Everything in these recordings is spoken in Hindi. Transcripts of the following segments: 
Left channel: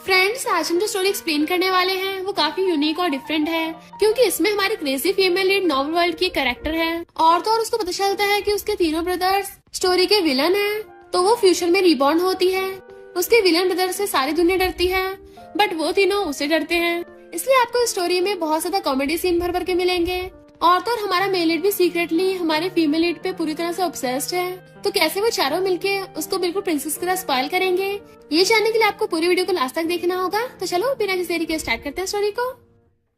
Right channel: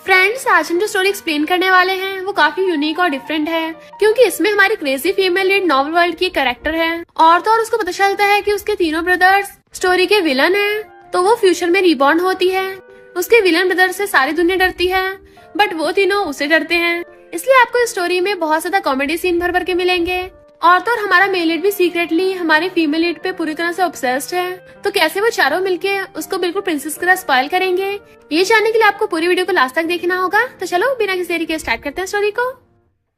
फ्रेंड्स, आज हम जो स्टोरी एक्सप्लेन करने वाले हैं वो काफी यूनिक और डिफरेंट है, क्योंकि इसमें हमारी crazy female lead novel world की कैरेक्टर है। और तो और उसको पता चलता है कि उसके तीनों ब्रदर्स स्टोरी के विलन हैं, तो वो फ्यूचर में रिबॉर्न होती है। उसके विलन ब्रदर से सारी दुनिया डरती है, बट वो तीनों उसे डरते हैं। इसलिए आपको इस स्टोरी में बहुत ज्यादा कॉमेडी सीन भर भर के मिलेंगे। और तो और हमारा मेल लीड भी सीक्रेटली हमारी फीमेल लीड पे पूरी तरह से ऑब्सेस्ड है। तो कैसे वो चारों मिलके उसको बिल्कुल प्रिंसेस की तरह स्पॉइल करेंगे, ये जानने के लिए आपको पूरी वीडियो को लास्ट तक देखना होगा। तो चलो बिना किसी देरी के स्टार्ट करते हैं स्टोरी को।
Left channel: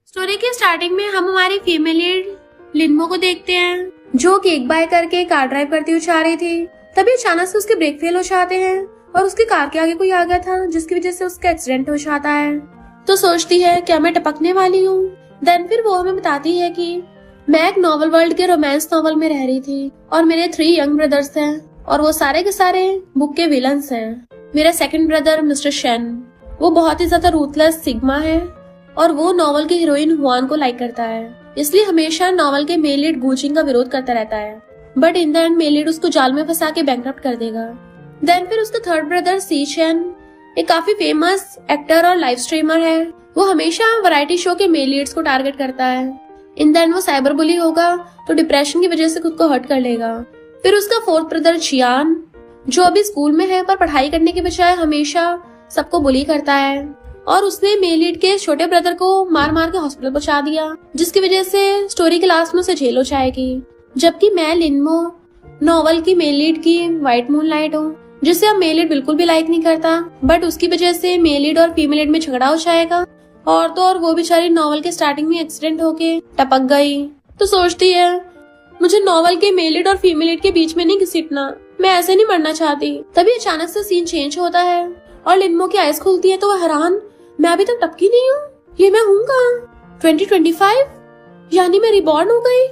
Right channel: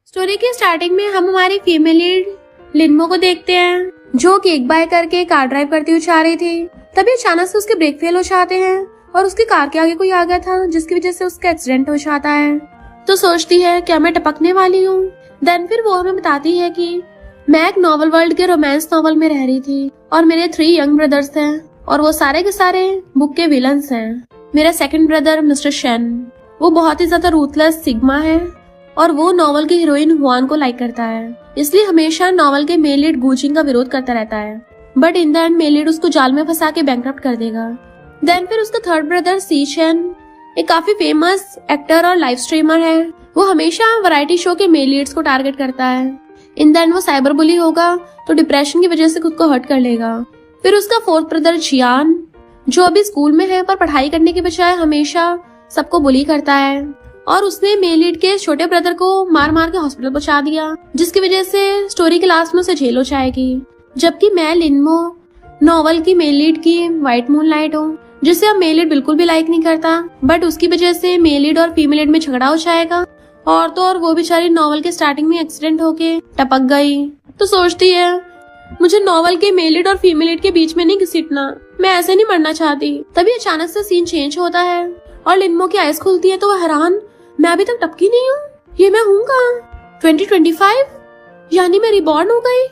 स्टोरी के स्टार्टिंग में हम हमारी फीमेल लीड लिन्मो को देखते हैं, जो केक बाय करके कार ड्राइव करती हुई जा रही थी। तभी अचानक से उसके ब्रेक फेल हो जाते हैं और उसकी कार के आगे कोई आ गया था, जिसकी वजह से उसका एक्सीडेंट हो जाता है। तो सोचती है क्या मैं टपकने वाली हूँ। देन फिर वो हमें बताती है कि मैं एक नॉवल वर्ल्ड के रोमांस नॉवल में रह रही थी और मेरे 3 यंग ब्रदर्स हैं और वो सारे के सारे बुक के विलन्स हैं। मेरा सेकंड ब्रदर मिस्टर शेन, वो बहुत ही ज्यादा रूथलेस सिग्मा है और वो नॉवल की हीरोइन हुआन को लाइक करता है, इसलिए हमेशा नॉवल के मेल लीड गूजिंग का विरोध करता रहता है। But in the end male lead उसको जाल में फंसा के बैंकरप्ट कर देगा। देन फिर उसका थर्ड ब्रदर सी शेन एक काफी फेमस एक्टर और लाइव स्ट्रीमर है। वो हमेशा वैरायटी शो के मेल लीड्स को टारगेट करता है। इन द एंड वो साइबर बुली होगा तो डिप्रेशन की वजह से खुद को हर्ट कर लेगा। फिर उसका फोर्थ ब्रदर जियान, जो अभी स्कूल में है पर पढ़ाई करने के बजाय हमेशा सबको बुली करता है और उसने मेल लीड के छोटे ब्रदर को मार मार के हॉस्पिटल पहुंचा दिया, जिसकी वजह से स्टोरी के लास्ट में उसे जेल हो जाएगी। जबकि मैं लिन्मो नॉवल की मेल लीड की व्हाइट मूनलाइट हूँ, जिसे अब मेल लीड बिल्कुल भी लाइक नहीं करता, बट उसकी वजह से मेल लीड और फीमेल लीड में झगड़ा हो जाएगा। और तो और वो बेचारी नॉवल के स्टार्टिंग में एक्सीडेंट होके टपक गई। तो सोचती है मुझे नॉवल के मेल लीड और फीमेल लीड के बीच में नहीं घसीटना, मैं ऐसे नहीं पढ़ना चाहती। तभी अचानक से सीन चेंज होता है और लिन्मो की आइज खुलती है तो वो हैरान, मैं अभी तक टपकी नहीं हूँ, ये मैं हूँ कहाँ? 2025 यानी मैं रिबॉर्न हो गई,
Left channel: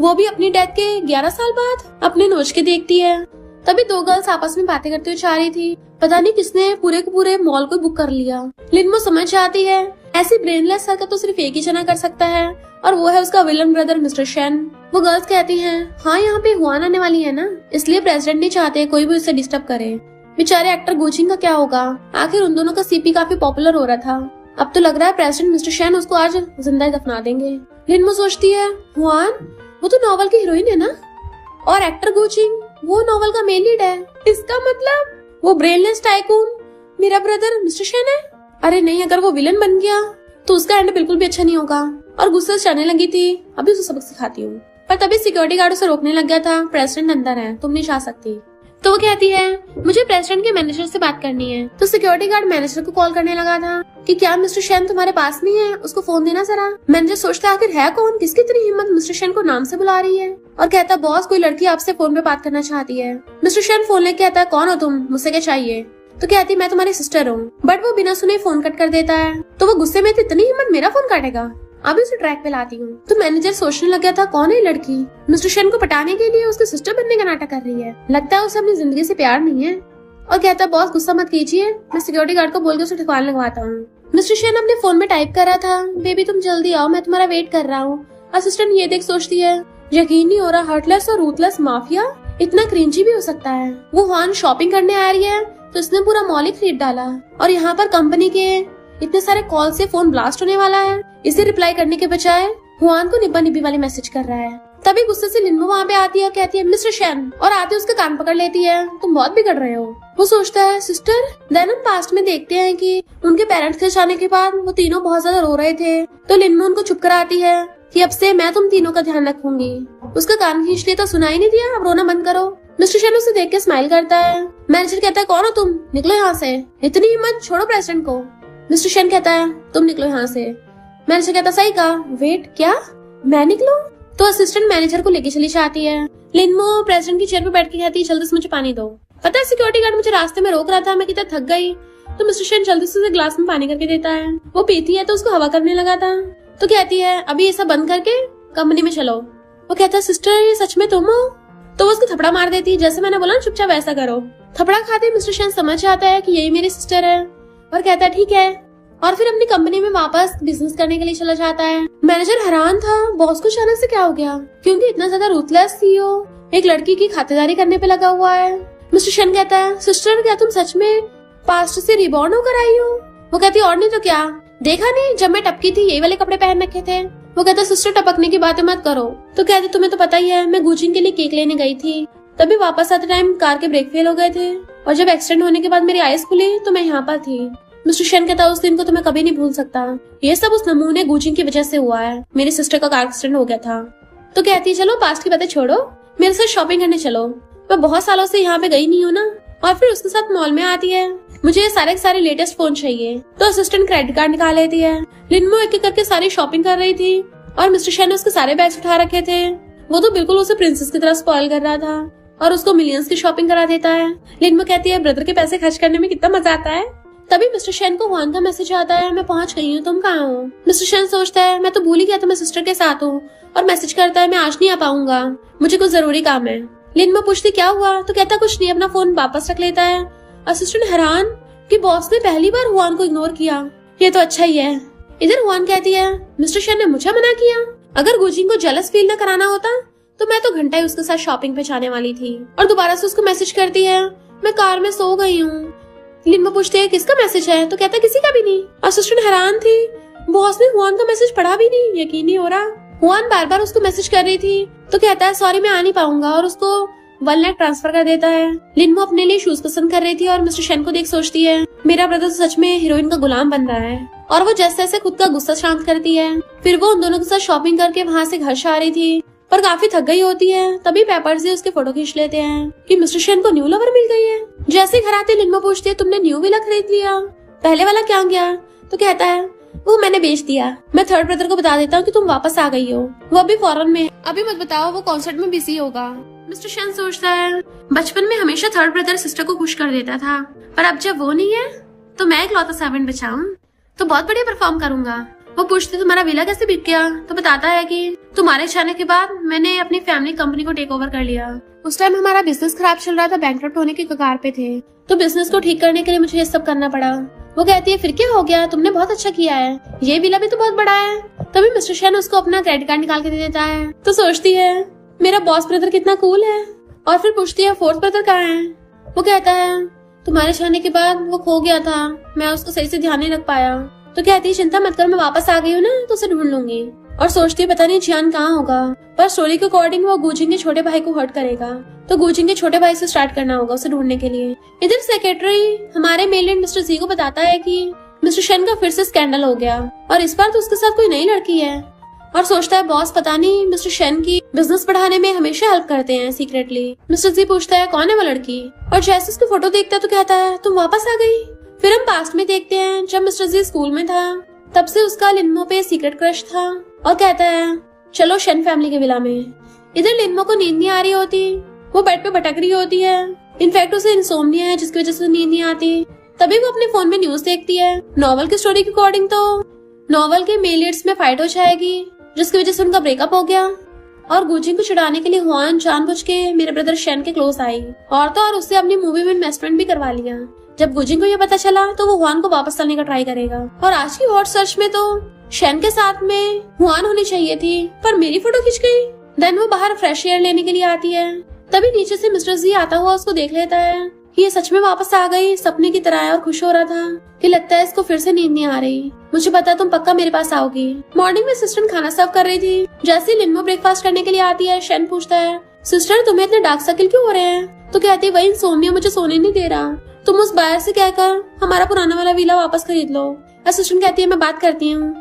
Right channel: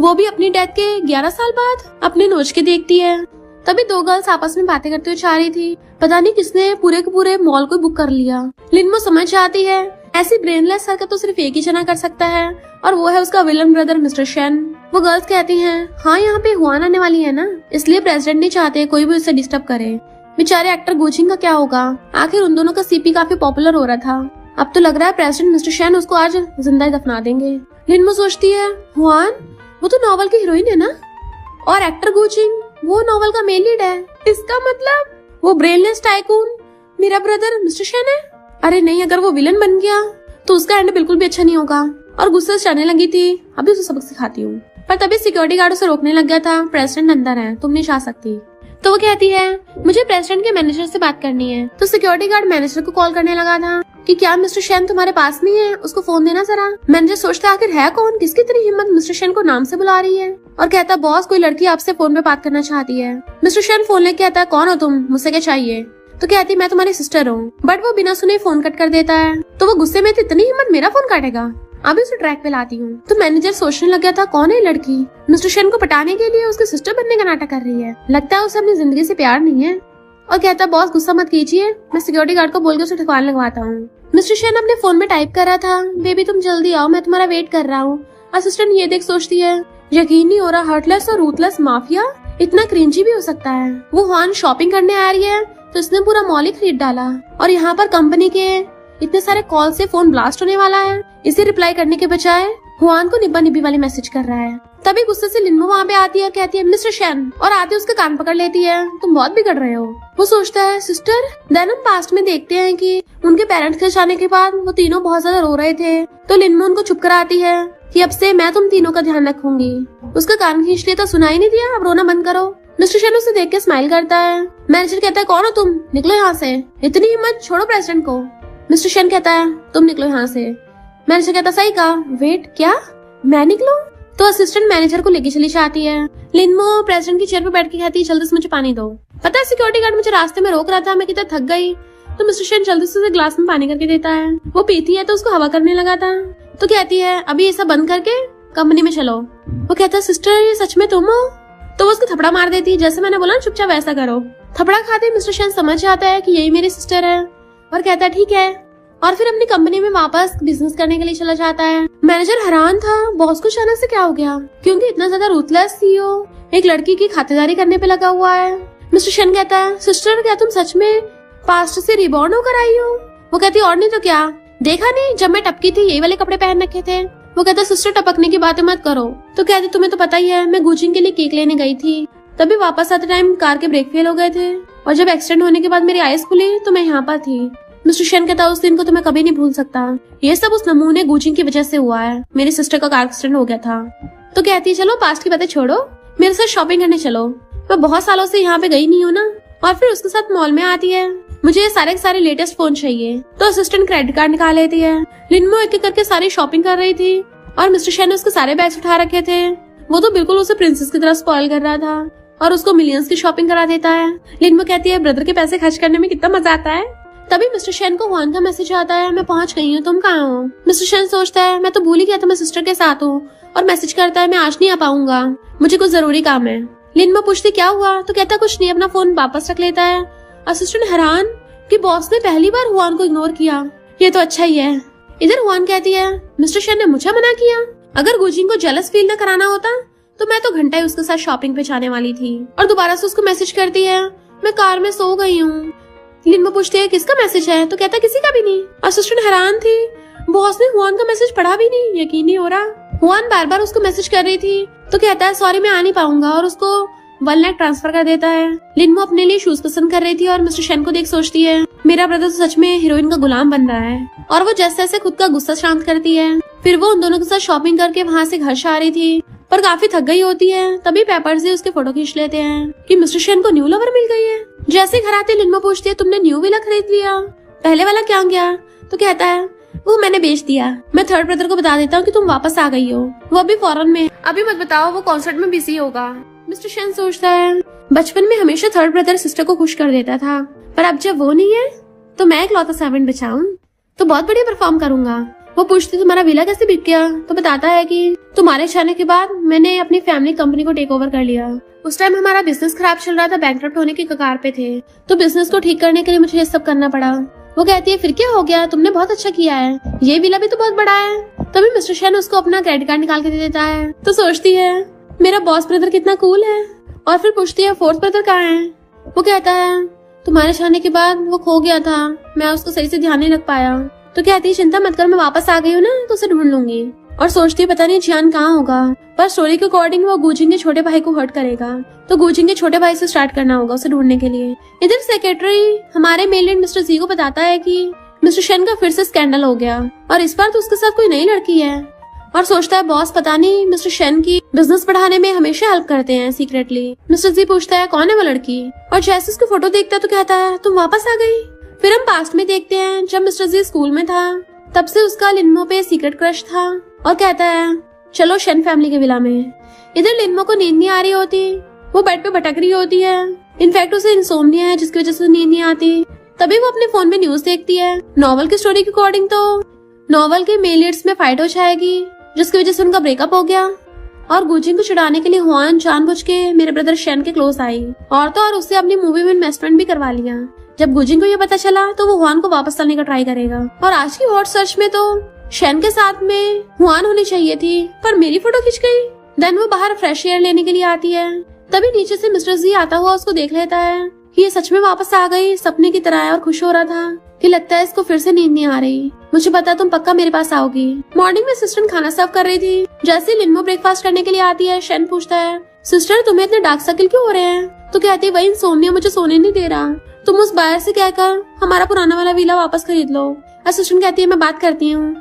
वो भी अपनी डेथ के 11 साल बाद। अपने नोच के देखती है। तभी 2 गर्ल्स आपस में बातें करते हुए जा रही थी। पता नहीं किसने पूरे के पूरे मॉल को बुक कर लिया। लिन्मो समझ जाती है ऐसी ब्रेनलेस हरकत तो सिर्फ एक ही जना कर सकता है और वो है उसका विलन ब्रदर मिस्टर शेन। वो गर्ल्स कहती हैं, हाँ यहाँ पे हुआन आने वाली है ना, इसलिए प्रेसिडेंट नहीं चाहते कोई भी उसे डिस्टर्ब करे। बेचारे एक्टर गूचिंग का क्या होगा, आखिर उन दोनों का सीपी काफी पॉपुलर हो रहा था। अब तो लग रहा है प्रेसिडेंट मिस्टर शेन उसको आज जिंदा दफना देंगे। लिन्मो सोचती है हुआन वो तो नॉवल की हीरोइन है ना, और एक्टर गूचिंग वो नॉवल का मेन लीड है। इसका मतलब वो ब्रेनलेस टाइकून मेरा ब्रदर मिस्टर शेन है। अरे नहीं, अगर वो विलन बन गया तो उसका एंड बिल्कुल भी अच्छा नहीं होगा। और गुस्से से चढ़ने लगी थी, अभी उसे सबक सिखाती हूँ। पर तभी सिक्योरिटी गार्ड उसे रोकने लग गया था, प्रेसिडेंट अंदर है, तुम नहीं जा सकती। तो वो कहती है मुझे प्रेसिडेंट के मैनेजर से बात करनी है। तो सिक्योरिटी गार्ड मैनेजर को कॉल करने लगा था कि क्या मिस्टर शेन तुम्हारे पास नहीं है, उसको फोन देना जरा। मैनेजर सोचता आखिर है कौन, किसकी इतनी हिम्मत मिस्टर शेन को नाम से बुला रही है, और कहता बॉस कोई लड़की आपसे फोन पे बात करना चाहती है। मिस्टर शेन फोन लेके कहता है कौन हो तुम, मुझसे क्या चाहिए। तो कहती मैं तुम्हारी सिस्टर हूँ, बट वो बिना सुने फोन कट कर देता है। तो वो गुस्से में इतनी हिम्मत मेरा फोन काटेगा, अभी उसे ट्रैक पे लाती हूँ। तो मैनेजर सोचने लग गया था कौन है लड़की, मिस्टर शेन को पटाने के लिए उसके सिस्टर बनने का नाटक कर रही है, लगता है उसे अपनी जिंदगी से प्यार नहीं है। और कहता बॉस गुस्सा मत कीजिए, मैं सिक्योरिटी गार्ड को बोल के उसे ठिकाने लगवाता हूँ। मिस्टर शेन अपने फोन में टाइप कर रहा था, बेबी तुम जल्दी आओ, मैं तुम्हारा वेट कर रहा हूँ। असिस्टेंट ये देख सोचती है यकीन नहीं हो रहा, हर्टलेस और रूथलेस माफिया इतना क्रिंजी भी हो सकता है। वो हुआन शॉपिंग करने आ रही है तो इसने पूरा मॉल ही खरीद डाला, और यहाँ पर कंपनी के इतने सारे कॉल से फोन ब्लास्ट होने वाला है। इसे रिप्लाई करने के बजाय हुआन को निब्बा निब्बी वाली मैसेज कर रहा है। तभी गुस्से से लिन्मो वहाँ पे आती है और कहती है मिस्टर शेन, और आते उसका कान पकड़ लेती है, तुम बहुत बिगड़ रहे हो। वो सोचता है सिस्टर। देन हम पास्ट में देखते हैं कि उनके पेरेंट्स के जाने के बाद वो तीनों बहुत ज्यादा रो रहे थे, तो लिन्मो उनको चुप कराती है कि अब से मैं तुम तीनों का ध्यान रखूंगी। उसका कान खींच लिया तो सुनाई नहीं दिया, अब रोना बंद करो। मिस्टर शेन उसे देख के स्माइल करता है। मैनेजर कहता है कौन हो तुम, निकलो यहाँ से, इतनी हिम्मत, छोड़ो प्रेसिडेंट को। मिस्टर शेन कहता है तुम निकलो यहाँ से। मैनेजर कहता सही कहा, वेट क्या मैं निकलूं? तो असिस्टेंट मैनेजर को लेके चली जाती है। लिन्मो प्रेसिडेंट की चेयर पर बैठ के कहती है जल्दी से मुझे पानी दो। पता है सिक्योरिटी गार्ड मुझे रास्ते में रोक रहा था, मैं कितना थक गई। तो मिस्टर शेन जल्दी से उसे ग्लास में पानी करके देता है। वो पीती है तो उसको हवा करने लगा था। तो कहती है अभी ये सब बंद करके कंपनी में चलो। वो कहता है सिस्टर ये सच में तुम हो? तो वो उसको थपड़ा मार देती है, जैसे मैंने बोला चुपचाप वैसा करो। थपड़ा खाते मिस्टर शेन समझ जाता है कि यही मेरी सिस्टर है और कहता है ठीक है, और फिर अपनी कंपनी में वापस बिजनेस करने के लिए चला जाता है। मैनेजर हैरान था बॉस को अचानक से क्या हो गया, क्योंकि इतना ज्यादा रूथलेस सीईओ एक लड़की की खातिरदारी करने पे लगा हुआ है। मिस्टर शेन कहता है सिस्टर क्या तुम सच में पास्ट से रिबॉर्न होकर आई हो? वो कहती और नहीं तो क्या, देखा नहीं जब मैं टपकी थी यही वाले कपड़े पहन रखे थे। वो कहता सिस्टर टपकने की बातें मत करो। तो कहती तुम्हें तो पता ही है मैं गुजिन के लिए केक लेने गई थी, तभी वापस आते टाइम कार के ब्रेक फेल हो गए थे और जब एक्सीडेंट होने के बाद मेरी आईज खुली तो मैं यहाँ पर थी। मिस्टर शेन कहता उस दिन को तो मैं कभी नहीं भूल सकता, ये सब उस नमूने गुजिन की वजह से हुआ है, मेरी सिस्टर का कार एक्सीडेंट हो गया था। तो कहती है चलो पास्ट की बातें छोड़ो, मेरे साथ शॉपिंग करने चलो, मैं बहुत सालों से यहाँ पे गई नहीं हूँ ना। और फिर उसके साथ मॉल में आती है, मुझे ये सारे के सारे लेटेस्ट फोन चाहिए, तो असिस्टेंट क्रेडिट कार्ड निकाल लेती है। लिनमो एक एक करके सारी शॉपिंग कर रही थी और मिस्टर शेन ने उसके सारे बैग्स उठा रखे थे। वो तो बिल्कुल उसे प्रिंसेस की तरह स्पॉइल कर रहा था और उसको मिलियंस की शॉपिंग करा देता है। लिनमो कहती है ब्रदर के पैसे खर्च करने में कितना मजा आता है। तभी मिस्टर शेन को हुआन का मैसेज आता है, मैं पहुंच गई हूँ, तुम कहाँ हो। मिस्टर शेन सोचता है मैं तो भूल ही गया था मैं सिस्टर के साथ हूँ, और मैसेज करता है मैं आज नहीं आ पाऊंगा, मुझे कुछ जरूरी काम है। लिनमो पूछती क्या हुआ, तो कहता कुछ नहीं, अपना फोन वापस रख लेता है। असिस्टेंट हैरान कि बॉस ने पहली बार हुआन को इग्नोर किया, ये तो अच्छा ही है। इधर हुआन कहती है मिस्टर शेन ने मुझे मना किया, अगर गुजिन को जेलस फील न कराना होता तो मैं तो घंटे उसके साथ शॉपिंग पे जाने वाली थी। और दोबारा से उसको मैसेज करती है मैं कार में सो गई हूँ। लिनमो पूछती है किसका मैसेज है, तो कहता किसी का भी नहीं। असिस्टेंट हैरान थी, बॉस ने हुआन का मैसेज पढ़ा भी नहीं, यकीन नहीं हो रहा। हुआन बार बार उसको मैसेज कर रही थी, तो कहता है सॉरी मैं आ नहीं पाऊंगा, और उसको 1 लाख ट्रांसफर कर देता है। लिनमो अपने लिए शूज पसंद कर रही थी और मिस्टर शेन को देख सोचती है मेरा ब्रदर सच में हीरोइन का गुलाम बन रहा है, और वो जैसे जैसे खुद का गुस्सा शांत करती है। फिर वो उन दोनों के साथ शॉपिंग करके वहाँ से घर से आ रही थी पर काफी थक गई होती है। तभी पेपर से उसके फोटो खींच लेते हैं कि मिस्टर शेन को न्यू लवर मिल गई है। जैसे घर आते लिनमो पूछती है तुमने न्यू विला खरीद लिया, पहले वाला क्या गया। तो कहता है वो मैंने बेच दिया, मैं थर्ड ब्रदर को बता देता हूँ कि तुम वापस आ गई हो, वो अभी फॉरेन में, अभी मत बताओ, वो कॉन्सर्ट में बिजी होगा। मिस्टर शेन सोचता है बचपन में हमेशा थर्ड ब्रदर सिस्टर को खुश कर देता था, पर अब जब वो नहीं है तो मैं इकलौता सर्वेंट बचाऊं तो बहुत बढ़िया परफॉर्म करूंगा। वो पूछती तुम्हारा विला कैसे बिक गया, तो बताता है कि तुम्हारे जाने के बाद मैंने अपनी फैमिली कंपनी को टेक ओवर कर लिया। उस टाइम हमारा बिजनेस खराब चल रहा था, बैंकरप्ट होने की कगार पे थे, तो बिजनेस को ठीक करने के लिए मुझे ये सब करना पड़ा। वो कहती है फिर क्या हो गया, तुमने बहुत अच्छा किया है, ये विला भी तो बहुत बड़ा है। तभी मिस्टर शेन उसको अपना क्रेडिट कार्ड निकाल के दे देता है। तो सोचती है मेरा बॉस ब्रदर कितना कूल है। और फिर पूछती है फोर्थ ब्रदर कहाँ है। वो कहता है तुम्हारे जाने के बाद वो खो गया था, मैं उसको सही से ध्यान नहीं रख पाया। तो कहती है चिंता मत कर, मैं वापस आ गई हूँ ना तो उसे ढूंढ लूंगी। और सोचती है पता नहीं जियान कहाँ होगा, पर स्टोरी के अकॉर्डिंग वो गुजिन के छोटे भाई को हर्ट करेगा, तो गुजिन के छोटे भाई से स्टार्ट करना होगा उसे ढूंढने के लिए। इधर सेक्रेटरी हमारे मेल लीड मिस्टर जी को बताता है कि मिस्टर शेन का फिर से स्कैंडल हो गया और इस बार तो उसके साथ कोई नई लड़की है। और सोचता है बॉस पता नहीं मिस्टर शेन की बिजनेस बढ़ाने में हमेशा हेल्प करते हैं सीक्रेटली। मिस्टर जी पूछता है कौन है वो लड़की, और जैसे उसकी फोटो देखता है तो कहता है तुम वापस आ गई। फिर हम पास्ट में देखते हैं जब मिस्टर जी स्कूल में था, तब से उसका लिनमो पे सीक्रेट क्रश था, और कहता है चलो शेन फैमिली के विला में। इधर लिनमो को नींद नहीं आ रही होती, वो बेड पे भटक रही होती है, इनफैक्ट उसे इंसोम्निया है जिसकी वजह से नींद नहीं आती। तभी वो अपने फोन में न्यूज देखती है। नॉवल की स्टोरी के अकॉर्डिंग तो नॉवल की मेल लीड्स में फाइट हो जाएगी जिसकी वजह से उनका ब्रेकअप हो गया, और गुजिन को छुड़ाने के लिए हुआन जानबूझ के मेरे ब्रदर शेन के क्लोज आई, और तो और उससे अपनी मूवी में इन्वेस्टमेंट भी करवा लिया। जब गुजिन को ये पता चला तो वो हुआन को वापस लाने का ट्राई करेगा। और आज की हॉट सर्च में तो शेन के साथ में हुआन होनी चाहिए थी, पर मेरी फोटो खिंच गई। देन वो बाहर फ्रेश एयर लेने के लिए आती है, तभी नीचे से मिस्टर जी आता हुआ उसको देख लेता है कि ये सच में वापस आ गई सपने की तरह, और खुश हो रहा था कि लगता है इसको फिर से नींद नहीं आ रही, मुझे पता तुम पक्का मेरे पास आओगी। मॉर्निंग में असिस्टेंट खाना सर्व कर रही थी, जैसे लिनमो ब्रेकफास्ट करने के लिए आती है शेन पूछता है सिस्टर तुम्हें इतने डार्क सर्कल क्यों हो रहे हैं। तो कहती वही इंसोम्निया मुझे सोने नहीं दे रहा, तुम उस बायर से कहकर हमारा पुराना वाला विला वापस खरीद लो। असिस्टेंट कहती है मैं बात करती हूँ,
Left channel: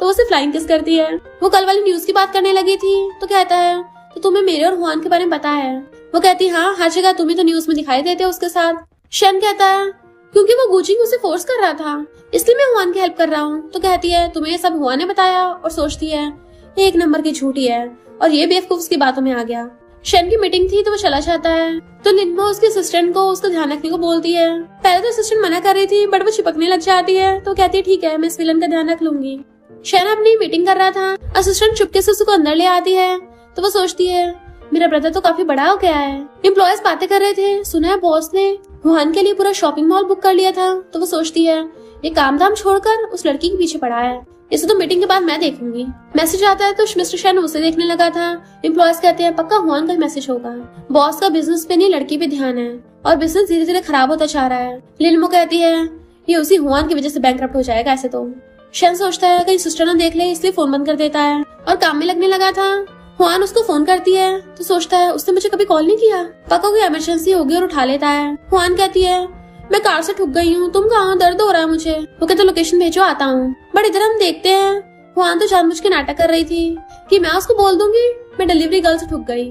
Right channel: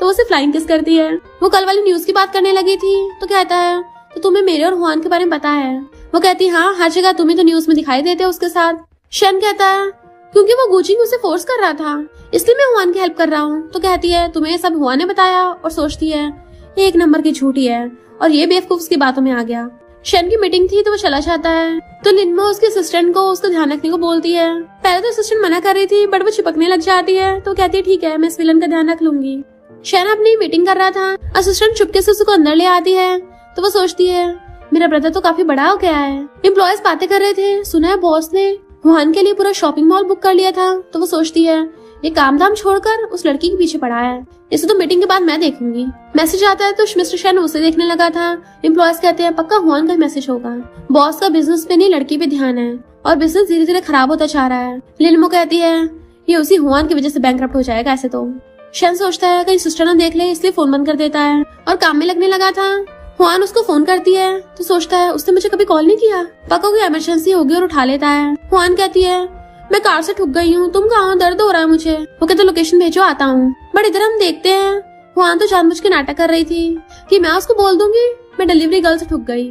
तो उसे फ्लाइंग किस करती है। वो कल वाली न्यूज की बात करने लगी थी, तो कहता है तो तुम्हें मेरे और हुआन के बारे में पता है। वो कहती है हाँ हर जगह तुम्हें तो न्यूज में दिखाई देते हो उसके साथ। शेन कहता है क्योंकि वो गुजिन उसे फोर्स कर रहा था इसलिए मैं हुआन की हेल्प कर रहा हूँ। तो कहती है तुम्हें सब हुआन ने बताया, और सोचती है ये एक नंबर की झूठी है और ये बेवकूफ उसकी बातों में आ गया। शेन की मीटिंग थी तो वो चला जाता है, तो लिनमो उसके असिस्टेंट को उसका ध्यान रखने को बोलती है। पहले तो असिस्टेंट मना कर रही थी बट वो चिपकने लग जाती है, तो कहती है ठीक है मैं इस विलन का ध्यान रख लूंगी। शेन अपनी मीटिंग कर रहा था, असिस्टेंट चुपके से उसको अंदर ले आती है, तो वो सोचती है मेरा ब्रदर तो काफी बड़ा हो गया है। एम्प्लॉयज बातें कर रहे थे, सुना है बॉस ने हुआन के लिए पूरा शॉपिंग मॉल बुक कर लिया था, तो वो सोचती है ये काम धाम छोड़कर उस लड़की के पीछे पड़ा है, इसे तो मीटिंग के बाद मैं देखूंगी। मैसेज आता है तो मिस्टर शेन उसे देखने लगा था। एम्प्लॉयज कहते हैं पक्का हुआन का मैसेज होगा, बॉस का बिजनेस पे नहीं लड़की पे ध्यान है और बिजनेस धीरे धीरे खराब होता जा रहा है। लिनमो कहती है ये उसी हुआन की वजह से बैंकरप्ट हो जाएगा ऐसे तो। शन सोचता है अगर सिस्टर ना देख ले इसलिए फोन बंद कर देता है और काम में लगने लगा था। हुआन उसको फोन करती है तो सोचता है उसने मुझे कभी कॉल नहीं किया, पक्का कोई इमरजेंसी होगी और उठा लेता है। हुआन कहती है मैं कार से ठुक गई हूँ, तुम कहाँ हो, दर्द हो रहा है मुझे। वो कहते लोकेशन भेजो, आता हूँ। बट इधर हम देखते हैं हुआन तो जानबूझ के नाटक कर रही थी कि मैं उसको बोल दूंगी मैं डिलीवरी गर्ल से ठुक गई।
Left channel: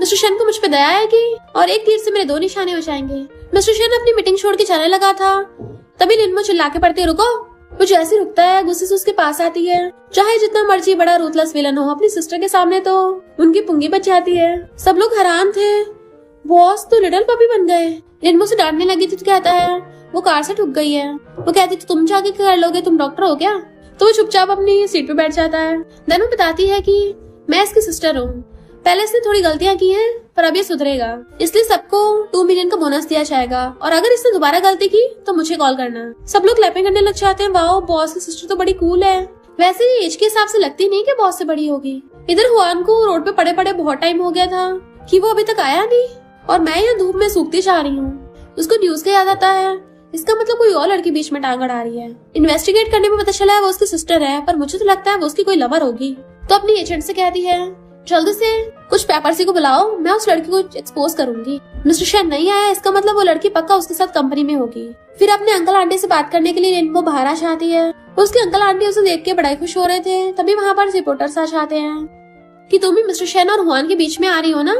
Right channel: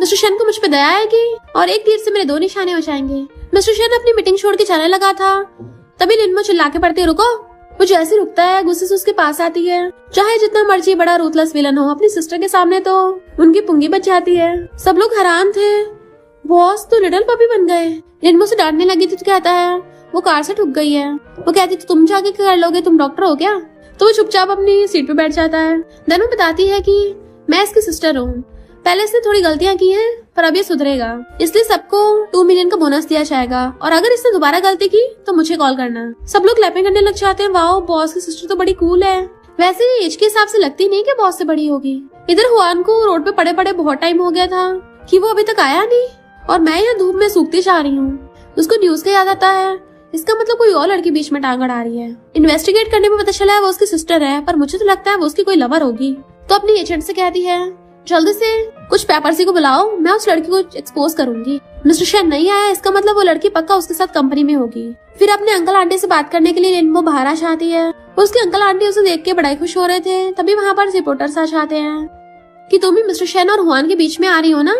मिस्टर शन को मुझ पे दया आएगी और एक तीर से मेरे 2 निशाने हो जाएंगे। मिस्टर शन अपनी मीटिंग छोड़ के जाने लगा था तभी लिनमो चिल्ला के पड़ती रुको। वो जैसे रुकता है गुस्से से उसके पास आती है। चाहे जितना मर्जी बड़ा रूथलेस विलन हो, अपनी सिस्टर के सामने तो उनकी पुंगी बच जाती है। सब लोग हैरान थे, बॉस तो लिटिल पपी बन गए। लिनमो से डांटने लगी तो कहता है वो कार से ठुक गई है। वो कहती तो तुम जाके क्या कर लोगे, तुम डॉक्टर हो क्या। तो वो चुपचाप अपनी सीट पे बैठ जाता है। देन वो बताती है कि मैं इसकी सिस्टर हूँ, पहले इसने थोड़ी गलतियां की हैं पर अभी सुधरेगा, इसलिए सबको 2 मिलियन का बोनस दिया जाएगा और अगर इसने दोबारा गलती की तो मुझे कॉल करना। सब लोग क्लैपिंग करने लग जाते हैं। वाओ, बॉस की सिस्टर तो बड़ी कूल है। वैसे भी एज के हिसाब से लगती नहीं कि बॉस से बड़ी होगी। इधर हुआन को रोड पे पड़े पड़े बहुत टाइम हो गया था कि वो अभी तक आया नहीं और मैं यहाँ धूप में सूखती जा रही हूँ। उसको न्यूज का याद आता है, इसका मतलब कोई और लड़की बीच में टांग अड़ा रही है। इन्वेस्टिगेट करने में पता चला है वो उसकी सिस्टर है, पर मुझे तो लगता है वो उसकी कोई लवर होगी। तो अपनी एजेंट से कहती है जल्दी से कुछ पेपरसी को बुलाओ, मैं उस लड़की को एक्सपोज करूंगी। मिस्टर शेन नहीं आया, इसका मतलब वो लड़की पक्का उसके साथ कंपनी में होगी। फिर अपने अंकल आंटी से बात करने के लिए लिनमो बाहर आ जाती है। उसके अंकल आंटी उसे देख के बड़ा खुश हो रहे थे। तभी वहाँ पर रिपोर्टर्स आ जाते हैं कि तुम भी मिस्टर शेन और हुआन के बीच में आ रही हो ना,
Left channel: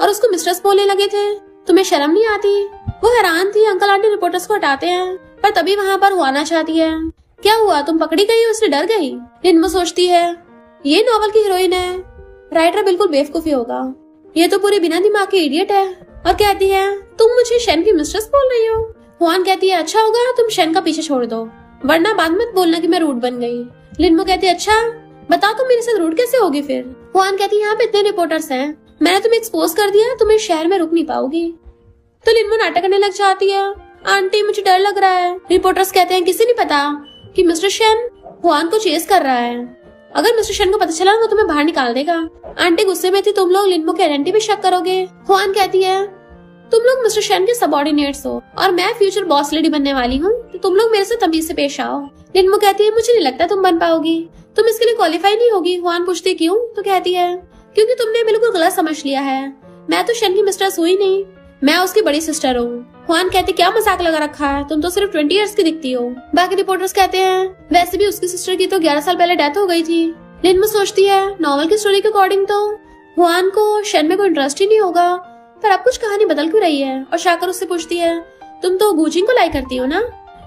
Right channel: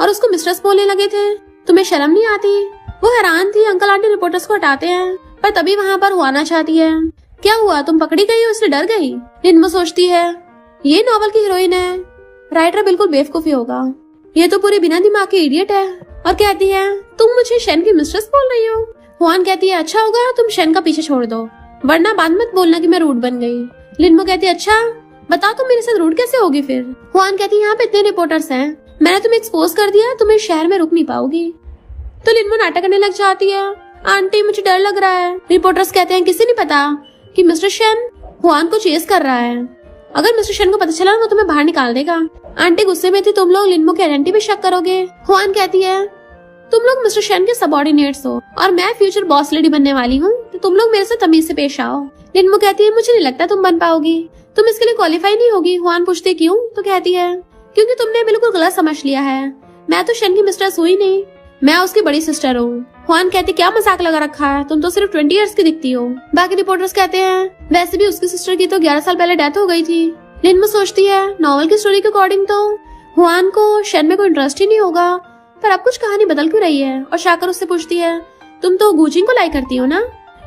और उसको मिस्ट्रेस बोलने लगे थे, तुम्हें शर्म नहीं आती। वो हैरान थी। अंकल आंटी रिपोर्टर्स को हटाते हैं पर तभी वहाँ पर हुआन आ जाती है। क्या हुआ, तुम पकड़ी गई, उससे डर गई। लिनमो सोचती है ये नॉवल की हीरोइन है, राइटर बिल्कुल बेवकूफी होगा, ये तो पूरे बिना दिमाग के इडियट है। और कहती है तुम मुझे शेन की मिस्ट्रेस बोल रही हो। हुआन कहती है अच्छा होगा तुम शेन का पीछे छोड़ दो, वरना बाद मत बोलना कि मैं रूड बन गई। लिनमो कहती है अच्छा बताओ तुम मेरे साथ रूड कैसे होगी फिर। हुआन कहती है यहाँ पे इतने रिपोर्टर्स हैं, मैंने तुम्हें एक्सपोज कर दिया, तुम्हें शहर में रुक नहीं पाओगी। तो लिनमो नाटक करने लग जाती है, आंटी मुझे डर लग रहा है। रिपोर्टर्स कहते हैं किसे नहीं पता कि मिस्टर शेन हुआन को चेस कर रहा है, अगर मिस्टर शेन को पता चला ना तो तुम्हें बाहर निकाल देगा। आंटी गुस्से में थी, तुम लोग लिनमो की आइडेंटिटी पे शक करोगे। हुआन कहती है तुम लोग मिस्टर शेन के सबऑर्डिनेट्स हो और मैं फ्यूचर बॉस लेडी बनने वाली हूँ, तो तुम लोग मेरे साथ तमीज से पेश आओ। लिनमो कहती है मुझे नहीं लगता तुम बन पाओगी, तुम इसके लिए क्वालिफाई नहीं होगी। हुआन पूछते क्यों, तो कहती है क्योंकि तुमने बिल्कुल गलत समझ लिया है, मैं तो शेन की मिस्ट्रेस हुई नहीं, मैं उसकी बड़ी सिस्टर हूँ। हुआन कहते क्या मजाक लगा रखा है, तुम तो सिर्फ 20 इयर्स की दिखती हो। बाकी रिपोर्टर्स कहते हैं वैसे भी उसकी सिस्टर की तो 11 साल पहले डेथ हो गई थी। लिनमो सोचती है नॉवल की स्टोरी के अकॉर्डिंग तो हुआन को शेन में कोई इंटरेस्ट ही नहीं होगा, पर अब कुछ कहानी बदल क्यों रही है। और शाकर उससे पूछती है तुम तो गूजिंग को लाइक करती हो ना।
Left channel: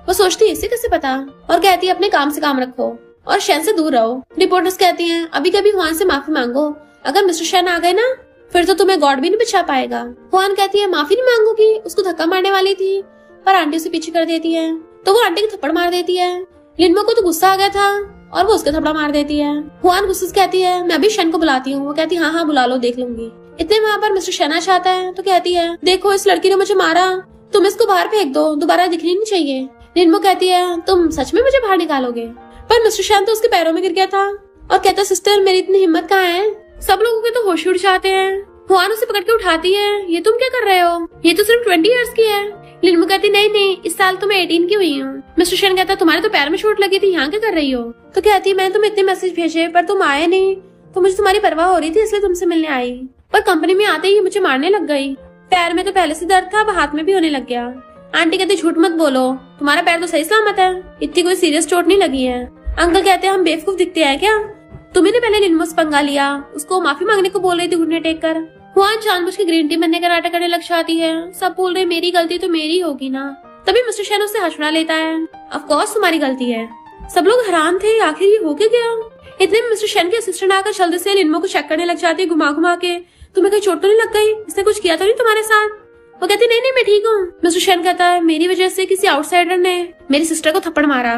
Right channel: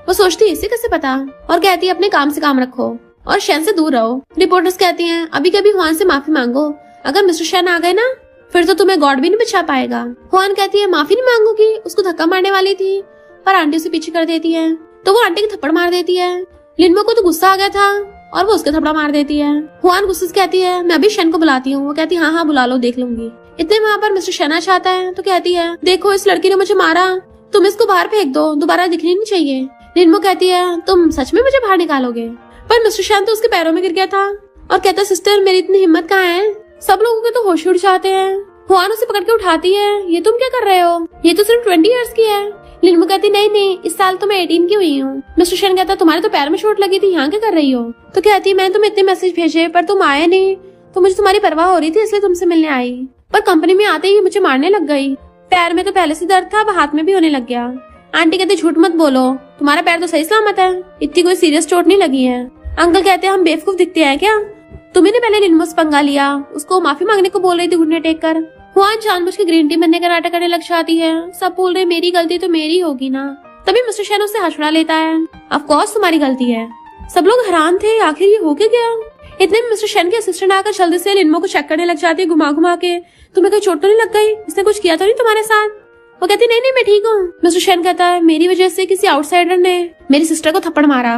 वो सोचती है इसे कैसे पता, और कहती है अपने काम से काम रखो और शेन से दूर रहो। रिपोर्टर्स कहती हैं अभी कभी हुआन से माफी मांगो, अगर मिस्टर शेन आ गए ना फिर तो तुम्हें गॉड भी नहीं बचा पाएगा। हुआन कहती है माफी नहीं मांगूंगी, उसको धक्का मारने वाली थी पर आंटी उसे पीछे कर देती है, तो वो आंटी को थप्पड़ मार देती है। लिनमो को तो गुस्सा आ गया था और वो उसका थप्पड़ मार देती है। हुआन गुस्से से कहती है मैं भी शेन को बुलाती हूँ। वो कहती है हाँ बुला लो, देख लूंगी। इतने वहाँ पर मिस्टर शेन चाहता है तो कहती है देखो इस लड़की ने मुझे मारा, तुम इसको बाहर फेंक दो, दोबारा दिखनी नहीं चाहिए। लिनमो कहती है तुम सच में मुझे बाहर निकालोगे, पर मिस्टर शेन तो उसके पैरों में गिर गया था और कहता सिस्टर मेरी इतनी हिम्मत कहाँ है। सब लोगों के तो होश उड़ जाते हैं। हुआन उसे पकड़ के उठाती है, ये तुम क्या कर रहे हो, ये तो सिर्फ 20 इयर्स की है। लिनमो कहती नहीं इस साल तो मैं 18 की हुई हूँ। मिस्टर शेन कहता तुम्हारे तो पैर में चोट लगी थी, यहाँ क्या कर रही हो। तो कहती मैंने तुम्हें इतने मैसेज भेजे पर तुम आए नहीं, तो मुझे तुम्हारी परवाह हो रही थी इसलिए तुमसे मिलने आई, पर कंपनी में आते ही मुझे मारने लग गई। पैर में तो पहले से दर्द था, अब हाथ में भी होने लग गया। आंटी कहते झूठ मत बोलो, तुम्हारा पैर तो सही सलामत है, इतनी कोई सीरियस चोट नहीं लगी है। अंकल कहते हम बेवकूफ दिखते हैं क्या, तुम्हें ने पहले लिनमो से पंगा लिया, उसको माफी मांगने को बोल रही थी घुटने टेक कर। हुआन जानबूझ के ग्रीन टी बनने का नाटक करने लग जाती है। सब बोल रहे मेरी गलती तो मेरी होगी ना। तभी मिस्टर शेन उससे हंसड़ा लेता है, ऑफ कोर्स तुम्हारी गलती है। सब लोग हैरान थे आखिर ये हो क्या गया। इतने में मिस्टर शेन के असिस्टेंट आकर जल्दी से लिनमो को चेक करने लग जाती है घुमा घुमा के, तुम्हें कहीं चोट तो नहीं लग गई, इसने कुछ किया तो नहीं तुम्हारे साथ। वो कहती नहीं मैं ठीक हूँ। मिस्टर शेन कहता है मेरी वजह से किसी आउटसाइडर ने मेरी सिस्टर को थप्पड़ मारा।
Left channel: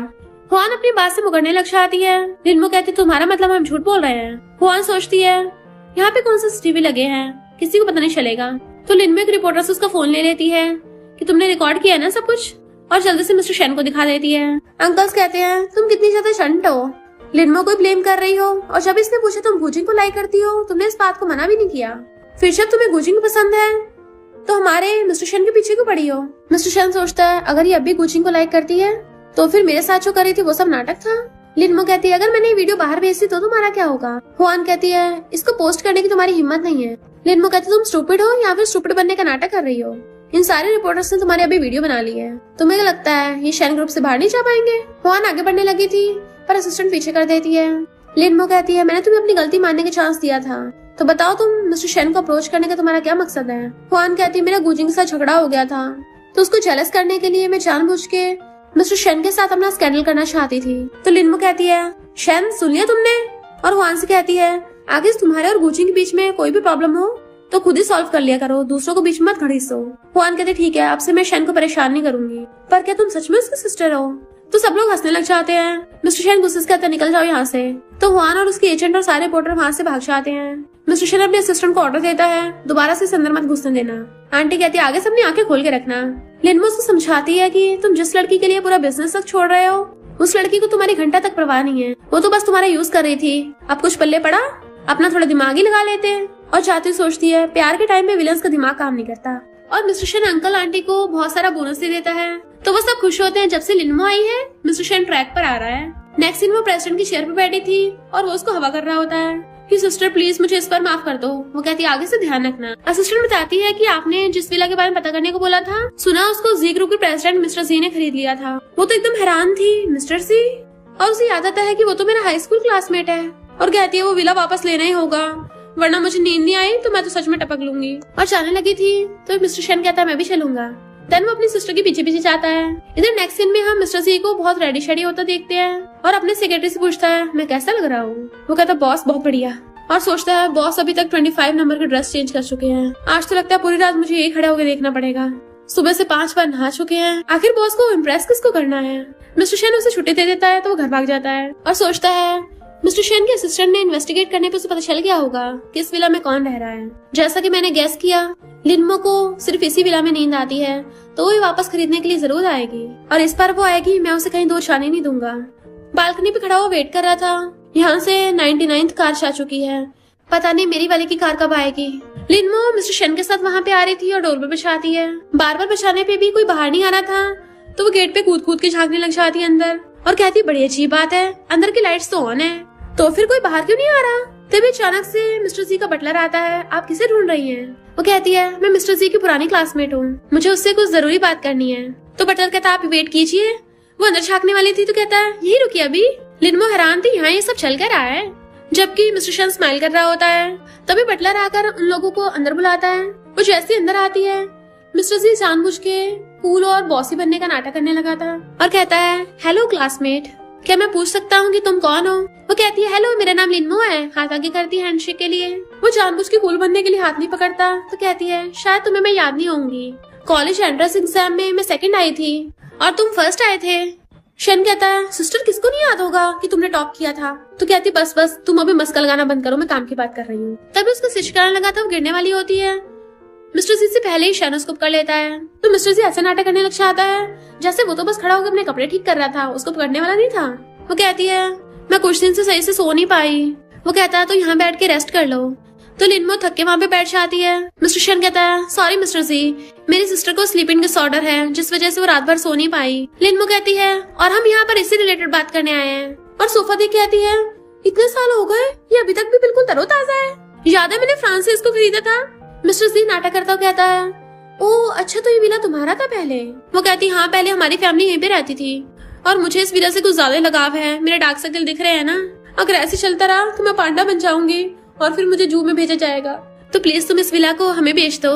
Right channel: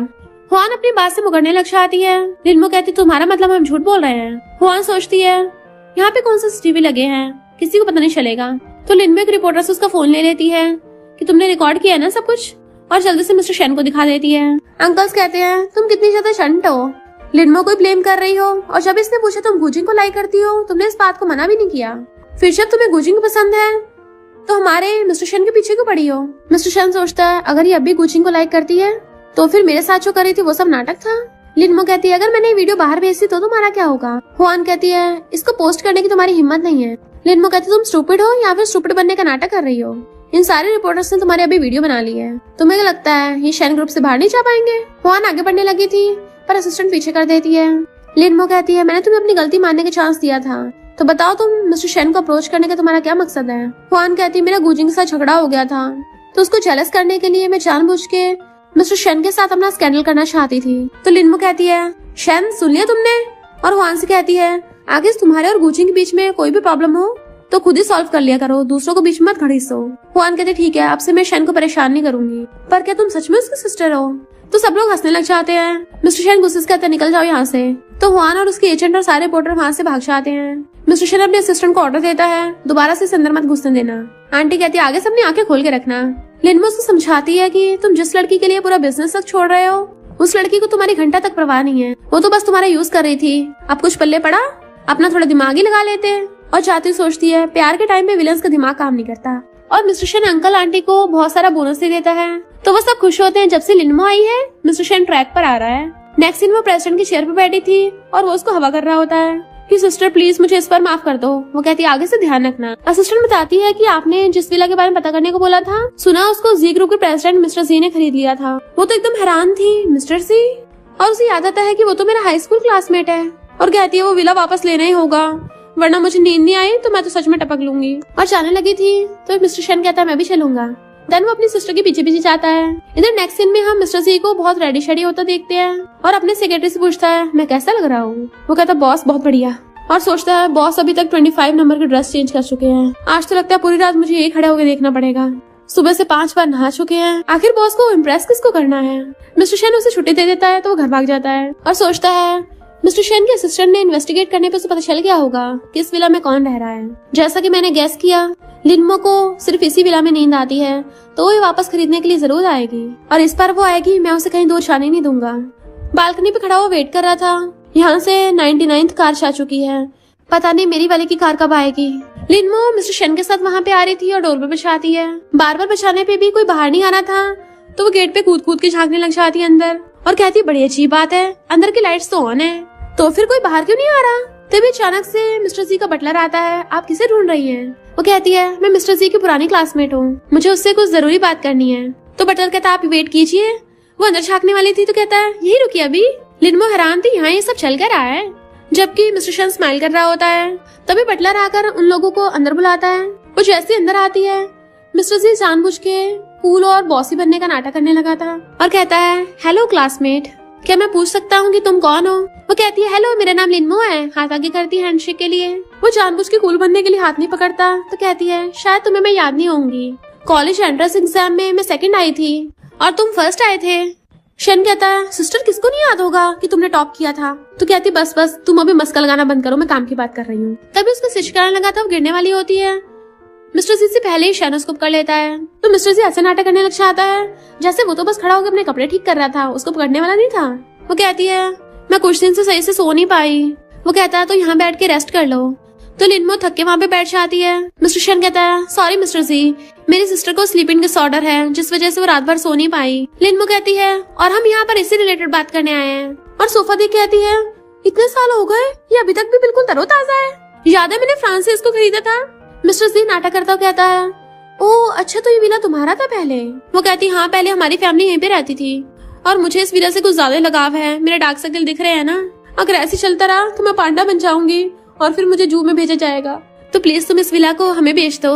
हुआन अपनी बात से मुकरने लग जाती है। लिनमो कहती तुम्हारा मतलब हम झूठ बोल रहे हैं। हुआन सोचती है यहाँ पे कौन से सीसीटीवी लगे हैं, किसी को पता नहीं चलेगा। तो लिनमो एक रिपोर्टर से उसका फोन ले लेती है कि तुमने रिकॉर्ड किया ना सब कुछ, और जल्दी से मिस्टर शेन को दिखा देती है। अंकल्स कहते हैं तुम कितनी ज्यादा शंट हो, लिनमो को ब्लेम कर रही हो, और जब इसने पूछा तुम गुजिंग को लाइक करती हो, तुमने इस बात को मना भी नहीं किया। फिर जब तुम्हें गुजिंग पसंद है तो हमारे मिस्टर शेन के पीछे क्यों पड़ी हो। मिस्टर शेन सोचता है अगर ये अभी गुजिंग को लाइक करती है तो फिर मेरे साथ जो कर रही थी वो सब नाटक था। लिनमो कहती है अगर मैंने ये वीडियो बाहर भेज दी तो तुम्हारा क्या होगा। हुआन कहती है इसको पोस्ट करने की तुम्हारी हिम्मत नहीं है। लिनमो कहती है तुम स्टूपिड हो या फिर स्टूपिड बनने का नाटक कर रही हो। इन सारे रिपोर्टर्स ने तुम्हारी अभी वीडियो बना ली है। तुम्हें लगता है ये शेन ग्रुप से बाहर नहीं जा पाएंगे। हुआन आगे बढ़ने लगी थी पर असिस्टेंट पीछे कर देती है। लिनमो कहती है मैंने तुम्हें अपनी गलती मानने का चांस दिया था, तो बताओ तुम मिस्टर शेन को अप्रोच करने का तुम्हारा क्या मकसद है। हुआन कहती है मेरा गुजिंग के साथ झगड़ा हो गया था, तो उसको जेलस करने के लिए मैं जानबूझ के मिस्टर शेन के साथ अपना स्कैंडल करना चाहती थी। तो लिनमो कहती है शेन सुन लिया तुमने। और हुआन से कहती है आगे तुम्हारे और गुजिंग के बीच में कोई भी प्रॉब्लम हो तो खुद ही सॉल्व कर लिया करो, दूसरों को बीच में मत घड़ीसो। हुआन कहते ठीक है, अब से मैं शेन को परेशान नहीं करूंगी। पर क्या तुम सच में उसकी सिस्टर हो। तो सब लोग हंसने लग जाते हैं। मिस्टर शेन गुस्से से कहते हैं निकल जाओ यहाँ से। तो हुआन और उसके एजेंट और सारे रिपोर्टर वहाँ से भाग जाते हैं। मिस्टर शेन अपने असिस्टेंट को ऑर्डर देता है दोबारा से अंदर मत घुसने देना। आंटी कहती है आगे से अपनी आंखें खोल के रखना। लिनमो उसको समझाती है कि तुम जिस लड़की के लिए पूरा बिजनेस तक छोड़ रहे हो उस लड़की को तुम्हारी घंटा तक परवाह नहीं है, वो तो बस तुम्हारा यूज कर रही थी। अब कुछ पल्ले पड़ा, अपना थोड़ा दिमाग ही लगा लेते। और जाते सोचती है प्यार के टाइम में विलन्स का दिमाग काम नहीं करता। और मिस्टर शेन अंकल आंटी को बहुत सारा बोनस दे देता है, तो वो सब खुश होते हैं। जब से लिनमो आई है मिस्टर शेन ट्रैक पर आ रहा है। नेक्स्ट सीन वो प्रेसिडेंट की चेयर पर बैठी थी और वो उसको हवा कर रहा होता है कि सिस्टर प्लीज मुझे इस पर माफ कर दो। वो कहती है आगे से ध्यान रखना। असिस्टेंट बताती है कि आपने जिस विला के बारे में पता करने को बोला था, सुना उसको जी ग्रुप के प्रेसिडेंट मिस्टर जी ने खरीद लिया था। वो तो एकदम हैरान थी, मिस्टर जी। और उसे याद आता है कि वो तो मेरा हाई स्कूल क्लासमेट है। और कहती है वो विला वापस लेना ही होगा, वरना मुझे नींद नहीं आई तो मैं तो सच में टपक लूंगी। और जाने लगी थी तो मिस्टर शेन कहता है मैं भी चलूंगा। देन वो अपनी सिस्टर के पीछे पीछे जाता है। इधर नेक्स्ट सीन में हम मिस्टर जी को बहुत रेडी शेडी होता देखते हैं और अपने सेक्रेटरी से पूछता है मैं कैसा लग रहा हूँ। वो कहता है बॉस बहुत बढ़िया। और सोचता है बॉस अभी तक 25 नंबर की ड्रेस चेंज कर चुके हैं, आज तो लगता है पूरी रात मुझे यही खड़ा होकर देखना पड़ेगा। सुबह से 5 बार नहा चुके हैं, आखिर बॉस को इम्प्रेस किसको करना है। मिस्टर शेन उसे छुट्टी दे देता है तो वो घर भाग जाता है और सोचता है मिस्टर शेन के असिस्टेंट ने इन्वेस्टिगेट करने पर उसे पता चल गया होगा कि इस विला में कौन रह रहा है। जैसा कि मैंने गेस किया लिनमो को सिर्फ इसी विला में नींद आती है, तो वो वापस खरीदने के लिए जरूर आएगी। और इस बार वो आएगी, मैं उसे कहीं दूर जाने नहीं दूंगा। बालकनी पे खड़ा वो वेट कर रहा था। यहाँ से 99th कार आ चुकी है, पता नहीं मेरी वाले की कार कब आएगी। लिनमो मिस्टर शेन के साथ वहाँ पे आ रही थी और डोर पे बजाती है। बार बार बजाने पे भी कोई बाहर नहीं आना था, तो वो गेट पे कूद कूद के झांकने लग जाती है अंदर और कहती है बड़ी अजीब बात है, अंदर की लाइट्स तो ऑन है, तो फिर कोई बाहर क्यों नहीं आ रहा। तभी अचानक से मिस्टर जी का बटलर आता है। आप किसे ढूंढ रही हैं? वो कहती है मैं मिस्टर जी की पुरानी क्लासमेट हूँ, मुझे उससे कुछ जरूरी बात करनी है। तो बटलर कहता है आप वेट कीजिए। वो अंदर झांकने वाली थी तो कहता है यही रुकिए अभी। लिनमो हैरान थी, यहाँ ये सब चल कर रहा है, जबकि मिस्टर शेन स्माइल कर रहा होता है। तभी बटलर आकर उन लोगों को अंदर बुलाता है। वो जैसे अंदर आती है मिस्टर जी जानबूझ के कूल और बॉसी बनने का नाटक करने लगा था और कहता है हेलो क्लासमेट, क्या मैं पूछ सकता हूँ कि तुम कौन हो। वो कहती है हेलो मेरा नाम लिनमो है, हाथ आगे करती है हैंडशेक के लिए। वो जानबूझ के कूल बनने के लिए हाथ नहीं पकड़ता तो कहती है शायद तुम्हें मैं याद नहीं होंगी, कॉलेज एंट्रेंस एग्जाम में मैं सेकंड आई थी और तुम फर्स्ट आए थे। शेन कहता है सिस्टर किसको नहीं याद होगा कि तुमने टॉप किया था। तो कहती बस बस तुम अभी मस्का लगाना बंद करो, मैं काम की बात कर रही हूँ। तभी उसको सिचकाने लगा था, वो गिरने वाली होती है। मिस्टर जी से पहले ही शेन उसको पकड़ लेता है। तो मिस्टर जी ऐसे नाटक करने लग जाता है जैसे वो तो बस खड़ा होकर अपने कपड़े ठीक कर रहा था, उसको पकड़ने वाला नहीं था। वो कहती है मैं कुछ दिन से सही से सो नहीं पाई। वो कहता है तो यहाँ बैठ के रेस्ट कर लो। तो लिनमो थक के वहाँ पे बैठ जाती है। मिस्टर शेन कहता है सॉरी मिस्टर जी, मेरी सिस्टर को स्लीपिंग डिसऑर्डर है जिस वजह से वो रात भर सो नहीं पाई। लिनमो कहती है और हम यहाँ पर इससे रिलेटेड बात करने आए हैं। और सोफा दी कहती है इतने साल हो गए, ये अभी तक भी बिल्कुल तरोताजा है, याद है मैंने फ्रांस से इसको खरीदा था। मिस्टर जी नाटक करता कहता है ओह अच्छा तो ये विला तुम्हारा था पहले। वो कहती हाँ पहले हमारी फैमिली यहीं पे रहती थी और मुझे इस विला से कुछ ज्यादा लगाव है, मेरे डार्क सर्कल दिख रहे हैं ना, अगर ऐसे चलता रहा तो मैं पांडा बन जाऊंगी और फिर मुझे जू में भेजा जाएगा, तो प्लीज तुम इस विला को हमें बेच दो।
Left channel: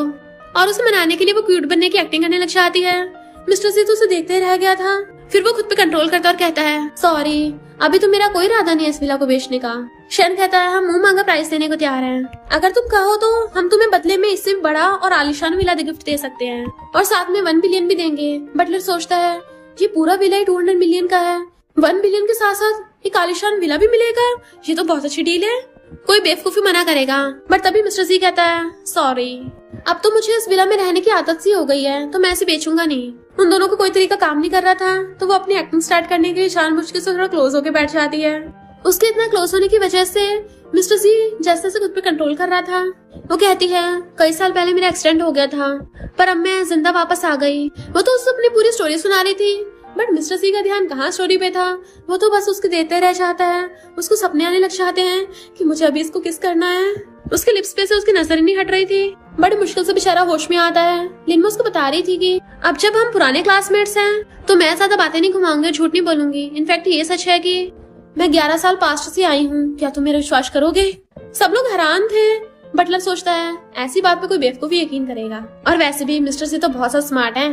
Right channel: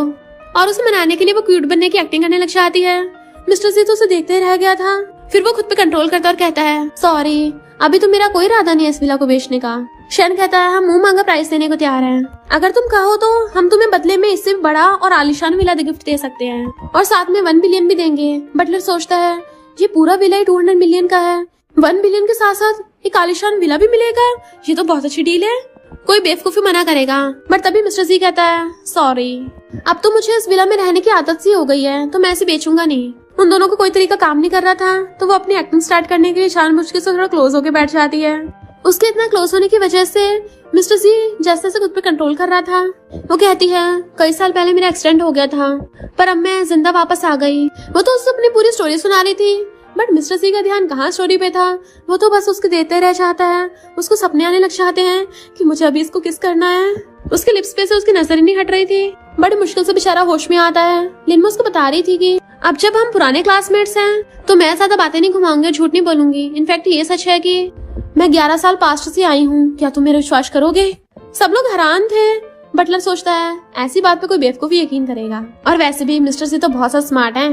और उसे मनाने के लिए वो क्यूट बनने की एक्टिंग करने लग जाती है। मिस्टर जी तो उसे देखते ही रह गया था। फिर वो खुद पे कंट्रोल करता और कहता है सॉरी अभी तो मेरा कोई इरादा नहीं है इस विला को बेचने का। शेन कहता है हम मुंह मांगा प्राइस देने को तैयार हैं, अगर तुम कहो तो हम तुम्हें बदले में इससे बड़ा और आलिशान विला गिफ्ट दे सकते हैं और साथ में 1 बिलियन भी देंगे। बटलर सोचता है ये पूरा विला ही 200 मिलियन का है, 1 बिलियन के साथ साथ एक आलिशान विला भी मिलेगा, ये तो बहुत अच्छी डील है, कोई बेवकूफी मना करेगा। बट तभी मिस्टर जी कहता है सॉरी अब तो मुझे इस विला में रहने की आदत सी हो गई है, तो मैं इसे बेचूंगा नहीं। उन दोनों को कोई तरीका काम नहीं कर रहा था, तो वो अपनी एक्टिंग स्टार्ट करने के लिए जानबूझ के थोड़ा क्लोज होकर बैठ जाती है। उसके इतना क्लोज होने की वजह से मिस्टर जी जैसे से खुद पे कंट्रोल कर रहा था। वो कहती है कई साल पहले मेरा एक्सीडेंट हो गया था पर अब मैं जिंदा वापस आ गई। वो तो उससे अपनी पूरी स्टोरी सुना रही थी बट मिस्टर सी का ध्यान कहाँ स्टोरी पे था, वो तो बस उसके देते रह जाता है। उसको सपने आने लग जाते हैं कि मुझे अभी इसको किस करना है। उसके लिप्स पे से उसकी नजर ही नहीं हट रही थी। बड़ी मुश्किल से बेचारा होश में आता है। लिनमो उसको बता रही थी कि अब जब हम पुराने क्लासमेट्स हैं तो मैं ज्यादा बातें नहीं घुमाऊंगी, झूठ नहीं बोलूंगी। इनफैक्ट ये सच है कि मैं 11 साल पास्ट से आई हूँ, क्या तुम मेरा विश्वास करोगे? सब लोग हैरान थे। बटलर सोचता है ऐसी बात पे कोई बेवकूफ यकीन करेगा, और वैसे भी मिस्टर सी तो बहुत सा स्मार्ट है।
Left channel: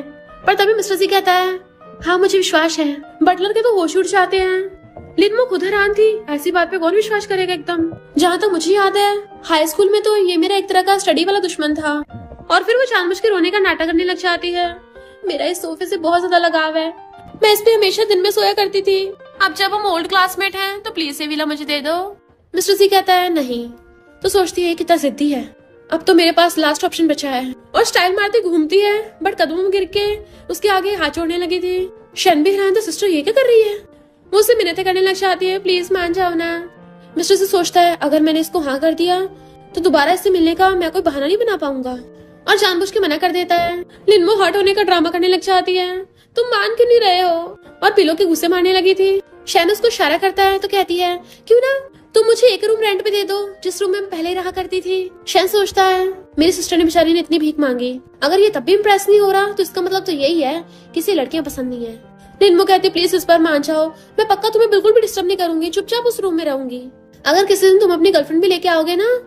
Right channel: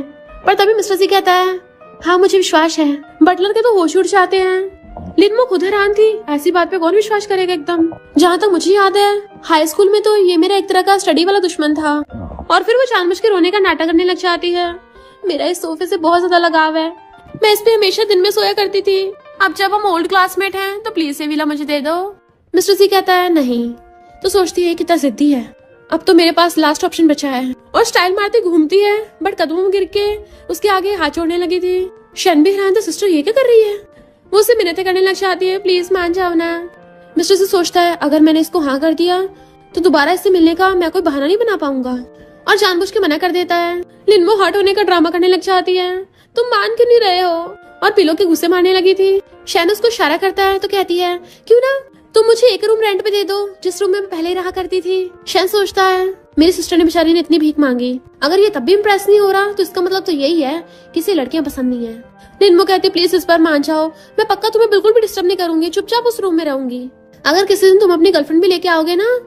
पर तभी मिस्टर सी कहता है हाँ मुझे विश्वास है। बटलर के तो होश उड़ जाते हैं। लिनमो खुद हैरान थी, ऐसी बात पे कौन विश्वास करेगा एकदम। जहाँ तक मुझे याद है हाई स्कूल में तो ये मेरा एक तरह का स्टडी वाला दुश्मन था, और फिर वो जानबूझ के रोने का नाटक करने लग जाती है। मेरा इस सोफे से बहुत ज्यादा लगाव है, मैं इस पे हमेशा दिन में सोया करती थी। अब जब हम ओल्ड क्लासमेट हैं तो प्लीज ये विला मुझे दे दो। मिस्टर सी कहता है नहीं। तो सोचती है कितना जिद्दी है, अब तो मेरे पास लास्ट ऑप्शन बचा है, और स्टाइल मारती घूमती है। बट कदमों में गिर के उसके आगे हाथ जोड़ने लगी थी। शन भी हैरान था, सिस्टर ये क्या कर रही है? वो उससे मिन्नतें करने लग जाती है, प्लीज मान जाओ ना। मिस्टर सी सोचता है अगर मैंने इसको हाँ कर दिया तो दोबारा इससे मिलने का मैं कोई बहाना नहीं बना पाऊंगा, और जानबूझ के मना कर देता है। लिनमो हर्ट होने का ड्रामा करने लग जाती है, तुम मान क्यों नहीं रहे हो, और पिलो के गुस्से मारने लगी थी। शैन उसको इशारा करता है तो कहती है क्यों ना तुम मुझे एक रूम रेंट पे दे दो जिस रूम में पहले रहा करती थी। शैन सोचता है मेरी सिस्टर ने बेचारी ने इतनी भीख मांगी, अगर ये तब भी इम्प्रेस नहीं हो रहा तो इसका मतलब तो यही है किसी लड़कियां पसंद नहीं है। लिनमो कहती प्लीज इस बार मान जाओ, मैं पक्का तुम्हें बिल्कुल भी डिस्टर्ब नहीं करूंगी, चुपचाप उस रूम में रहूंगी। अगर किसी दिन तुम अपनी गर्लफ्रेंड भी लेके आओगे ना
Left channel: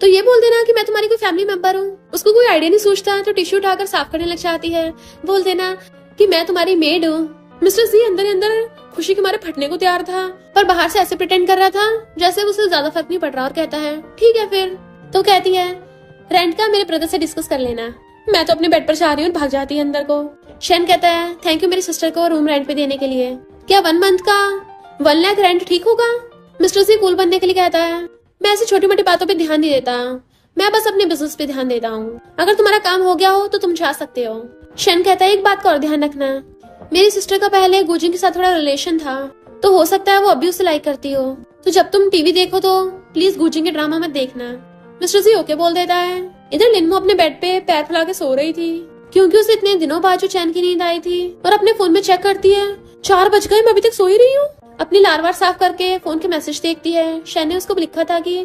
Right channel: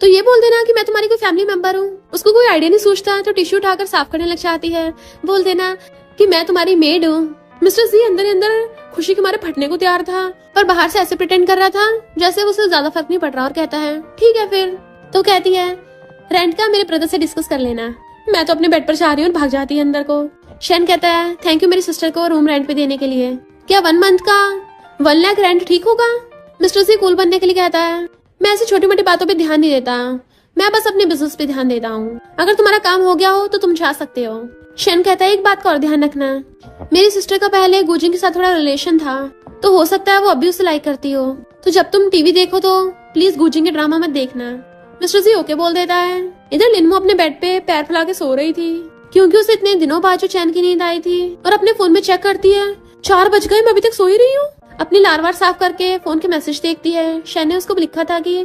तो ये बोल देना कि मैं तुम्हारी कोई फैमिली मेंबर हूँ। उसको कोई आइडिया नहीं सोचता तो टिश्यू उठाकर साफ करने लग जाती है। बोल देना कि मैं तुम्हारी मेड हूँ। मिस्टर सी अंदर अंदर खुशी के मारे फटने को तैयार था, पर बाहर से ऐसे प्रिटेंड कर रहा था जैसे उसे ज्यादा फर्क नहीं पड़ रहा, और कहता है ठीक है फिर। तो कहती है रेंट का मेरे ब्रदर से डिस्कस कर लेना, मैं तो अपने बेड पर जा रही हूँ। भाग जाती है अंदर को। शैन कहता है थैंक यू मेरी सिस्टर को रूम रेंट पे देने के लिए। क्या 1 मंथ का 1 लाख रेंट ठीक होगा? मिस्टर सी कूल बनने के लिए कहता है मैं ऐसी छोटी मोटी बातों पे ध्यान नहीं देता, मैं बस अपने बिजनेस पे ध्यान देता हूँ। अगर तुम्हारा काम हो गया हो तो तुम जा सकते हो। शन कहता है एक बात का और ध्यान रखना, मेरी सिस्टर का पहले गुजिंग के साथ थोड़ा रिलेशन था, तो हो सकता है वो अभी उसे लाइक करती हो। तो जब तुम टीवी देखो तो प्लीज गुजिंग के ड्रामा मत देखना। मिस्टर सी ओके बोल देता है। इधर लिनमो अपने बेड पे पैर फैला के सो रही थी, क्योंकि उसे इतने दिनों बाद जो चैन की नींद आई थी, और अपने फोन में चेक करती है 4 बज गए, मैं अभी तक सो ही रही हूँ। अपनी लारवार साफ करके फोन के मैसेज देखती है। शैन ने उसको लिखा था कि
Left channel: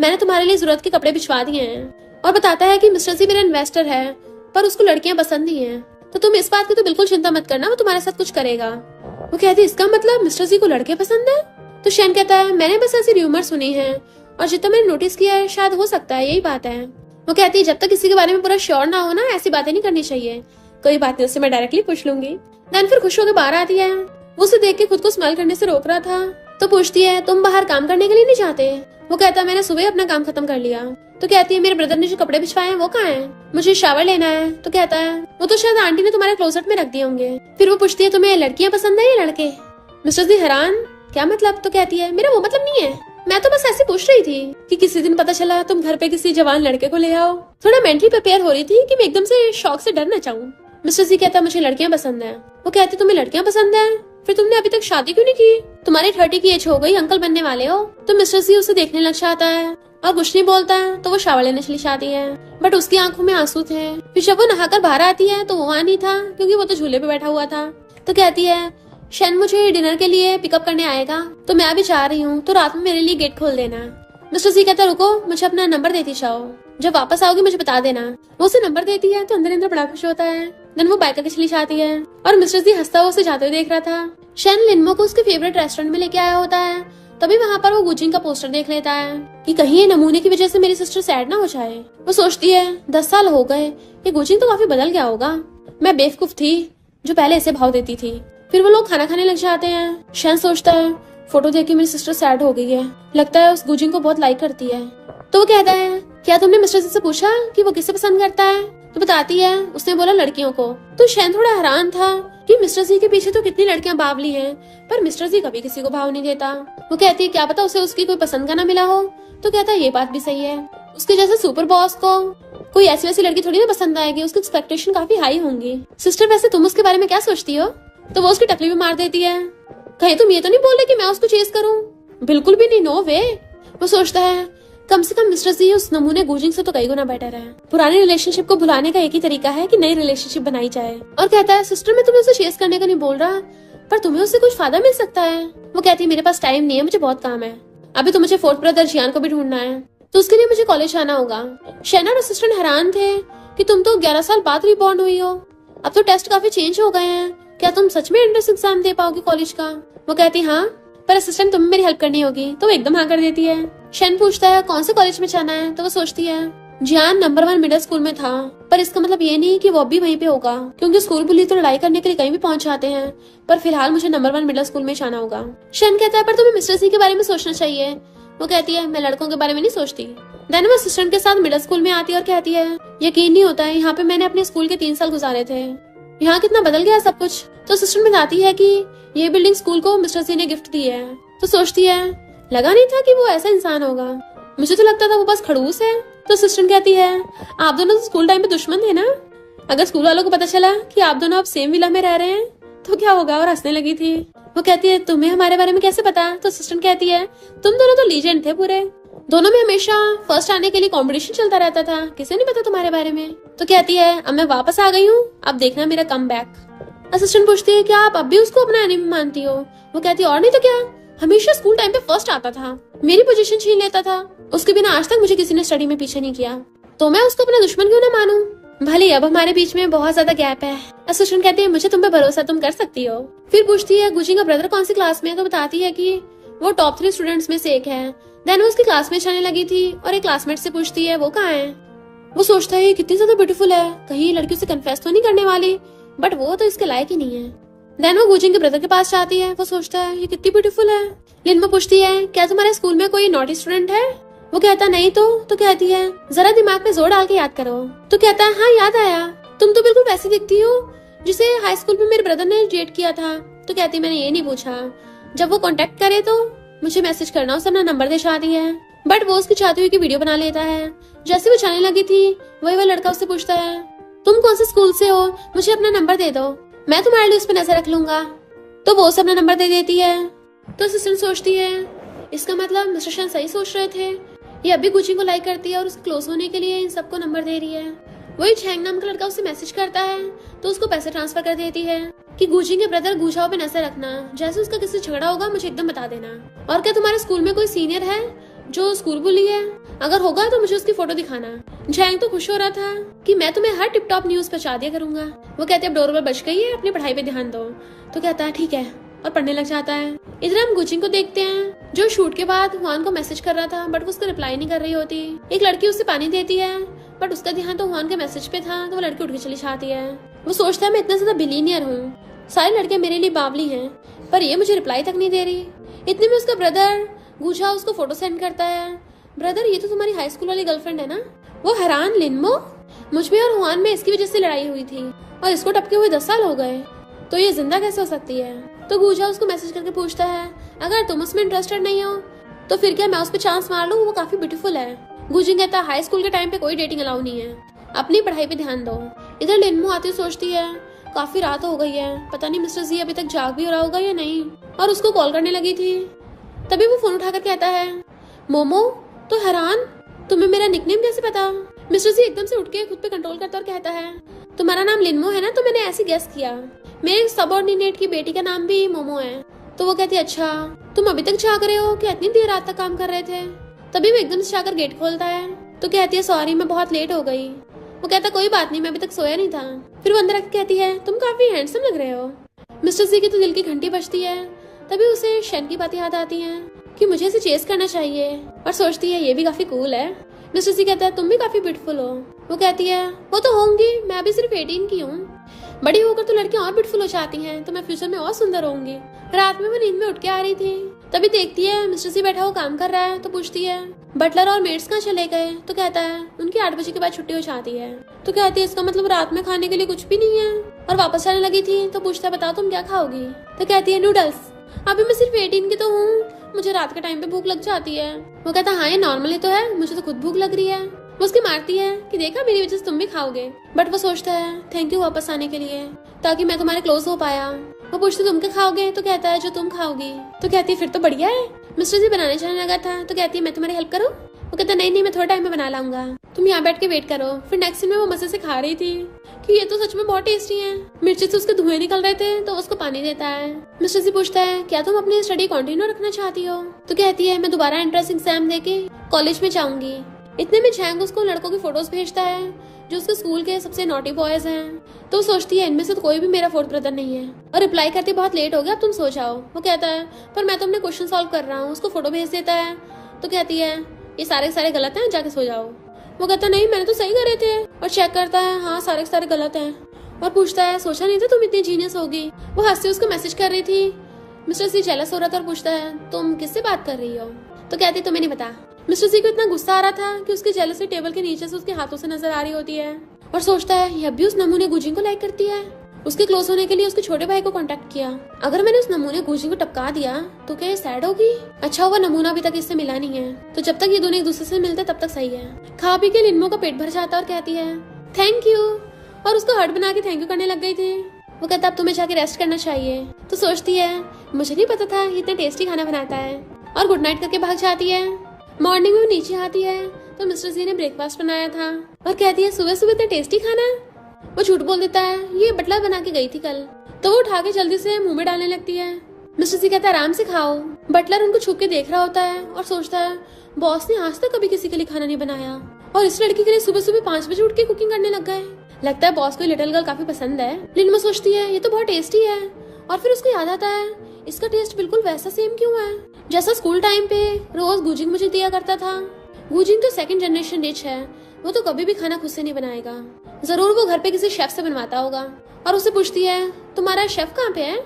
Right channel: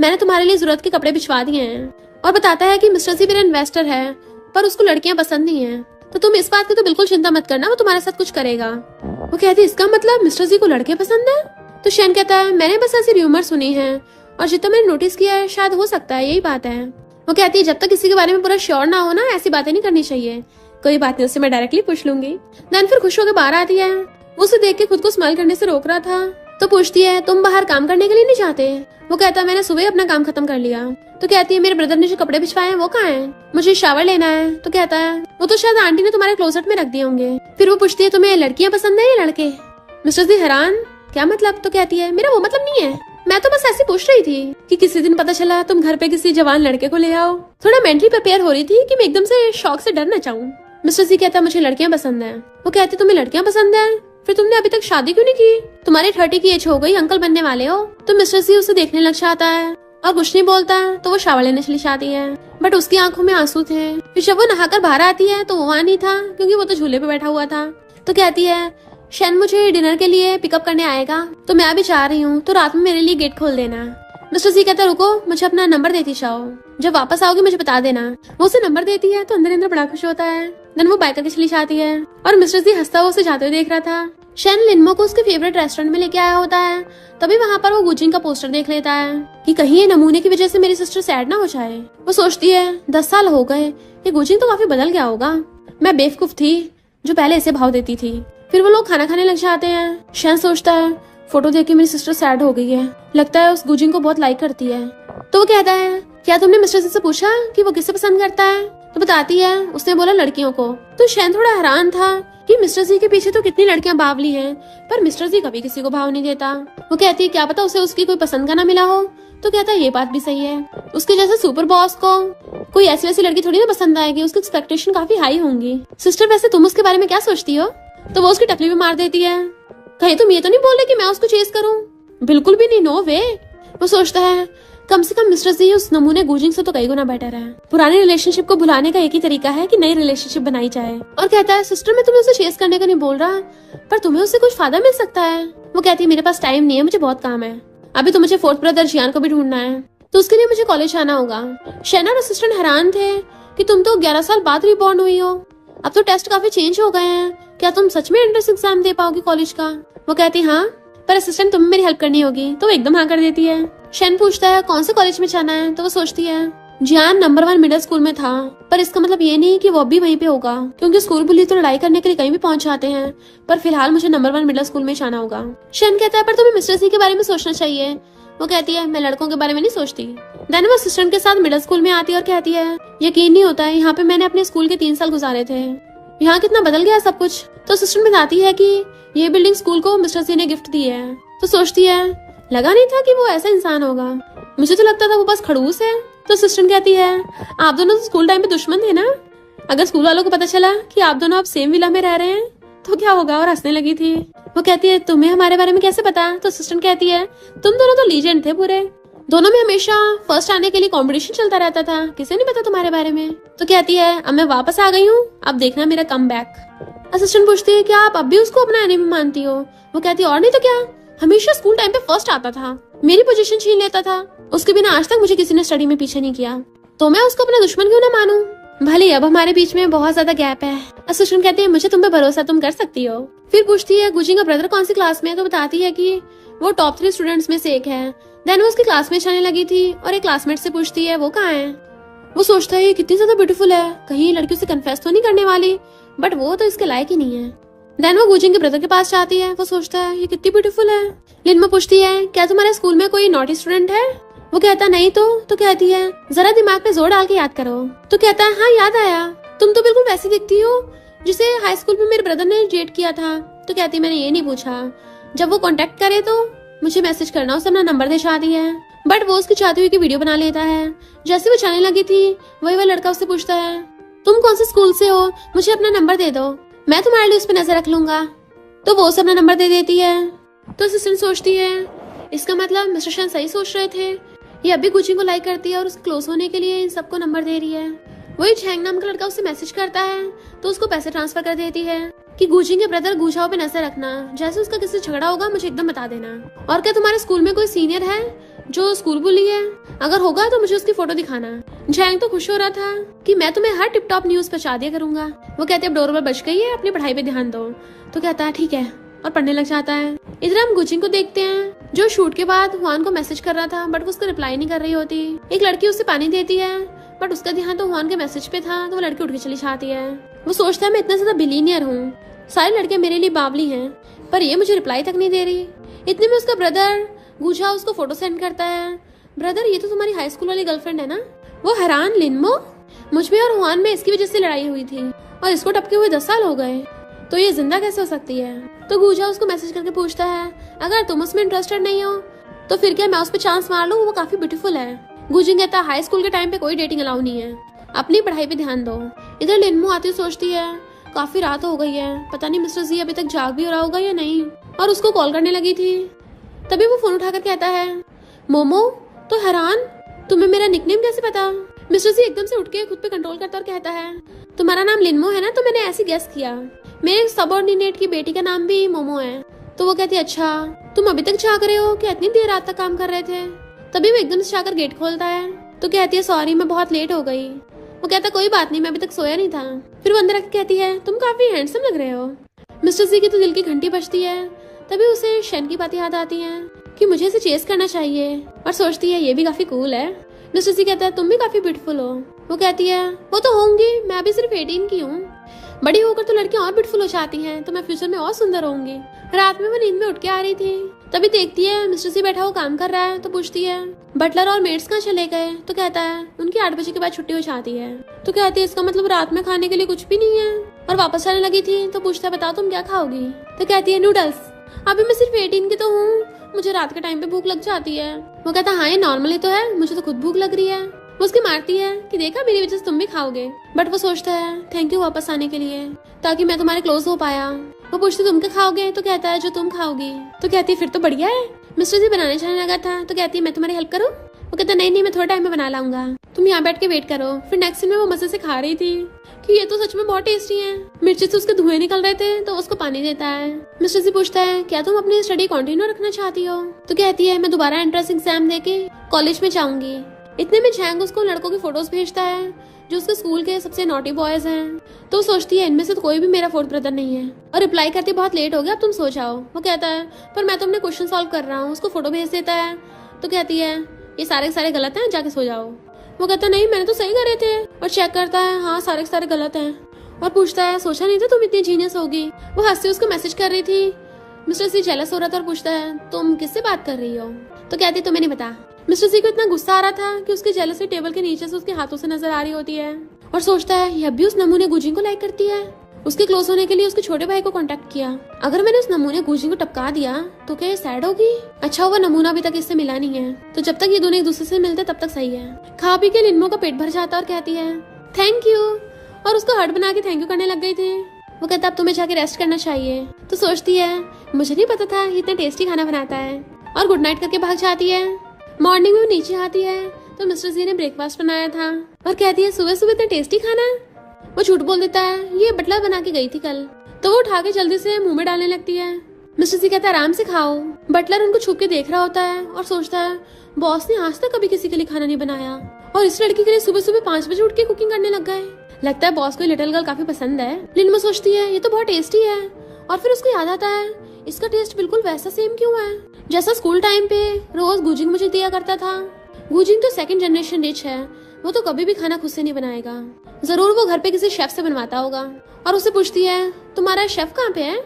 मैंने तुम्हारे लिए जरूरत के कपड़े भिजवा दिए हैं, और बताता है कि मिस्टर सी मेरा इन्वेस्टर है पर उसको लड़कियां पसंद नहीं है, तो तुम इस बात की तो बिल्कुल चिंता मत करना, वो तुम्हारे साथ कुछ करेगा। वो कहती इसका मतलब मिस्टर सी को लड़के पसंद है? तो शैन कहता है मैंने बस ऐसी र्यूमर सुनी है, और जितना मैंने नोटिस किया है शायद हो सकता है यही बात है। वो कहती है जब तक किसी के बारे में पूरा श्योर ना हो ना ऐसी बातें नहीं करनी चाहिए। कोई बात नहीं, उससे मैं डायरेक्टली पूछ लूंगी। नैन फिर खुश होकर बाहर आती है। वो उसे देख के खुद को स्माइल करने से रोक रहा था, तो पूछती है तुम बाहर काम करने के लिए नहीं जाते? वो कहता है मैंने सुबह अपना काम खत्म कर लिया। तो कहती है मेरे ब्रदर ने जो कपड़े भिजवाए वो कहाँ है, मुझे शावर लेना है। तो कहता है वो तो शायद आंटी ने तुम्हारे क्लोजेट में रख दिए होंगे। फिर वो पूछती है तुम्हें लड़कियां पसंद है या लड़के? मिस्टर सी हैरान, क्या मतलब? तो कहती है मेरा वो मतलब नहीं है, मैं तो बस ऐसे पूछ रही थी कि किसी दिन पता चला तुम घर पे किसी जवान लड़के को ले आओ। थोड़ा मेंटली प्रिपेयर हो रही थी कि मैं एकदम से शौक से डर न जाऊं। मिस्टर सी कहता मुझे लड़कियां पसंद है। वो कहते तुम्हें लड़कियां पसंद है, फिर तुमने अभी तक शादी क्यों नहीं की? तुम्हारी 30 की एज हो गई, अंकल बनने वाले हो। तो मिस्टर सी उसे देखने लग जाता है और कुछ नहीं बोलता, तो वो शावर लेने चली जाती है। बट उसकी आंखों में आंसू थे। फिर जब वो नहाकर बाहर आती है तो वो वहाँ नहीं था, क्योंकि वो तो झूले पे बैठा हुआ था। तो कहती है शैन मुझे डिनर के लिए पिकअप करने आएगा, तो मैं अभी जा रही हूँ, तो रात में मेरे लिए गेट खोल देना। मिस्टर सी कहता रुको, मुझे अपना नंबर देती जाओ, जब वापस आओगे मुझे बता देना। वो उसे नंबर देती है तो अंदर अंदर बड़ा खुश होता है। देन वो बाइक करके चली जाती है, और मिस्टर सी हंसता हुआ उसे जाते हुए देख रहा था। शैन लिनमो को उसके फेवरेट रेस्टोरेंट में लेके आया होता है, तभी वहाँ पर वो गुजिंग का पोस्टर देख लेता है कि कहीं ये नमूने की वजह से मेरी सिस्टर सैड ना हो जाए। वो सोचती है 10 साल हो गए, ये गुजिंग तो काफी बदल गया होगा, मैं बेवकूफ थी जो पहले ऐसे भाव देती थी। फिर वो लोग खाना खाने लग जाते हैं। शैन सोचता है फोटो देख के मेरी सिस्टर सैड हो गई है, लगता है उस गुजिंग को बहुत लाइक करती है। तो वो कहता है क्या तुमने मिस्टर से पूछा कि वो किसे पसंद करता है? तो बताती है उसने बोला लड़कियों को। तो शैन थोड़ा हैरान था कि मिस्टर सी के पीछे तो कितनी लड़कियां बावली हैं, पर मिस्टर सी कभी किसी को भाव नहीं देता। वो कहती है क्या पता उसे उसकी कोई पसंद का ना मिला हो। तो कहता है ये बात भी सही है, उसके जैसे सुपर बॉस को कोई ऐसी वैसी लड़की थोड़ी ना पसंद आएगी, उसकी एक्सपेक्टेशन काफी हाई होंगी। सिस्टर वैसे तुम उसके बारे में क्या सोचती हो? तो वो उसकी टपली भी मार देती है। कहीं तुम ये तो नहीं बोले कि मैं उसको चेस करूं? बिल्कुल भी नहीं, नो वे। वो सोचता है कम से कम मिस्टर जी उस नमूने गूजिंग से तो कई गुना बेटर है। पुराने रिलेशनशिप को भुलाने का एक ही तरीका है कि नई रिलेशनशिप बनाई जाए। और कहता है सिस्टर मैं तुम्हें उसे चेस करने का नहीं बोल रहा, पर तुम्हें उससे कुछ फायदा मिल सकता है। वो कहती है मेरे पास टाइम नहीं है, मुझे बहुत काम है। अभी तो मुझे फोर्थ ब्रदर जियान को भी ढूंढना है, तो उसके लिए मुझे कॉलेज आना होगा। शैना और असिस्टेंट हैरान थे कि तुम तो 11 साल बाद रिबॉर्न हुई हो, अब तो टेस्ट काफी चेंज हो गए हैं, क्या तुम सच में एंट्रेंस एग्जाम दे पाओगे कॉलेज का? वो कहती हाँ, पर असिस्टेंट तुम्हें मेरी हेल्प करनी होगी। तो एकदम हाँ कर देती है। शैन पूछता है कौन से कॉलेज में जाना है, तो वो सोचती है जियान नंबर 1 मिडिल स्कूल में था, पर इसका मतलब ये नहीं कि वो भी वहीं पे होगा, क्योंकि स्कूल बुली तो लड़ाई करने के लिए कहीं भी पहुंच जाते हैं। पर फिलहाल मुझे नंबर 1 मिडिल स्कूल में जाना होगा। शैन कहता है पर तुम्हें मिस्टर सी के बारे में सोचना चाहिए। वो कहती है मैं लड़कों के बारे में नहीं सोचती। देन वो असिस्टेंट के साथ मिडिल स्कूल में आती है और कहती है यकीन नहीं होता है, यहाँ पे मैंने अपने स्कूल के 3 साल गुजारे थे, यहाँ कितना बदल गया सब कुछ। तो असिस्टेंट बताती है कि ये बिल्डिंग स्कूल को मिस्टर सी ने गिफ्ट दी है। तो सोचती है लगा नहीं था कि वो ऐसा इंसान होगा, मुझे तो लगता था वो बस खड़ूस है। तो असिस्टेंट कहती है आप दोनों स्कूल टाइम पे दुश्मन थे ना, अगर स्कूल वालों को पता चला कि आप दोनों अब सेम विला में रह रहे हैं तो क्या होगा? और हंसने लगी थी। वो कहती है तुम्हें हमारे बारे में कैसे पता? तो असिस्टेंट कहती है तुम दोनों तो लीजेंड थे पूरे, दोनों में हमेशा फर्स्ट आने के लिए कंपटीशन चलता रहता था, किसे नहीं पता तुम्हारे बारे में। तो कहती है अब मैं वापस आ गई हूँ, अब देखना मेरा कम बैक। असिस्टेंट पूछती है क्या आप अब भी उसको अपना एनिमी मानती हो? वो कहती है और नहीं तो क्या, हमेशा स्कूल टाइम पे फर्स्ट आता था, मेरी पोजीशन छीन लेता था, उसके बिना आज तक मुझे किसी ने स्टडी में पीछे नहीं किया, तो मैं उसको अपना दुश्मन क्यों ना मानूं? भले अब हमारे बीच में बहुत ज्यादा गैप है। असिस्टेंट कहती है मुझे तुम पे भरोसा, तुम कर सकती हो। फिर पूछती है गुजिंग का ब्रदर कौन सी क्लास में है? तो बताती है कि वो टॉप 3 स्टूडेंट्स में से एक है। देन वो उसकी क्लास में जाने लगी थी और एक क्लासमेट से पूछती है वो कहाँ है? वो सोचता है कितनी ज्यादा ब्यूटीफुल है, कहीं ये लड़की उसे कन्फेस तो नहीं करने वाली, बट वो तो इसके लायक ही नहीं है। देन वो गुजिंग के ब्रदर के पास जाती है। वो सोचता है ये कितनी ब्यूटीफुल है। लिनमा पूछती है क्या तुम्हारे स्कूल में कोई नॉटी स्टूडेंट है? वो कहता नहीं तो कहती है जरा दिमाग पे जोर डाल के याद करो। तो कहता है हाँ याद आया, तुम तो बिल्कुल वैसी दिखती हो जिसे हाई स्कूल में मेरे ब्रदर ने डेट किया था। तो कहती मैंने ये नहीं पूछा, जब वो कांटेक्ट करे तो मुझे मैसेज करना, उसने अपना नंबर दिखा दिया है, बट वो उसकी चाहती हुई की वीडियो बना लेता है। जैसे वो चलने लगी थी वही वो लड़का उससे पूछता है तुम कौन से स्कूल से हो, मुझे अपना नंबर दे दो, मैं तुम्हारे लिए उस पर नजर रख लूंगा। तो वो उसे अपना नंबर दे देती है। तो असिस्टेंट सोचती है इसका मतलब मिस्टर शैन सही सोच रहे थे, ये अभी गुजिंग को लाइक करती है और उसको क्लोज होने के लिए इन सबको नंबर दे रही है। वही झैंग नाम का लड़का उसे मैसेज करता है तो उसको पैसे ट्रांसफर कर देती है कि गुजिंग के ब्रदर गुजाओ पे नजर रखना, जैसे उसका किसी झगड़ा होगा मुझे एकदम बता देना। और क्या तुम्हारे स्कूल में कोई सीनियर है जो स्कूल बुली है? अगर होगा तो मुझे उसकी फोटो दिखाना। झैंग तो खुश हो रहा था कि मैं तुम्हें हर टिप टॉप न्यूज पहुंचा दिया करूंगा। वो कहते हैं डोरबेल बज गई है, अपनी पढ़ाई पे ध्यान दो। तो कहता है ठीक है और पढ़ने लग जाता है। इधर हम गुजिंग को देखते हैं जो शूट के बाद हुआन को मैसेज कर रहा था बट उसको रिप्लाई नहीं कर रही होती। एक लड़की उसे पानी देती है बट उसका ध्यान तो हुआन के मैसेज पे था, तो वो लड़की उठ के चली जाती है। वो सोचता है मैं इतना ज्यादा बिलीनियर हूँ, सारे लड़के मेरे लिए बावली हैं, पर ये मुझे रिप्लाई तक नहीं दे रही। इतने में उसका ब्रदर गुजा उसको फोटो सेंड करता है। ब्रदर ये तो तुम्हारी हाई स्कूल वाली गर्लफ्रेंड है ना? वो हैरान लिनमो, मुझ में और हुआन में इसकी वजह से लड़ाई हुई थी और इसको टपके हुए 10 साल हो गए, तो ये जिंदा कैसे हो सकती है? तो गुजा उसको मैसेज करके पूछता है अगर तुम उसमें इंटरेस्टेड नहीं हो तो फिर क्या मैं उस पर चांस मार लूं, वो काफी ब्यूटीफुल है। गुजिंग कहता हाई स्कूल के टाइम पे कोई डेटिंग अलाउ नहीं है, अपनी पढ़ाई पे ध्यान दो। इधर लिनमो आती सोचती है काफी रात हो गई है, पता नहीं मिस्टर जी अभी तक जाग भी हो रहा होगा या नहीं, और उसको कॉल करने लगी थी। तभी वो फोन उठाकर कहता है मोमो। तो हैरान तुम्हें मेरा निकनेम कैसे पता? मिस्टर जी एकदम से उठ के खुद पे कंट्रोल करता और कहता है तुम्हारा नाम लिनमो है ना? तो मैंने ऐसे गेस किया, मेरे सबऑर्डिनेट की बेटी का नाम भी मोमो है। तो वो कहती अच्छा तुम अभी तक जाग रहे हो, क्या इतनी देर रात तक काम कर रहे थे? तभी वो एकदम से जाकर गेट खोलता है। तो कहती है सॉरी मैं बहुत लेट हो गई। वो कहता कोई बात नहीं, मैं अभी तक सोया नहीं था। फिर वो अंदर आकर कहती है तुम काफी हैंडसम लग रहे हो। मिस्टर जी की तो दिल की घंटी बजती है। तभी उसे शैन की बातें याद आती है कि मुझे इसे चेस करना चाहिए, और सोचती है ये भी काफी कूल है। मिस्टर जी कहता है तुम भी काफी ब्यूटीफुल हो। वो कहती है वो तो होंगी, मैं अभी सिर्फ 18 की हूँ, बड़ी होकर तो लड़कियां और ब्यूटीफुल हो जाती हैं, तो मैं फ्यूचर में और सुंदर होंगी। रात में वो नींद में उठ के आ रही थी, तभी देखती है मिस्टर जी बैठा हुआ काम कर रहा है। तो पूछती है बटलर और मेड्स कहाँ चले गए? तो कहता है उनकी 8 बजे के बाद छुट्टी हो जाती है। तो कहते हैं इसका मतलब रात में खाने के लिए कुछ भी नहीं है, और वापस आने लगी थी। तो पूछता है बताओ तुम क्या खाओगी? तो कहती है नूडल्स। अभी मैं सिर्फ 18 की तो हूँ, मुझे रात के टाइम पे भूख लग जाती है। वो कहता हाँ ये नॉर्मली तो है, मुझे तो खुद भूख लग रही है। वो उसकी मारती है कि देखा मेरी वजह से तुम भी खाओगे, बट वो सोचता है थैंक यू वापस आने के लिए, ताकि मैं तुम्हारे क्लोज हो पाया। वो पूछती तुम क्या खाओगे? तो कहता है जो तुम खाओगी। तो कहती है फिर तो बढ़िया है। मिस्टर जी बनाने जाने लगा था तो कहती है मैं तुम्हारी हेल्प करूँ? वो कहता नहीं नहीं मैं थोड़ा टाइम में बना लाऊंगा, तुम यहाँ बैठ के वेट करो। फिर नेक्स्ट सीन में वो मजे से खा रही थी कि ये तो सच में बहुत टेस्टी है। मिर्ची से उसके धुएं निकल रहे थे तो उसको पानी देता है। मिस्टर से पूछता है क्या तुम अपनी स्टडी कंटिन्यू रखना चाहती हो? तो कहती है मैं दोबारा एंट्रेंस एग्जाम देके कॉलेज में जाऊंगी। इतने में जैंग उसको लड़कों की फोटोज भेजता है जो उसके स्कूल के सबसे नॉटी बॉयज हैं। तो सोचती है इनमें से तो कोई भी मेरा फोर्थ ब्रदर नहीं है और रिप्लाई करती बहुत लेट हो गया, तुम सो जाओ। वो कहता है पर मैं तो अपने क्वेश्चन सॉल्व कर रहा हूँ। उसको फोटो भेज देता है तो कहती है ये सारे गलत है, जाके सो जाओ। वो कहता है नहीं मैंने तो सही करे थे, और चेक करता है हाँ सारे गलत है। और पूछता है सोचा नहीं था तुम इतनी जीनियस होगी। वो हंसते उसको मैसेज कर रही थी। मिस्टर सी जेलस हो रहा था और पूछता है तुम किससे बात कर रही हो? तो कहती तुम्हें नहीं पता। मिस्टर सी को इतना गुस्सा आ रहा था कि उसके जेलसी टेबल के नीचे से उसके हाथों से नजर आ रही होती है और सोचता है ये अभी उस नमूने गुजी को लाइक करती है। उसके क्लोज होने के लिए उसके छोटे भाई को कांटेक्ट किया। अगर मैंने उस नमूने गुजी को टपका दिया तो क्या ये सैड होगी? अच्छा वो नमूना अभी तक इससे मिला नहीं है, तो जब तक ये दोनों एक दूसरे से मिलते तब तक सही है। खा पी के लिम्बो का पेट भर जाता और कहती है थैंक यू, और उसको हार्ट बना के थैंक यू करने लग गई थी। वो कहता अब तुम्हें जाके रेस्ट करना चाहिए। तो सोचती है मुझे नहीं पता था इतना टेस्टी खाना बनाता है, और गुड नाइट करके भाग जाती है। मॉर्निंग में वो नीचे आती है तो मिस्टर जी ने ब्रेकफास्ट बनाया था और कहती है सुबह सुबह इतना टेस्टी खाना। वो झूठ बोल देता है ये बटलर बना के गई थी कल। तो वो उठा के जल्दी से मुंह में डालने लगती है। मिस्टर जी कहता है आराम से खाओ। बटलर उनको छुप के देख रहा होता है और सोचता है बॉस ने आज तक कभी किसी के लिए खाना नहीं बनाया और इस लड़की के लिए सुबह सुबह 5 बजे उठ के कुकिंग करने लग गए। लगता है बॉस को लिटिल गर्ल काफी पसंद है। लिनमा सोचती है ये तो बहुत टेस्टी है, और फिर उसको याद आता है इसका टेस्ट बिल्कुल वैसा सेम क्यों है जैसा स्कूल टाइम पे रोज गुजिंग मुझे दिया करता था। गुजिंग तो सेकंड जनरेशन डिश है, वो तो कभी भी खाना खुद से नहीं बनाएगा, जरूर वो घर पे किसी शेफ से बनवाता होगा। और उसे पूछती है तुम्हारा शेफ कहाँ पे है?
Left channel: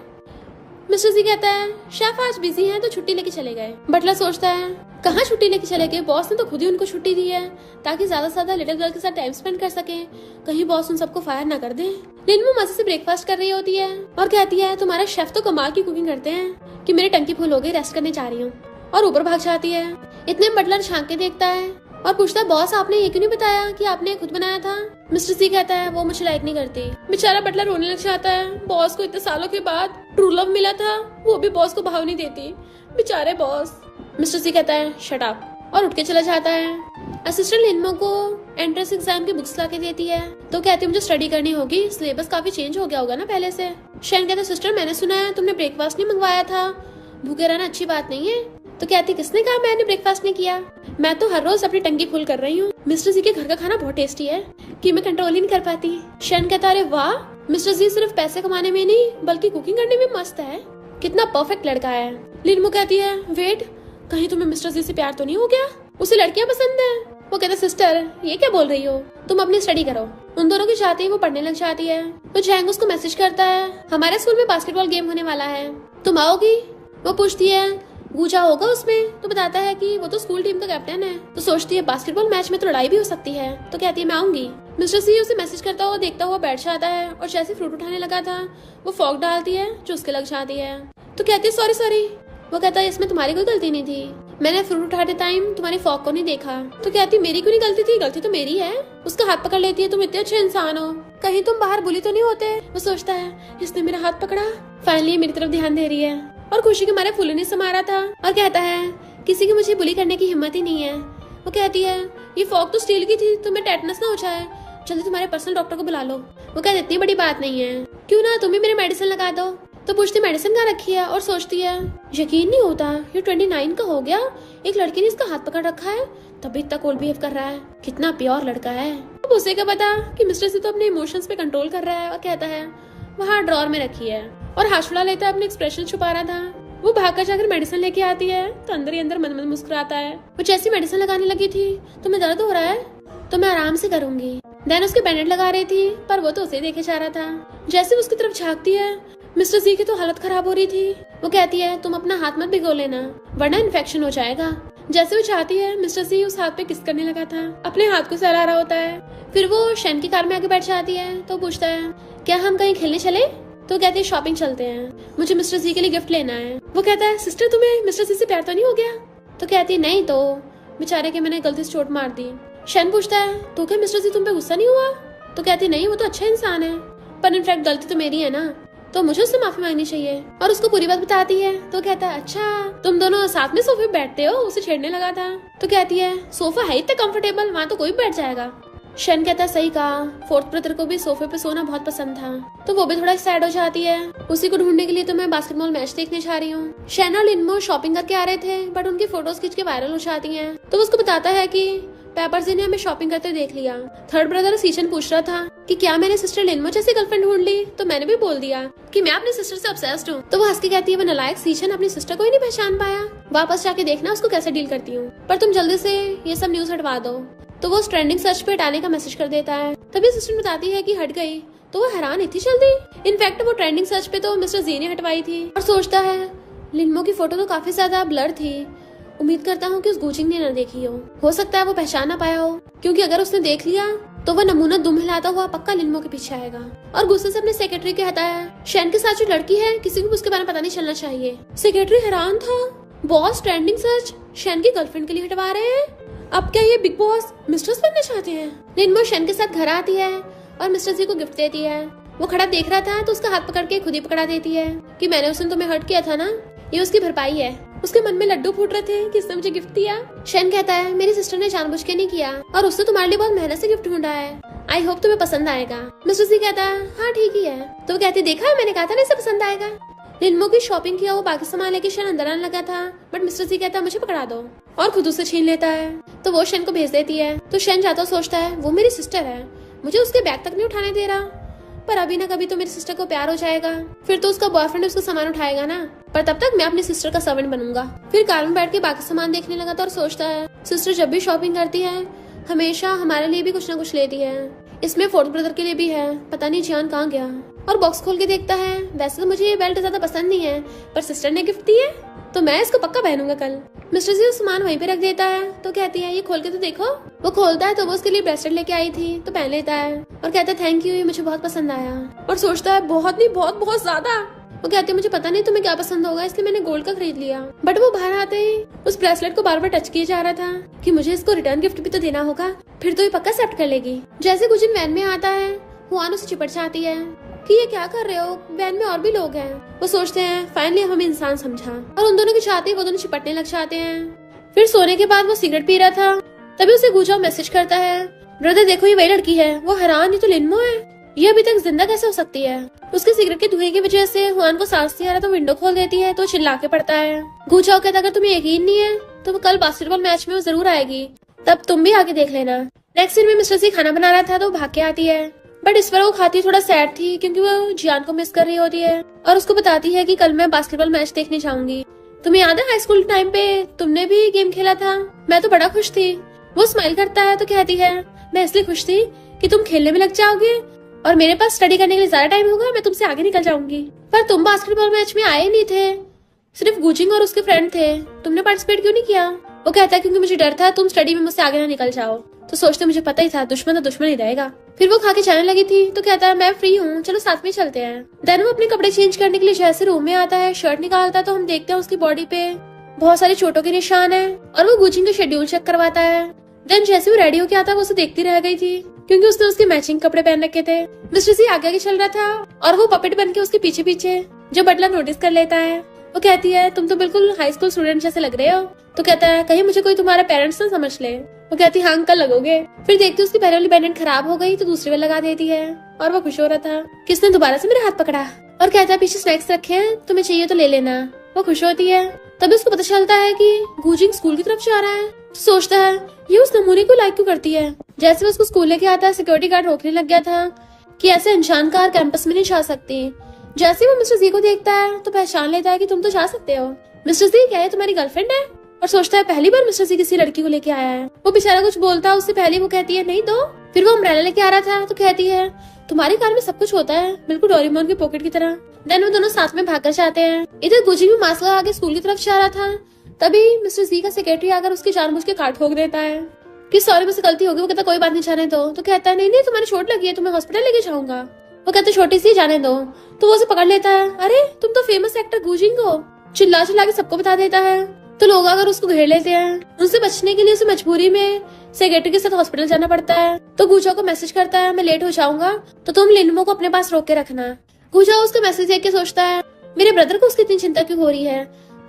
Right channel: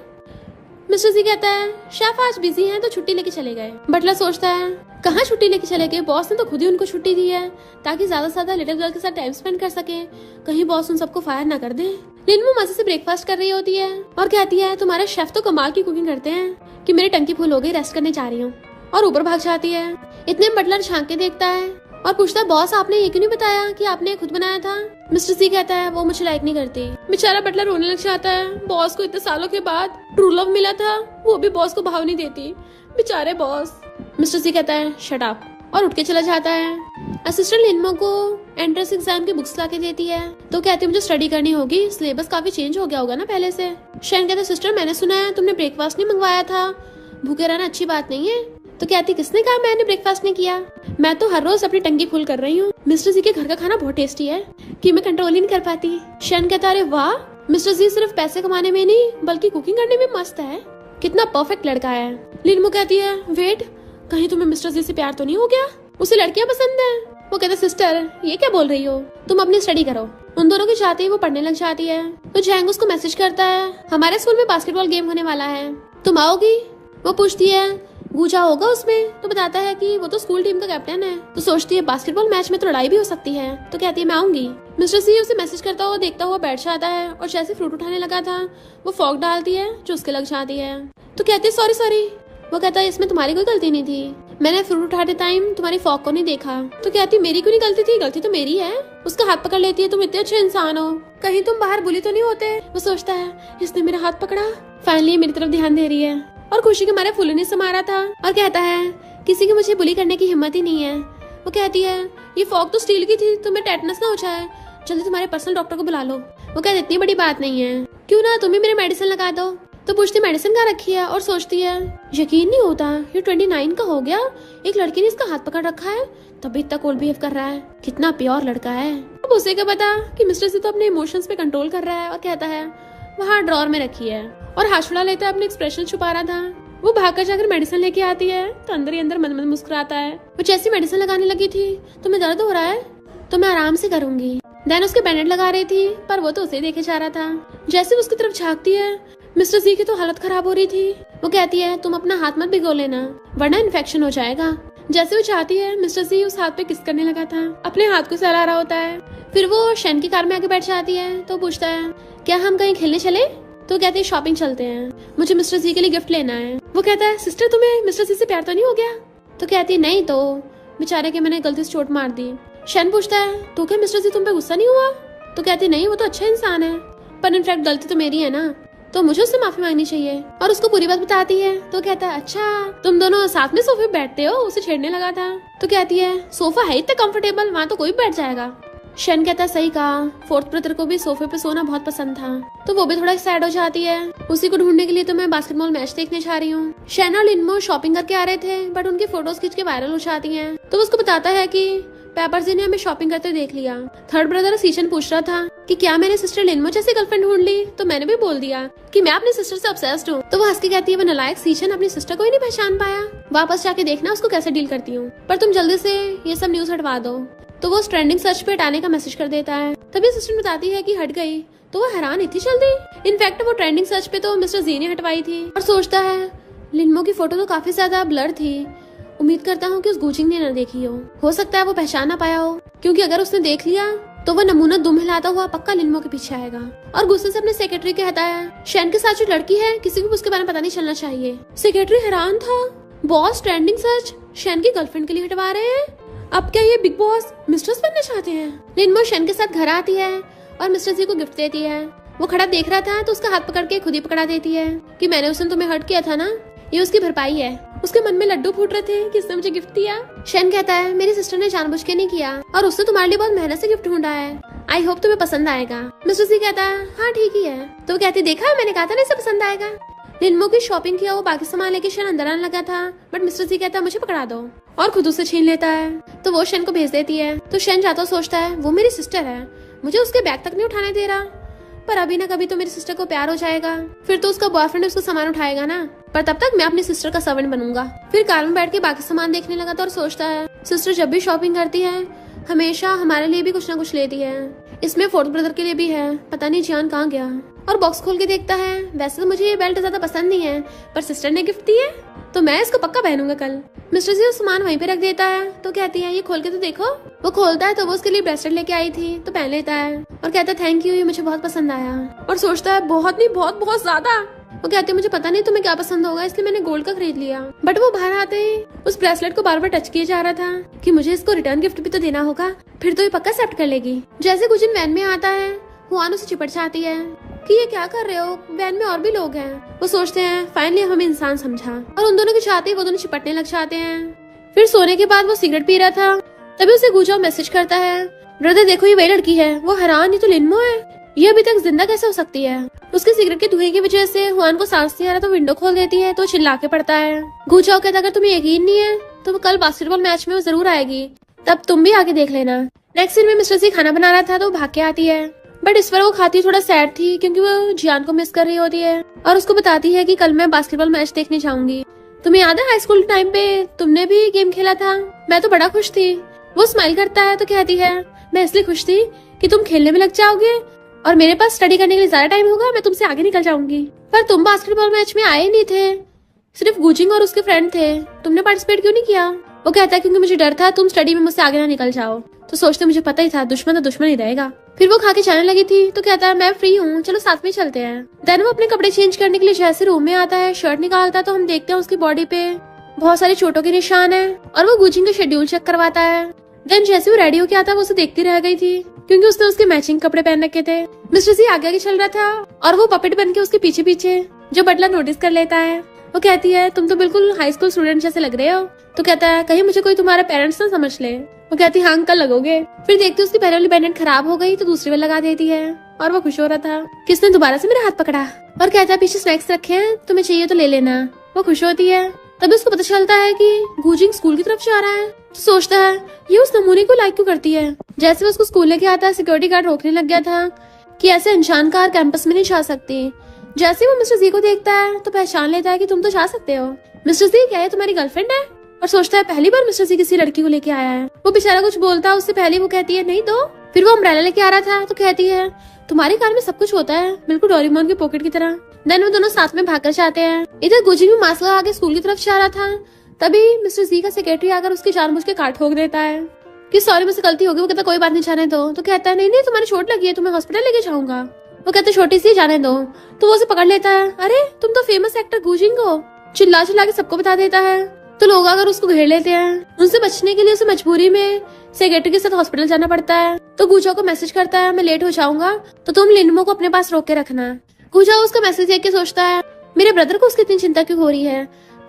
मिस्टर जी कहता है शेफ आज बिजी है तो छुट्टी लेके चले गए। बटलर सोचता है कहाँ छुट्टी लेके चले गए, बॉस ने तो खुद ही उनको छुट्टी दी है ताकि ज्यादा से ज्यादा लिटिल गर्ल के साथ टाइम स्पेंड कर सके, कहीं बॉस उन सबको फायर ना कर दे। लिनमा मजे से ब्रेकफास्ट कर रही होती है और कहती है तुम्हारे शेफ तो कमाल की कुकिंग करते हैं कि मेरी टंकी फुल हो गई, रेस्ट करने जा रही हूँ, और ऊपर भाग जाती है। इतने में बटलर झांक के देखता है और पूछता है बॉस आपने ये क्यों नहीं बताया कि आपने खुद बनाया था? मिस्टर सी कहता है वो मुझे लाइक नहीं करती। बेचारा बटलर रोने लग जाता है, बॉस को इतने सालों के बाद ट्रू लव मिला था, वो भी बॉस को भाव नहीं देती, बेचारे बॉस। मिस्टर सी कहता है शट अप और उठ के चला जाता है। असिस्टेंट लिनमा को एंट्रेंस एग्जाम की बुक्स लाके देती है तो कहती है मुझे स्टडी करनी होगी, सिलेबस काफी चेंज हो गया होगा ना पहले से। शैन कहता सिस्टर मैंने सुना है तुमने ब्रेकफास्ट नहीं मंगवाया था, भूखे रहना अच्छी बात नहीं है। तो कहती किसने कहा मैंने ब्रेकफास्ट नहीं किया, मैं तो हर रोज अपनी टंकी फुल कर रही हूँ। मिस्टर जी के घर का खाना बहुत टेस्टी है कि मैं कंट्रोल ही नहीं कर पाती। शैन कहता अरे वाह, मिस्टर जी सिर्फ पैसे कमाने में नहीं बल्कि कुकिंग करने में मस्त है, कितना परफेक्ट लड़का है। लिनमा कहती है वेट, कहीं तुम्हें मिस्टर जी से प्यार तो नहीं हो गया, उसे लड़कियां पसंद है? वो कहते सिस्टर ये क्या बोल रही हो, तुम अपनी स्टडी करो। उन दोनों के साथ ही वो पढ़ने लग जाती है। तो जैंग उसको मैसेज करता है हमारे स्कूल में बास्केटबॉल गेम होने वाला है, तुम आओगी? वो पूछती है गूंजा होगा उसमें? तो बताता है कि वो तो स्कूल टीम का कैप्टन है। तो सोचती है बास्केटबॉल मैच में तो लड़ाई भी हो सकती है, तो कहती है मैं आऊंगी। मिस्टर सी उसे मैसेज करता हुआ देखता हुआ बैठ जाता है और जैसे फ्रूट उठाने लगा था वो फॉक डालती है जो उसके लग जाती है। तो कहती है सॉरी। वो कहता है इसमें तुम्हारी कोई गलती नहीं थी, मैंने फ्रूट उठाते टाइम तुम्हारी फॉक को नहीं देखा। तो कहती मेरी कोई गलती थी, गलती तो मेरी है। उसका हाथ पकड़ लेती है तुम इतने अच्छे इंसान हो, कहीं तुम बाहर बुली तो नहीं होते? वो सोचता है इसने मेरा हाथ पकड़ा, फाइनली मेरी तरफ ध्यान दे रही है, और खुशी के मारे फूलने से मारा था। और कहता है किसी की मुझे बुली करने की हिम्मत ही नहीं है। वो कहती है ये फॉक तो स्टील की थी, तुम्हें टेटनस ना हो जाए, जल्दी तुम्हारे पर्सनल डॉक्टर को बुला लो। वो कहती इतनी बड़ी बात नहीं है, क्यों ना तुम्हें मेरे मेडिसिन लगा दो। तो पूछती मेडिसिन कहाँ रखी है, और सोचती है यकीन नहीं होता ये 29 का हो गया, एक लड़के ने इसका हाथ पकड़ रखा है तभी इतना कोल बिहेव कर रहा है, कितना प्योर लड़का है। अब उसे क्या पता कि मिस्टर से तो अपने इमोशंस पे कंट्रोल कर रहा है, और कहता है वहाँ ड्रॉर में रखी है, और हाथ छुड़ा लेता है, अपने एक्सप्रेशन छुपा रहा था। वो भागकर जाकर मेडिसिन लेके आती है तो अंदर ही अंदर मन मुस्कुराता है। वो जैसी मेडिसिन लगाने लगी थी तुम्हें दर्द हो रहा है, तो मैं आराम से करूंगी। देन उसके बैंडेड लगा रही थी पर वो तो उसे देखे जा रहा था। जैसे उसकी तरफ झांकती है मिस्टर जी की तो हालत खराब हो रही थी। वो कहती है तुम अपना हाथ मत भिगो लेना वरना इन्फेक्शन हो जाएगा। जैसे वो चाहती है मिस्टर जी उस हाथ पे किस करने लगा था, अपने हाथ को सहला रहा होता है। फिर वो शैन की कार में आके बैठ जाती है तो पूछता है क्या हम कहीं खेलने चले? तो कहती है शॉपिंग चलते हैं, मुझे मिस्टर जी के लिए गिफ्ट लेना है। वो कहता है सिस्टर तुम्हें मिस्टर जी से प्यार तो नहीं हो गया? तो कहती है नहीं, तो बेचारे के मैंने गलती से चोट मार दी। शैन पूछता है तो क्या मिस्टर जी तुम पे गुस्सा नहीं हुआ? तो कहती नहीं, वो तो अच्छा इंसान है, पर इनफैक्ट गलती तो मेरी है ना। तो मुझे उससे माफी मांगनी चाहिए और उसको पूरी बात बताती है। तो कहता है अच्छा तुम दोनों साथ में सोफे पे बैठते हो, उसे छेड़ने लगा था। तो कहती है सोफा है इतना कंफर्टेबल, वहाँ तो कोई बैठ जाएगा। शन कहता है सही कहा, फोर्थ ब्रदर को भी सोफे पे सोना बहुत पसंद था। तो वो भी थोड़ा सैड हो जाती है। उसी को ढूंढने के लिए तो मैं बास्केटबॉल मैच देखने जा रही हूँ। शन और लिनमो शॉपिंग करके आ रहे थे बट उनकी फोटोज खींच के वायरल हो जाती है। तो उसको बताता है कि पेपर्स जी ने हमें शॉपिंग करते देख लिया। थर्ड ब्रदर सीशन पूछ रहा था कि क्या मेरी सिस्टर लिनमो जैसे गर्लफ्रेंड ढूंढ ली। तो मैंने भी बोल दिया कि मैं अपनी सिस्टर से ऑब्सेस्ड हूँ। तो वो हंस के कहती है वो नालायक सीशन अपनी सिस्टर को ही नहीं पहचान पाया, वापस जाके देखना उसको कैसे डील करती हूँ, पर तुम जल्दी से ये सब न्यूज हटवा दो। तो वो ट्रेंडिंग सर्च पे हटाने का मैसेज कर देता है। तभी सिस्टर बताती है कि हट गई। तो वो हैरान इतनी जल्दी। इनफैक्ट वो ट्रेंडिंग सर्च पे तो मिस्टर जी ने हटवाई थी। और सोचता है लिनमो की फोटो तो काफी ज्यादा ब्लर थी, उम्मीद करता हूँ कि उस गुचिंग ने न देखी हो सकता है वो पहचान ना पाया हो, क्योंकि अगर उसने देख लिया तो वो नमूना दुम हिलाता हुआ पक्का लिनमो के पीछे आएगा। और गुस्से से अपने सेक्रेटरी कहता है शैन के साथ जो लड़की है किसी को उसके बारे में पता नहीं चलना चाहिए। सेक्रेटरी हैरान था, बॉस ट्रेंडिंग सर्च शैन की गर्लफ्रेंड के लिए हटवा रहे हैं, अब क्या ये बिग बॉस मिस्ट्रेस बनना चाहते हैं। लिनमो शैन के साथ घर आती है और मिस्टर जी को गिफ्ट देती है। वो खड़ा देख रहा था तो उसका हाथ पकड़ के खुद ही पकड़ा देती है कि मैंने उस दिन तुम्हें हर्ट किया था ना, ये उसकी भरपाई है। उसके मन में लड्डू फूट रहे थे कि इसने मुझे गिफ्ट दिया। शैन कहता है मेरी सिस्टर ने जानबूझ के नहीं किया और उसने तुम्हारे लिए बहुत मेहनत से गिफ्ट ढूंढा है, आई होप तुम्हें पसंद आएगा। मिस्टर जी कहता है हाँ ठीक ही है। तो कहती देखा मैंने कहा था ना इसे पसंद आएगा। लिनमो की शॉपिंग किया वो बाकी सामान लेके शैन अंदर आने लगा था बट मिस्टर जी कहता है मुझे पकड़ा दो और खुद उसे छीन लेता है। तो वो शैन को भेज देती है। तो शैन जाता सोचता है वो मेरी सिस्टर है, मुझे उसके बैग तक नहीं उठाने दे रहा, पर अभी न कभी तो मेरी सिस्टर को प्यार हो जाएगा, फिर तो उसका बॉयफ्रेंड उसका सामान उठाएगा ना, पर तब तक मैं अपनी सिस्टर का सर्वेंट बनूंगा। फिर कार में बैठ के बाकी सामान देखने लगा था और सोचता है सिस्टर जब भी शॉपिंग करती है हमेशा हमारे लिए भी कुछ ना कुछ लेती है, इसमें फोर्थ ब्रदर के लिए भी है, पता नहीं जियान कहाँ गया। और बॉक्स खोल के देखता है वैसे तो मुझे ये बेल्ट ज्यादा पसंद नहीं है पर सिस्टर ने गिफ्ट दी है तो मैं इसको पक्का पहनूंगा कल। मिस्टर जी उस सामान वहीं पे रख देता है। तो कहती है ये खोल के तो देखो। वो खोलता है तो वो उसके लिए ब्रेसलेट लेके आई थी तो पहन लेता है और कहता है थैंक यू, ये मुझे बहुत पसंद आया। और सोचता है बहुत नहीं बहुत बहुत ज्यादा। वो कहती है मुझे पता नहीं तुम्हें क्या पसंद होगा इसलिए मैंने गोल्ड का खरीद लिया। बट वो बाहर आते ही उस ब्रेसलेट को बार बार टच किया जा रहा था कि मुझे इसको रिटर्न गिफ्ट भी तो देना होगा, फिर तो ये पक्का एक्सेप्ट कर लेगी। जैसे कुछ दिन वैन में आता है हुआन उसे चिपट जाती है कि ये क्या कर रहे हो, वैन में और भी लोग हैं। वो सोचते हैं फाइनली हमें इंसान समझा और उन दोनों के चाहते वो दोनों चिपटने लग जाते हैं। फिर सोने के बाद वो सिगरेट पी रहा था तभी उसे गुजाओ मैसेज करता है ब्रदर देखो ये वही लड़की है। वो हैरान ये तो लिनमो है, ये अभी तक जिंदा कैसे हो सकती है। उसके सिगरेट के धुएं की वजह से हुआन को सांस नहीं आ रहा तो विंडो खोल देती है तो चिल्ला के पड़ता है। गुजाओ कहता अगर तुम्हें यकीन नहीं है तो कल बास्केटबॉल मैच में वो जरूर आएगी, तब तुम भी आके देख लेना। नेक्स्ट दिन में मिस्टर सी खाना बना रहा था तो भाग के आती है बट इस बार वो खाती थोड़ा सैड थी क्योंकि वो जियान को मिस कर रही होती है और उसको बताती है कि कल मैं बास्केटबॉल मैच देखने जाऊंगी। तुम्हें याद है हाई स्कूल टाइम पे तुमने भी गेम खेला था, मैं तो बड़ा खुश थी। वो स्माइल करता है तो कहती है मैं इसलिए खुश थी कि तुम खेलने में लग जाओगे और मेरे पास स्टडी करने के लिए ज्यादा टाइम होगा, मैं तुमसे आगे निकल जाऊंगी। पर तुम बास्केटबॉल मैच में आए नहीं थे, सिर्फ गुजिंग और उसके फ्रेंड थे, तुमने पार्टिसिपेट क्यों नहीं किया। वो कहता है क्योंकि मुझे डर था तुम स्टडी में मुझसे आगे ना निकल जाओ। तो सोचते मुझे पता ही था दुश्मन तो दुश्मन ही रहेगा। फिर वो खा के जाने लगी थी तो कहता है मैं फ्री हूँ चलो साथ में चलते हैं। देन वो अपने कपड़े चेंज करने के लिए जैसे रूम में आता है शर्ट निकालता है तो हम देखते हैं उसकी बॉडी पे बहुत सारी चोटों के निशान है और वो गुजिंग का शेड्यूल चेक करवाता है। देन जैसे वो रेडी होके आता है वो उसे देखती रह गई थी क्योंकि उसने उसके मैचिंग कपड़े पहन रखे थे। मिस्टर जी आगे आगे चल रहा था और वो पपेट बन के उसके पीछे पीछे जो बटलर नोटिस कर लेता है। वो कहती है तुम तो बिल्कुल हाई स्कूल स्टूडेंट जैसे लग रहे हो। तो कहता है कहीं मुझे कोई तुम्हारा पेरेंट्स ना समझ ले। वो कहती है हाँ अंकल लगोगे। फिर देखते उसकी पहले वाली पेंडेंट खराब हो गई तो दूसरी में लगा देती है और वो खुश हो रहा था कि उसने दोबारा से मेरा हाथ पकड़ा और कहता है पीछे स्नैक्स रखे हैं तुम्हें चाहिए तो ले लेना। वो खुश होती है तभी उसको पता चलता है कि गुजिंग स्कूल की तरफ जा रहा है। तो सोचता है ये उस नमूने को लाइक क्यों करती है। जैसे वो उसको स्कूल लेके आता है सिक्योरिटी गार्ड रोकने लग गया था कि ऐसे अनजान कार कैंपस में नहीं जा सकती। जैसे वो मिस्टर जी को देखता है तो पहचान लेता है कि तुम तो जा सकते हो। मिस्टर जी क्या है तुम्हारी गर्लफ्रेंड है। और सोचता है पहली बार मिस्टर जी किसी लड़की को लेके आया है। वो बेचारा कुछ बोलता है उससे पहले वो कहती है नहीं तो। फिर वो अम्ब्रेला लेके आ रहा था तो कहती है तुम्हारी कार में सब कुछ होता है बिल्कुल डोरेमोन की पॉकेट की तरह। देन वो दोनों साथ में भागकर जाते हैं। इधर गुजी भी मास्क लगा के स्कूल की तरफ जा रहा था तभी मिस्टर जी का सेक्रेटरी आकर उसकी जानबूझ के कार्ड ठोक देता है कि सॉरी मुझसे गलती होगी। वो कहता कोई बात नहीं जाने दो। तो कहता है नहीं तुम्हारी चोट लगी है तुम्हें हॉस्पिटल लेके जाऊंगा। वो कहते छोटी सी जाने दो। तो वो उसे पकड़ लेता है अरे तुम तो फेमस एक्टर गुजिंग हो। चिल्ला चिल्ला के सबको बता देता है तो लोग अगर उसको घेर लेते हैं। उनसे बचने के लिए उसे मजबूरी में सेक्रेटरी के साथ हॉस्पिटल जाना पड़ता है। तो गुजो को मैसेज करता है मैं लेट हो जाऊंगा तो तुम लिनमो को अपने पास रोक के रखना। गुजाओ उसका मैसेज देख के सोचता है मेरे ब्रदर को उसकी इतनी चिंता क्यों हो रही है,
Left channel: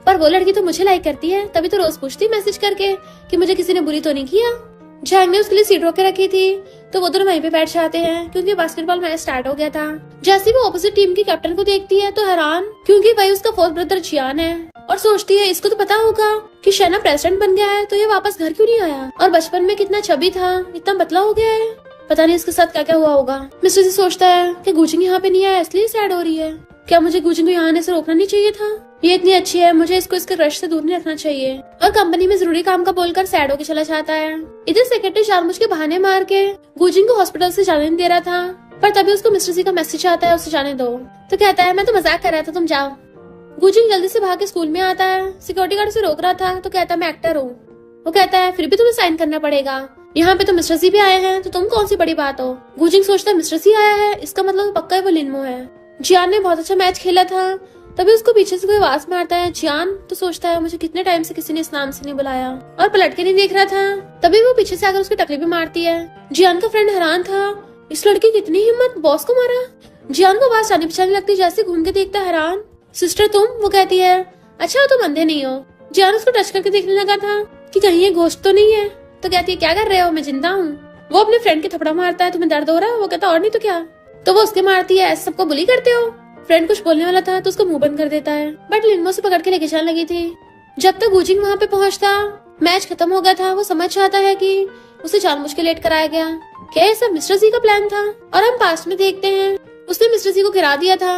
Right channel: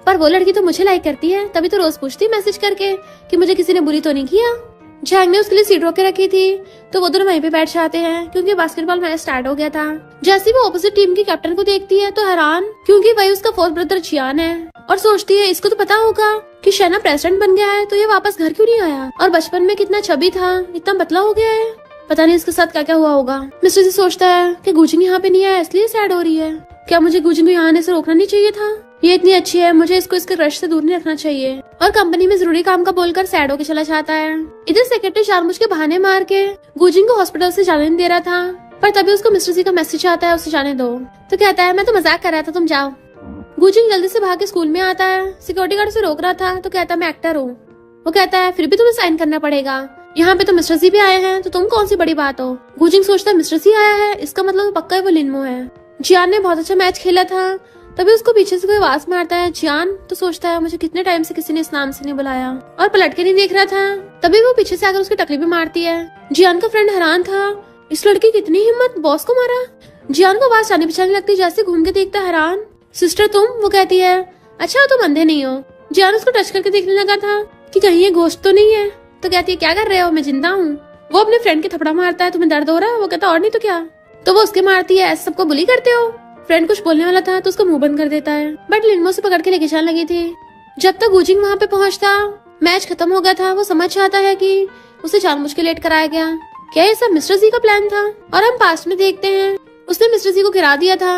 पर वो लड़की तो मुझे लाइक करती है, तभी तो रोज पूछती मैसेज करके कि मुझे किसी ने बुली तो नहीं किया। जैंग ने उसके लिए सीट रोक के रखी थी तो वो दोनों वहीं पे बैठ जाते हैं क्योंकि बास्केटबॉल मैच स्टार्ट हो गया था। जैसे वो ऑपोजिट टीम की कैप्टन को देखती है तो हैरान, क्योंकि वही उसका फोर्थ ब्रदर जियान है, और सोचती है इसको तो पता होगा कि शेना प्रेसिडेंट बन गया है तो ये वापस घर क्यों नहीं आया, और बचपन में कितना चबी था, इतना पतला हो गया है, पता नहीं इसके साथ क्या क्या हुआ होगा। मिस्टर जी सोचता है कि गुजिंग यहाँ पे नहीं आया इसलिए सैड हो रही है, क्या मुझे गुजिंग को यहाँ आने से रोकना नहीं चाहिए था, ये इतनी अच्छी है, मुझे इसको इसके रश से दूर नहीं रखना चाहिए। और कंपनी में जरूरी काम का बोलकर सैड होकर चला जाता है। इधर सेक्रेटरी जानबूझ के बहाने मार के गुजिंग को हॉस्पिटल से जाने नहीं दे रहा था, पर तभी उसको मिस्टर जी का मैसेज आता है उसे जाने दो, तो कहता है मैं तो मजाक कर रहा था, तुम जाओ। गुजिंग जल्दी से भाग के स्कूल में आता है, सिक्योरिटी गार्ड से रोक रहा था तो कहता है मैं एक्टर हूँ। वो कहता है फिर भी तुम्हें साइन करना पड़ेगा, यहाँ पे तो मिस्टर जी भी आए हैं तो तुम कौन सी बड़ी बात हो। गुजिंग सोचता है मिस्टर जी आया है इसका मतलब पक्का ही वो लिनमो है। जियान ने बहुत अच्छा मैच खेला था, तभी उसको पीछे से कोई आवाज मारता है जियान, तो सोचता है मुझे कितने टाइम से किसी ने इस नाम से नहीं बुलाया, और पलट के नहीं देख रहा था, तभी वो पीछे से आकर उसकी टकली भी मारती है। जियान का फ्रेंड हैरान था, इस लड़की की इतनी हिम्मत, बॉस को मारा। जियान को आवाज जाने पहचाने लगती, जैसे घूम के देखता हैरान, सिस्टर तुम? वो कहती है अच्छा तुम अंधे नहीं हो। जियान उसको टच करके देखने लगा था कि कहीं ये गोश्त तो नहीं है, तो कहती है क्या कर रहे हो, मैं जिंदा हूँ। वो अपने फ्रेंड की थपड़ा मारता है, तुम्हें दर्द हो रहा है? वो कहता और नहीं तो क्या, तो वो उसके मारती है, सबको बुली करते हो। फ्रेंड कुछ बोलने वाला था तो उसको मुंह बंद कर देता है, बट लिनमो से पकड़ के लेके जाने लगी थी। जब तक गुजिंग वहाँ पे पहुँचता मैच खत्म हो गया था, वो समझ जाता है कि उसे जानबूझ के लेट कराया गया, क्या ये सब मिस्टर जी का प्लान था। और हम पास्ट में देखते हैं उसने मिस्टर जी को गिरा दिया था।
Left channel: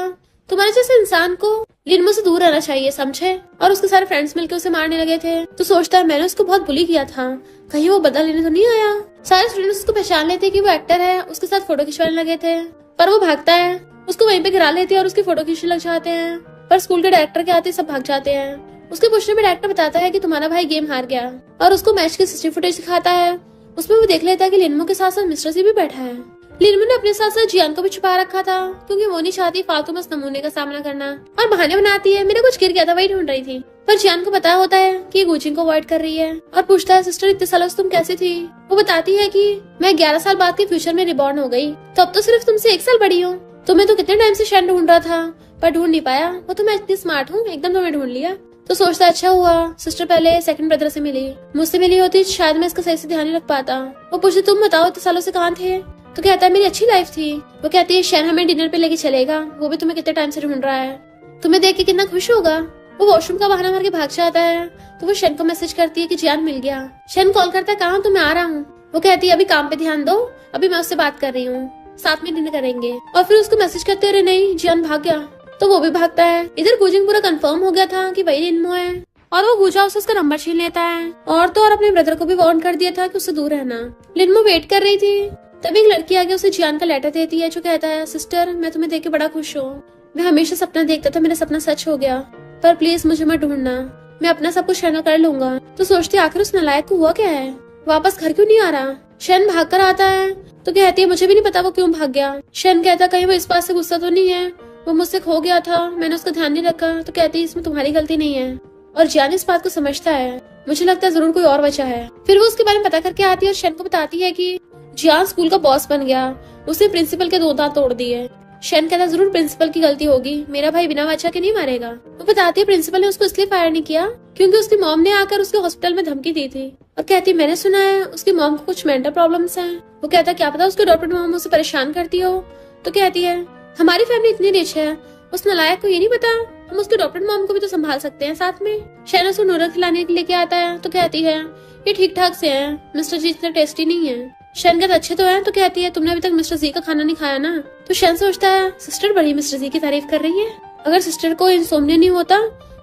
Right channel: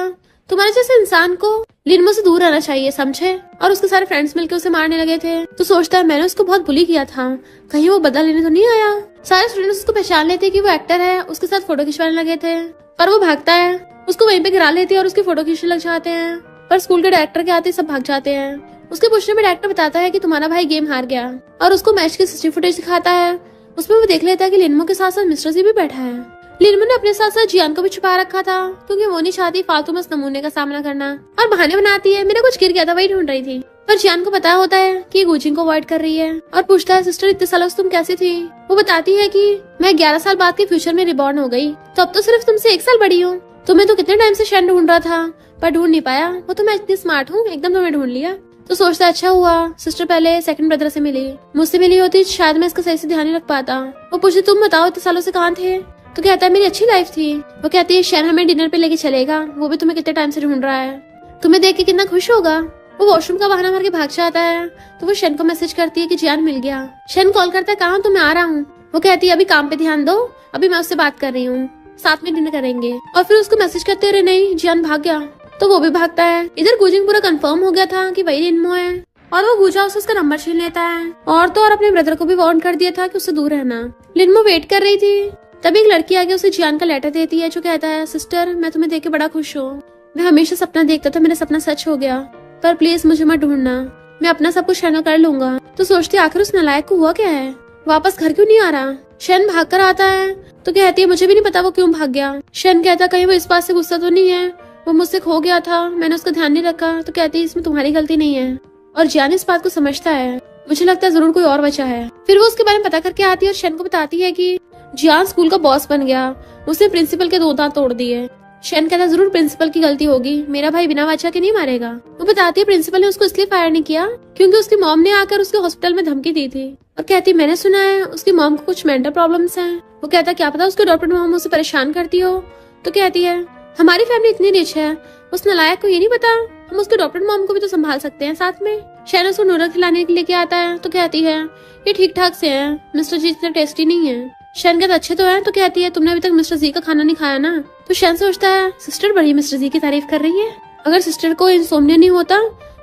तुम्हारे जैसे इंसान को लिनमो से दूर रहना चाहिए, समझे। और उसके सारे फ्रेंड्स मिलकर उसे मारने लगे थे, तो सोचता है मैंने उसको बहुत बुली किया था, कहीं वो बदला लेने तो नहीं आया। सारे स्टूडेंट्स उसको पहचान लेते कि वो एक्टर है, उसके साथ फोटो खिंचवाने लगे थे, पर वो भागता है, उसको वहीं पे गिरा लेते हैं और उसकी फोटो खींचने लग जाते हैं। पर स्कूल के डायरेक्टर के आते सब भाग जाते हैं। उसके पूछने में डायरेक्टर बताता है कि तुम्हारा भाई गेम हार गया, और उसको मैच की सीसीटीवी फुटेज दिखाता है। उसमें वो देख लेता है कि लिनमो के साथ साथ मिस्टर जी भी बैठा है। लिनमो ने अपने साथ साथ जियान को भी छुपा रखा था क्योंकि वो नहीं चाहती फालतू में इस नमूने का सामना करना, और बहाने बनाती है मेरा कुछ गिर गया था वही ढूंढ रही थी। पर जियान को पता होता है कि गुजिंग को अवॉइड कर रही है, और पूछता है सिस्टर इतने सालों से तुम कैसे थी। वो बताती है कि मैं 11 साल बाद के फ्यूचर में रिबॉर्न हो गई, तो अब तो सिर्फ तुमसे 1 साल बड़ी हूँ। तुम्हें तो कितने टाइम से शेन ढूंढ रहा था पर ढूंढ नहीं पाया, वो तो मैं इतनी स्मार्ट हूँ एकदम तुम्हें ढूंढ लिया। तो सोचता अच्छा हुआ सिस्टर पहले सेकंड ब्रदर से मिली, मुझसे मिली होती शायद मैं इसका सही से ध्यान नहीं रख पाता। वो पूछे तुम बताओ इतने सालों से कहाँ थे, तो कहता है मेरी अच्छी लाइफ थी। वो कहती है शेन हमें डिनर पे लेके चलेगा, वो भी तुम्हें कितने टाइम से ढूंढ रहा है, तुम्हें देख के कितना खुश होगा। वो वॉशरूम का बहाना मार के भाग जाता है, तो वो शेन को मैसेज करती है कि जियान मिल गया। शेन कॉल करता है कहाँ, तो मैं आ रहा हूँ। वो कहती है अभी काम पे ध्यान दो, अभी मैं उससे बात कर रही हूँ, साथ में डिनर करेंगे। और फिर उसको मैसेज करते अरे नहीं जियान भाग गया, तो वो भी भागता है। इधर गुजिंग पूरा कंफर्म हो गया था कि वही लिनमो है, और वो गुजा से उसका नंबर छीन लेता है, और तो और अपने ब्रदर को भी वार्न कर दिया था कि उससे दूर रहना। लिनमो वेट कर रही थी, तभी एक लड़की आके उसे जियान का लेटर देती है जो कहता है सिस्टर मैं तुम्हें देख के बड़ा खुश हूँ, मैं हमेशा सपना देखता था, मेरा सपना सच हो गया, पर प्लीज मुझे मत ढूंढना, मैं अपना सब कुछ हैंडल कर लूंगा। तो सोचते आखिर उस नालायक को हुआ क्या है, वापस घर क्यों नहीं आ रहा। शेन भाग कर आता है तो कहती है मुझे भी नहीं पता वो क्यों भाग गया। शेन कहता कहीं वो इस बात से गुस्सा तो नहीं है, वो मुझसे खो गया था, मैंने उसका ध्यान नहीं रखा। तो कहती है इसमें तुम्हारी गलती नहीं है, और जियान इस बात को समझता है, मुझे लगता है जरूर कोई और वजह है। फिर वो उसके बारे में पता करके आती है और शेन को बताती है कि जियान स्कूल का बॉस बन गया, उसने प्रिंसिपल के 2 दांत तोड़ दिए। शेन कहता जरूर प्रिंसिपल की गलती होगी, मेरा भाई बिना वजह के नहीं मारेगा। वो बताती है प्रिंसिपल ने उसको इसलिए फायर नहीं किया क्योंकि उसकी मॉम ने आकर उसके हॉस्पिटल में धमकी दी थी, और कहती मैंने सुना है उसकी मॉम को कुछ मेंटल प्रॉब्लम्स है। वो कहता क्या पता उसके डॉक्टर मॉम उसे परेशान करती हो। तो कहती है हमारी फैमिली इतनी रिच है, उस नालायक को ये नहीं पता हम उसके डॉक्टर मॉम को भी तो संभाल सकते हैं साथ में। शेन उसको नूडल खिलाने के लेके आता है, तो कहती है ये ठीक ठाक से है, मिस्टर जी इतना टेस्टी नहीं है। शेन कहता अच्छे तो है, तो कहती है तुमने अभी तक मिस्टर जी का खाना नहीं खाया ना। तो शेन सोचता है सिस्टर बड़ी मिस्टर जी की तारीफ कर रही है, अगर सिस्टर को इंसोम्निया नहीं होता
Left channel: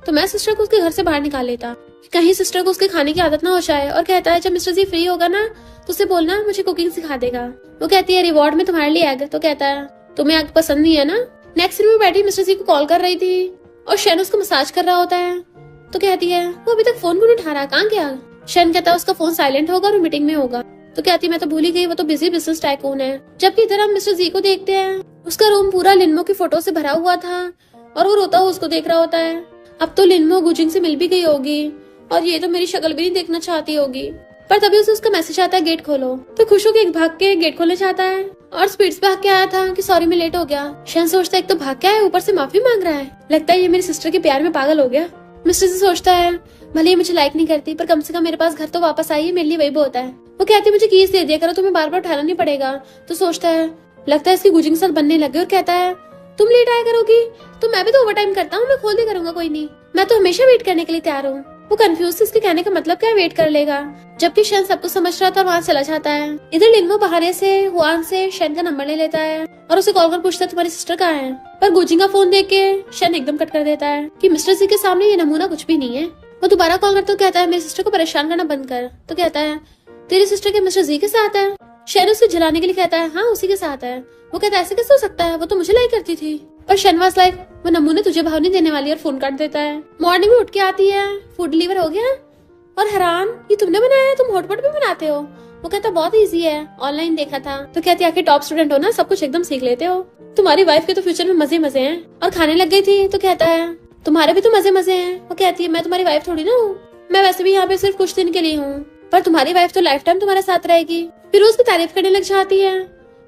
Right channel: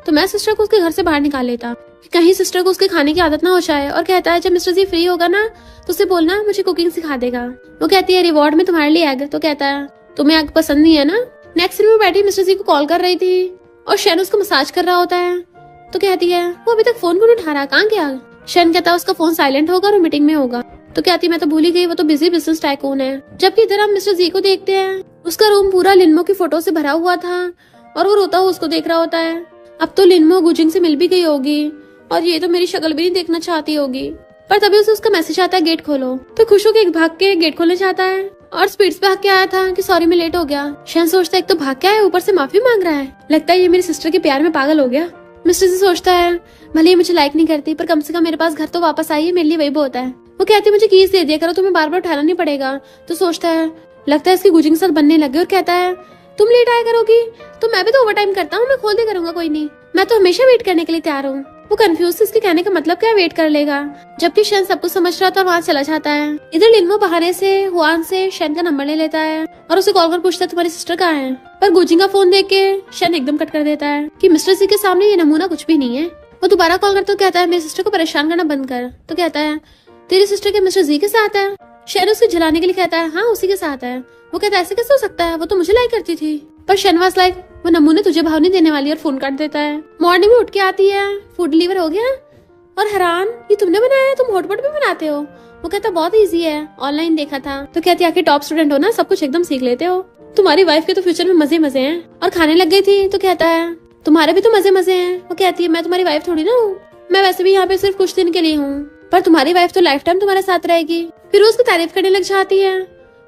तो मैं सिस्टर को उसके घर से बाहर निकाल लेता, कहीं सिस्टर को उसके खाने की आदत ना हो जाए। और कहता है जब मिस्टर जी फ्री होगा ना तो उसे बोलना मुझे कुकिंग सिखा देगा। वो कहती है रिवॉर्ड में तुम्हारे लिए एग। तो कहता है तुम्हें एग पसंद नहीं है ना। नेक्स्ट रूम में बैठी मिस्टर जी को कॉल कर रही थी और शेन उसको मसाज कर रहा होता है। तो कहती है वो अभी तक फोन क्यों नहीं उठा रहा, कहाँ गया। शेन कहता है उसका फोन साइलेंट होगा और मीटिंग में होगा। तो कहती मैं तो भूल ही गई, वो तो बिजी बिजनेस टाइकून है। जबकि इधर हम मिस्टर जी को देखते हैं, उसका रूम पूरा लिनमो की फोटो से भरा हुआ था और वो रोता हुआ उसको देख रहा होता है। अब तो लिनमो गुजिंग से मिल भी गई होगी और ये तो मेरी शक्ल भी नहीं देखना चाहती होगी। पर तभी उसे उसका मैसेज आता है गेट खोलो। तो खुश होकर भाग के गेट खोलने जाता है और स्पीड से भाग के आया था कि सॉरी मैं लेट हो गया। शन सोचता है एक तो भाग के आया, ऊपर से माफी मांग रहा है, लगता है ये मेरी सिस्टर के प्यार में पागल हो गया। मिस्टर जी सोचता है भले ही मुझे लाइक नहीं करती पर कम से कम मेरे पास घर तो वापस आई है, मेरे लिए वही बहुत है। वो कहती है मुझे कीज दे दिया करो, तुम्हें बार बार उठाना नहीं पड़ेगा। तो सोचता है लगता है इसकी गुजिंग के साथ बनने लगे और कहता है तुम लेट आया करोगी तो मैं भी तो ओवर टाइम करता हूँ, मैं खोल दिया करूंगा, कोई नहीं, मैं तो हमेशा वेट करने के लिए तैयार हूँ। वो कंफ्यूज इसके कहने का मतलब क्या वेट कर लेगा, जबकि शन सबको समझ रहा था और वहाँ चला जाता है। इधर लिनमो बहाने से हुआन से शन का नंबर ले लेता है और उसे कॉल कर पूछता है तुम्हारी सिस्टर कहाँ है। पर गुजिंग का फोन देख के शन एकदम कट कर देता है कि मिस्टर जी के सामने ये नमूना कुछ भी नहीं है। वो दोबारा कॉल करते कहता है मेरी सिस्टर को परेशान करना बंद कर। तो कहता है तेरी सिस्टर के मिस्टर जी के साथ है। शन उसे जलाने के लिए कहता है हाँ उसी के साथ है। वो कहता है ऐसे कैसे हो सकता है, वो तो मुझे लाइक करती थी। पर शनवास लाइक वो नमूने तुझे भाव नहीं देने वाली और फोन काट देता है। मॉर्निंग में उठ के आती है, फूड डिलीवर हो गया और हैरान ये तुमने बनाया है, तुम हॉटपॉट भी बनाते हो। वो कहता बहुत इजी है, ऑनलाइन देखा था। तो कहती है आखिर टॉप स्टूडेंट हो ना, सब कुछ एकदम सीख लेते हो। तुम्हारी वाइफ के तो फ्यूचर में मजे मजे हैं। और खाने लग गई थी तो कहता है तुम्हारे भी तो मजे मजे हैं। वो कहती है मैं तुम्हारी वाइफ थोड़ी ना हूँ, मैं वैसे भी यहाँ पे सिर्फ कुछ दिन के लिए हूँ, पर तुम्हारी वाइफ तो लाइफ टाइम तुम्हारे साथ रहेगी। फिर वो उसको तारीफ करने लग जाती है,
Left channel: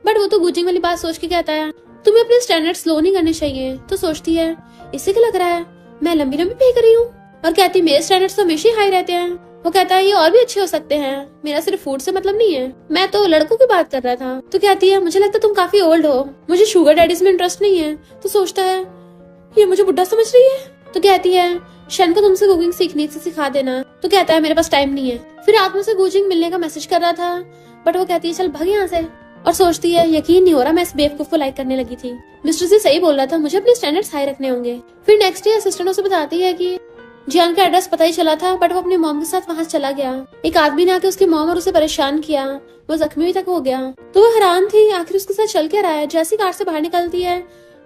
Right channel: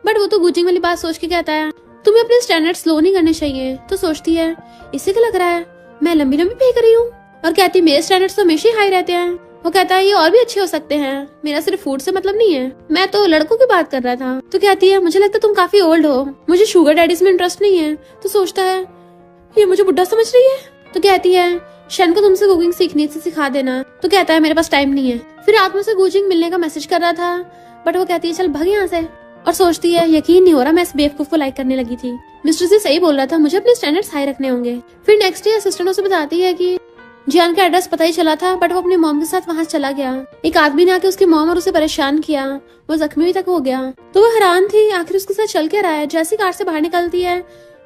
बट वो तो गुजिंग वाली बात सोच के कहता है तुम्हें अपने स्टैंडर्ड स्लो नहीं करने चाहिए। तो सोचती है इससे क्या लग रहा है मैं लंबी लंबी पे करी हूँ। और कहती है मेरे स्टैंडर्ड्स तो हमेशा हाई रहते हैं। वो कहता है ये और भी अच्छे हो सकते हैं, मेरा सिर्फ फूड से मतलब नहीं है, मैं तो लड़कों की बात कर रहा था। तो कहती है मुझे लगता है तुम काफी ओल्ड हो, मुझे शुगर डैडीज में इंटरेस्ट नहीं है। तो सोचता है ये मुझे बुढ़ा समझ रही है। तो कहती है शन को तुमसे कुकिंग सीखनी से सिखा देना। तो कहता है मेरे पास टाइम नहीं है। फिर रात में से गुजिंग मिलने का मैसेज कर रहा था, बट वो कहती है चल भाग यहाँ से। और सोचती है यकीन नहीं हो रहा मैं इस बेवकूफ को लाइक करने लगी थी, मिस्टर से सही बोल रहा था, मुझे अपने स्टैंडर्ड्स हाई रखने होंगे। फिर नेक्स्ट डे असिस्टेंट उसे बताती है कि जियान का एड्रेस पता ही चला था, बट वो अपनी मॉम के साथ वहाँ चला गया। एक आदमी ने आके उसकी मॉम और उसे परेशान किया, वो जख्मी तक हो गया। तो वो हैरान थी आखिर उसके साथ चल क्या रहा है। जैसी कार से बाहर निकलती है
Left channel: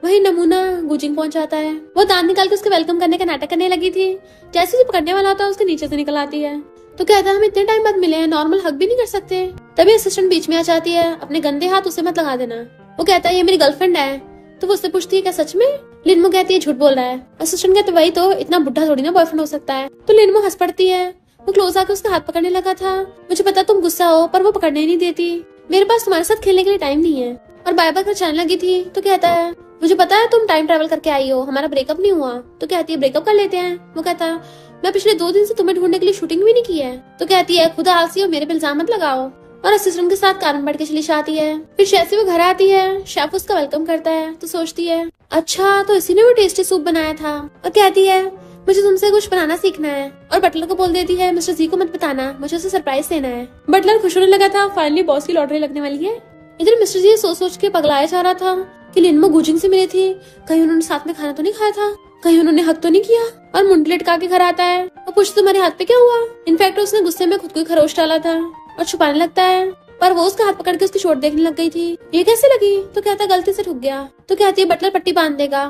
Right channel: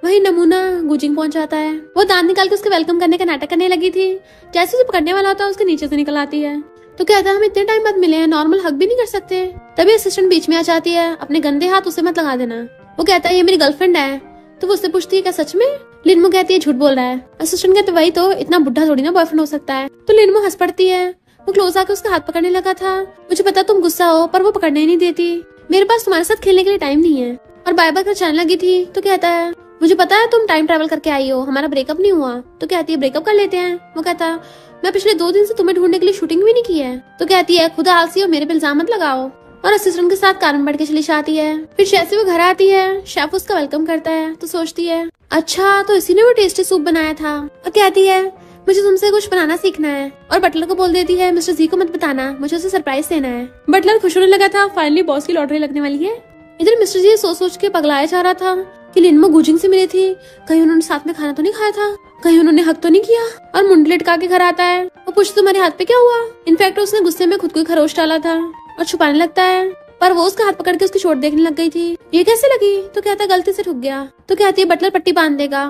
वही नमूना गुजिंग पहुंच जाता है। वो दांत निकाल के उसके वेलकम करने का नाटक करने लगी थी। जैसे उसे पकड़ने वाला होता है उसके नीचे से निकल आती है। तो कहता है हम इतने टाइम बाद मिले हैं, नॉर्मल हग भी नहीं कर सकते। तभी असिस्टेंट बीच में आ जाती है, अपने गंदे हाथ उसे मत लगा देना। वो कहता है ये मेरी गर्लफ्रेंड है। तो वो उससे पूछती है क्या सच में। लिनमो कहती है झूठ बोल रहा है। असिस्टेंट कहते वही तो, इतना बुढ़ा थोड़ी ना बॉयफ्रेंड हो सकता है। तो लिनमो हंस पड़ती है। वो क्लोज आकर उसका हाथ पकड़ने लगा था। मुझे पता तुम गुस्सा हो, पर वो पकड़ने ही नहीं देती। मेरे पास तुम्हारे साथ खेलने के लिए टाइम नहीं है। और बाय बाय कर चलने लगी थी। तो कहता है मुझे पता है तुम टाइम ट्रेवल करके आई हो, हमारा ब्रेकअप नहीं हुआ। तो कहती है ब्रेकअप कर लेते हैं। वो कहता है मैं पिछले 2 दिन से तुम्हें ढूंढने के लिए शूटिंग भी नहीं की है। तो कहती है खुदा आलसी हो, मेरे पे इल्जाम मत लगाओ। और असिस्टेंट के साथ कार में बैठ के चली जाती है। फिर शेफ से वो घर आती है, शेफ उसका वेलकम करता है। तो सोचती है अच्छा तो इसी ने वो टेस्टी सूप बनाया था। और कहती है मुझे तुमसे कुछ बनाना सीखना है। और बटलर को बोल देती है मिस्टर जी को मत बताना, मुझे उसे सरप्राइज देना है। बटलर खुश होने लगा था, फाइनली बॉस की लॉटरी लगने वाली है। इधर मिस्टर जी सोच के पगलाया जा रहा था कि लिनमो गुजिंग से मिली थी, कहीं उन्होंने साथ में खाना तो नहीं खाया था, कहीं उन्होंने हक तो नहीं किया। और मुंडली लटका के घर आता है। वो पूछता तुम्हारे हाथ पे क्या हुआ। इनफैक्ट उसने गुस्से में खुद को खरोश डाला था और छुपाने लगता है, पर वो उसका हाथ पकड़ के उसकी चोट देखने लग गई थी। ये कैसे लगी। तो कहता गलती से रुक गया। तो कहती है बटलर पट्टी बांध देगा,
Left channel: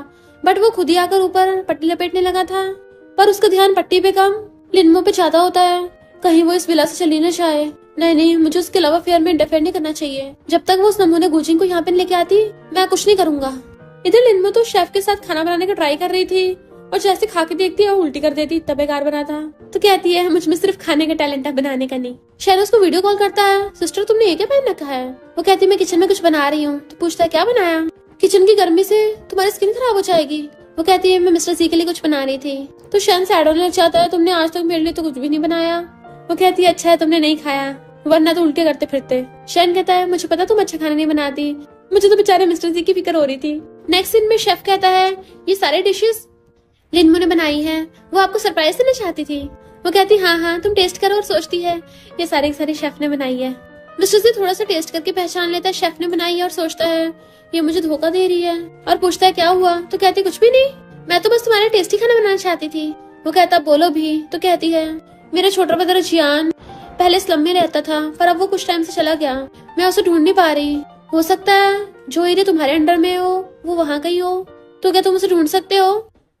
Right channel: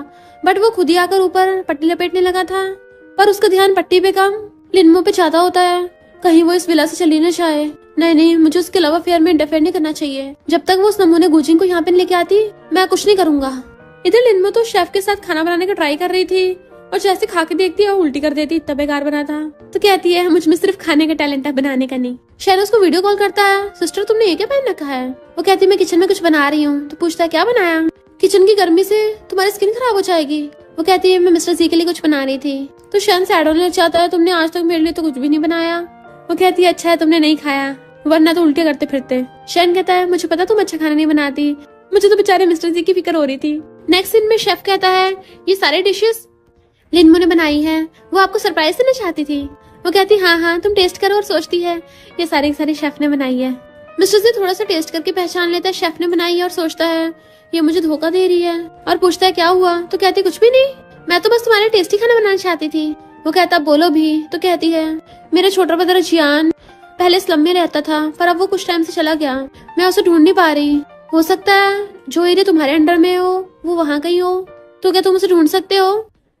बट वो खुद ही आकर ऊपर पट्टी लपेटने लगा था। पर उसका ध्यान पट्टी पे कम लिनमो पे ज्यादा होता है, कहीं वो इस विला से चली न जाए। नहीं मुझे उसके लव अफेयर में इंटरफेयर नहीं करना चाहिए। जब तक वो उस नमूने गुजिंग को यहाँ पे लेके आती मैं कुछ नहीं करूंगा। इधर लिनमो तो शेफ के साथ खाना बनाने का ट्राई कर रही थी और जैसे खा के देखती है उल्टी कर देती, इतना बेकार बना था। तो कहती है मुझ में सिर्फ खाने का टैलेंट है, बनाने का नहीं। शेर उसको वीडियो कॉल करता है, सिस्टर तुमने ये क्या पहन रखा है। वो कहती है मैं किचन में कुछ बना रही हूँ। तो पूछता है क्या बनाया। किचन की गर्मी से तुम्हारी स्किन खराब हो जाएगी। वो कहती है मैं मिस्टर जी के लिए कुछ बना रही थी। तो शैन सैड होने लग जाता है, तुमने आज तक मेरे लिए तो कुछ भी नहीं बनाया। वो कहती है अच्छा है तुमने नहीं खाया, वरना तो उल्टे करते फिरते। शैन कहता है मुझे पता तुम अच्छा खाना नहीं बनाती, मुझे तो बेचारे मिस्टर जी की फिक्र हो रही थी। नेक्स्ट सीन में शेफ कहता है ये सारे डिशेस लिनमो ने बनाई है, वो आपको सरप्राइज देना चाहती थी। वो कहती हाँ तुम टेस्ट करो। और सोचती है ये सारी शेफ ने बनाई है। मिस्टर जी थोड़ा सा टेस्ट करके पहचान लेता है शेफ ने बनाई है और सोचता है ये मुझे धोखा दे रही है। और पूछता है क्या हुआ। तो कहती कुछ भी नहीं, मैं तो बस तुम्हारे टेस्टी खाना बनाना चाहती थी। वो कहता बोलो भी। तो कहती है मेरा छोटा ब्रदर जियान पहले स्लम में रहता था, पर अब वो कुछ टाइम से चला गया, मैं उसे ढूंढ नहीं पा रही। हो सकता है जो एरिया तुम्हारे अंडर में हो वो वहाँ कहीं हो, तो क्या तुम उसे ढूंढ सकते हो।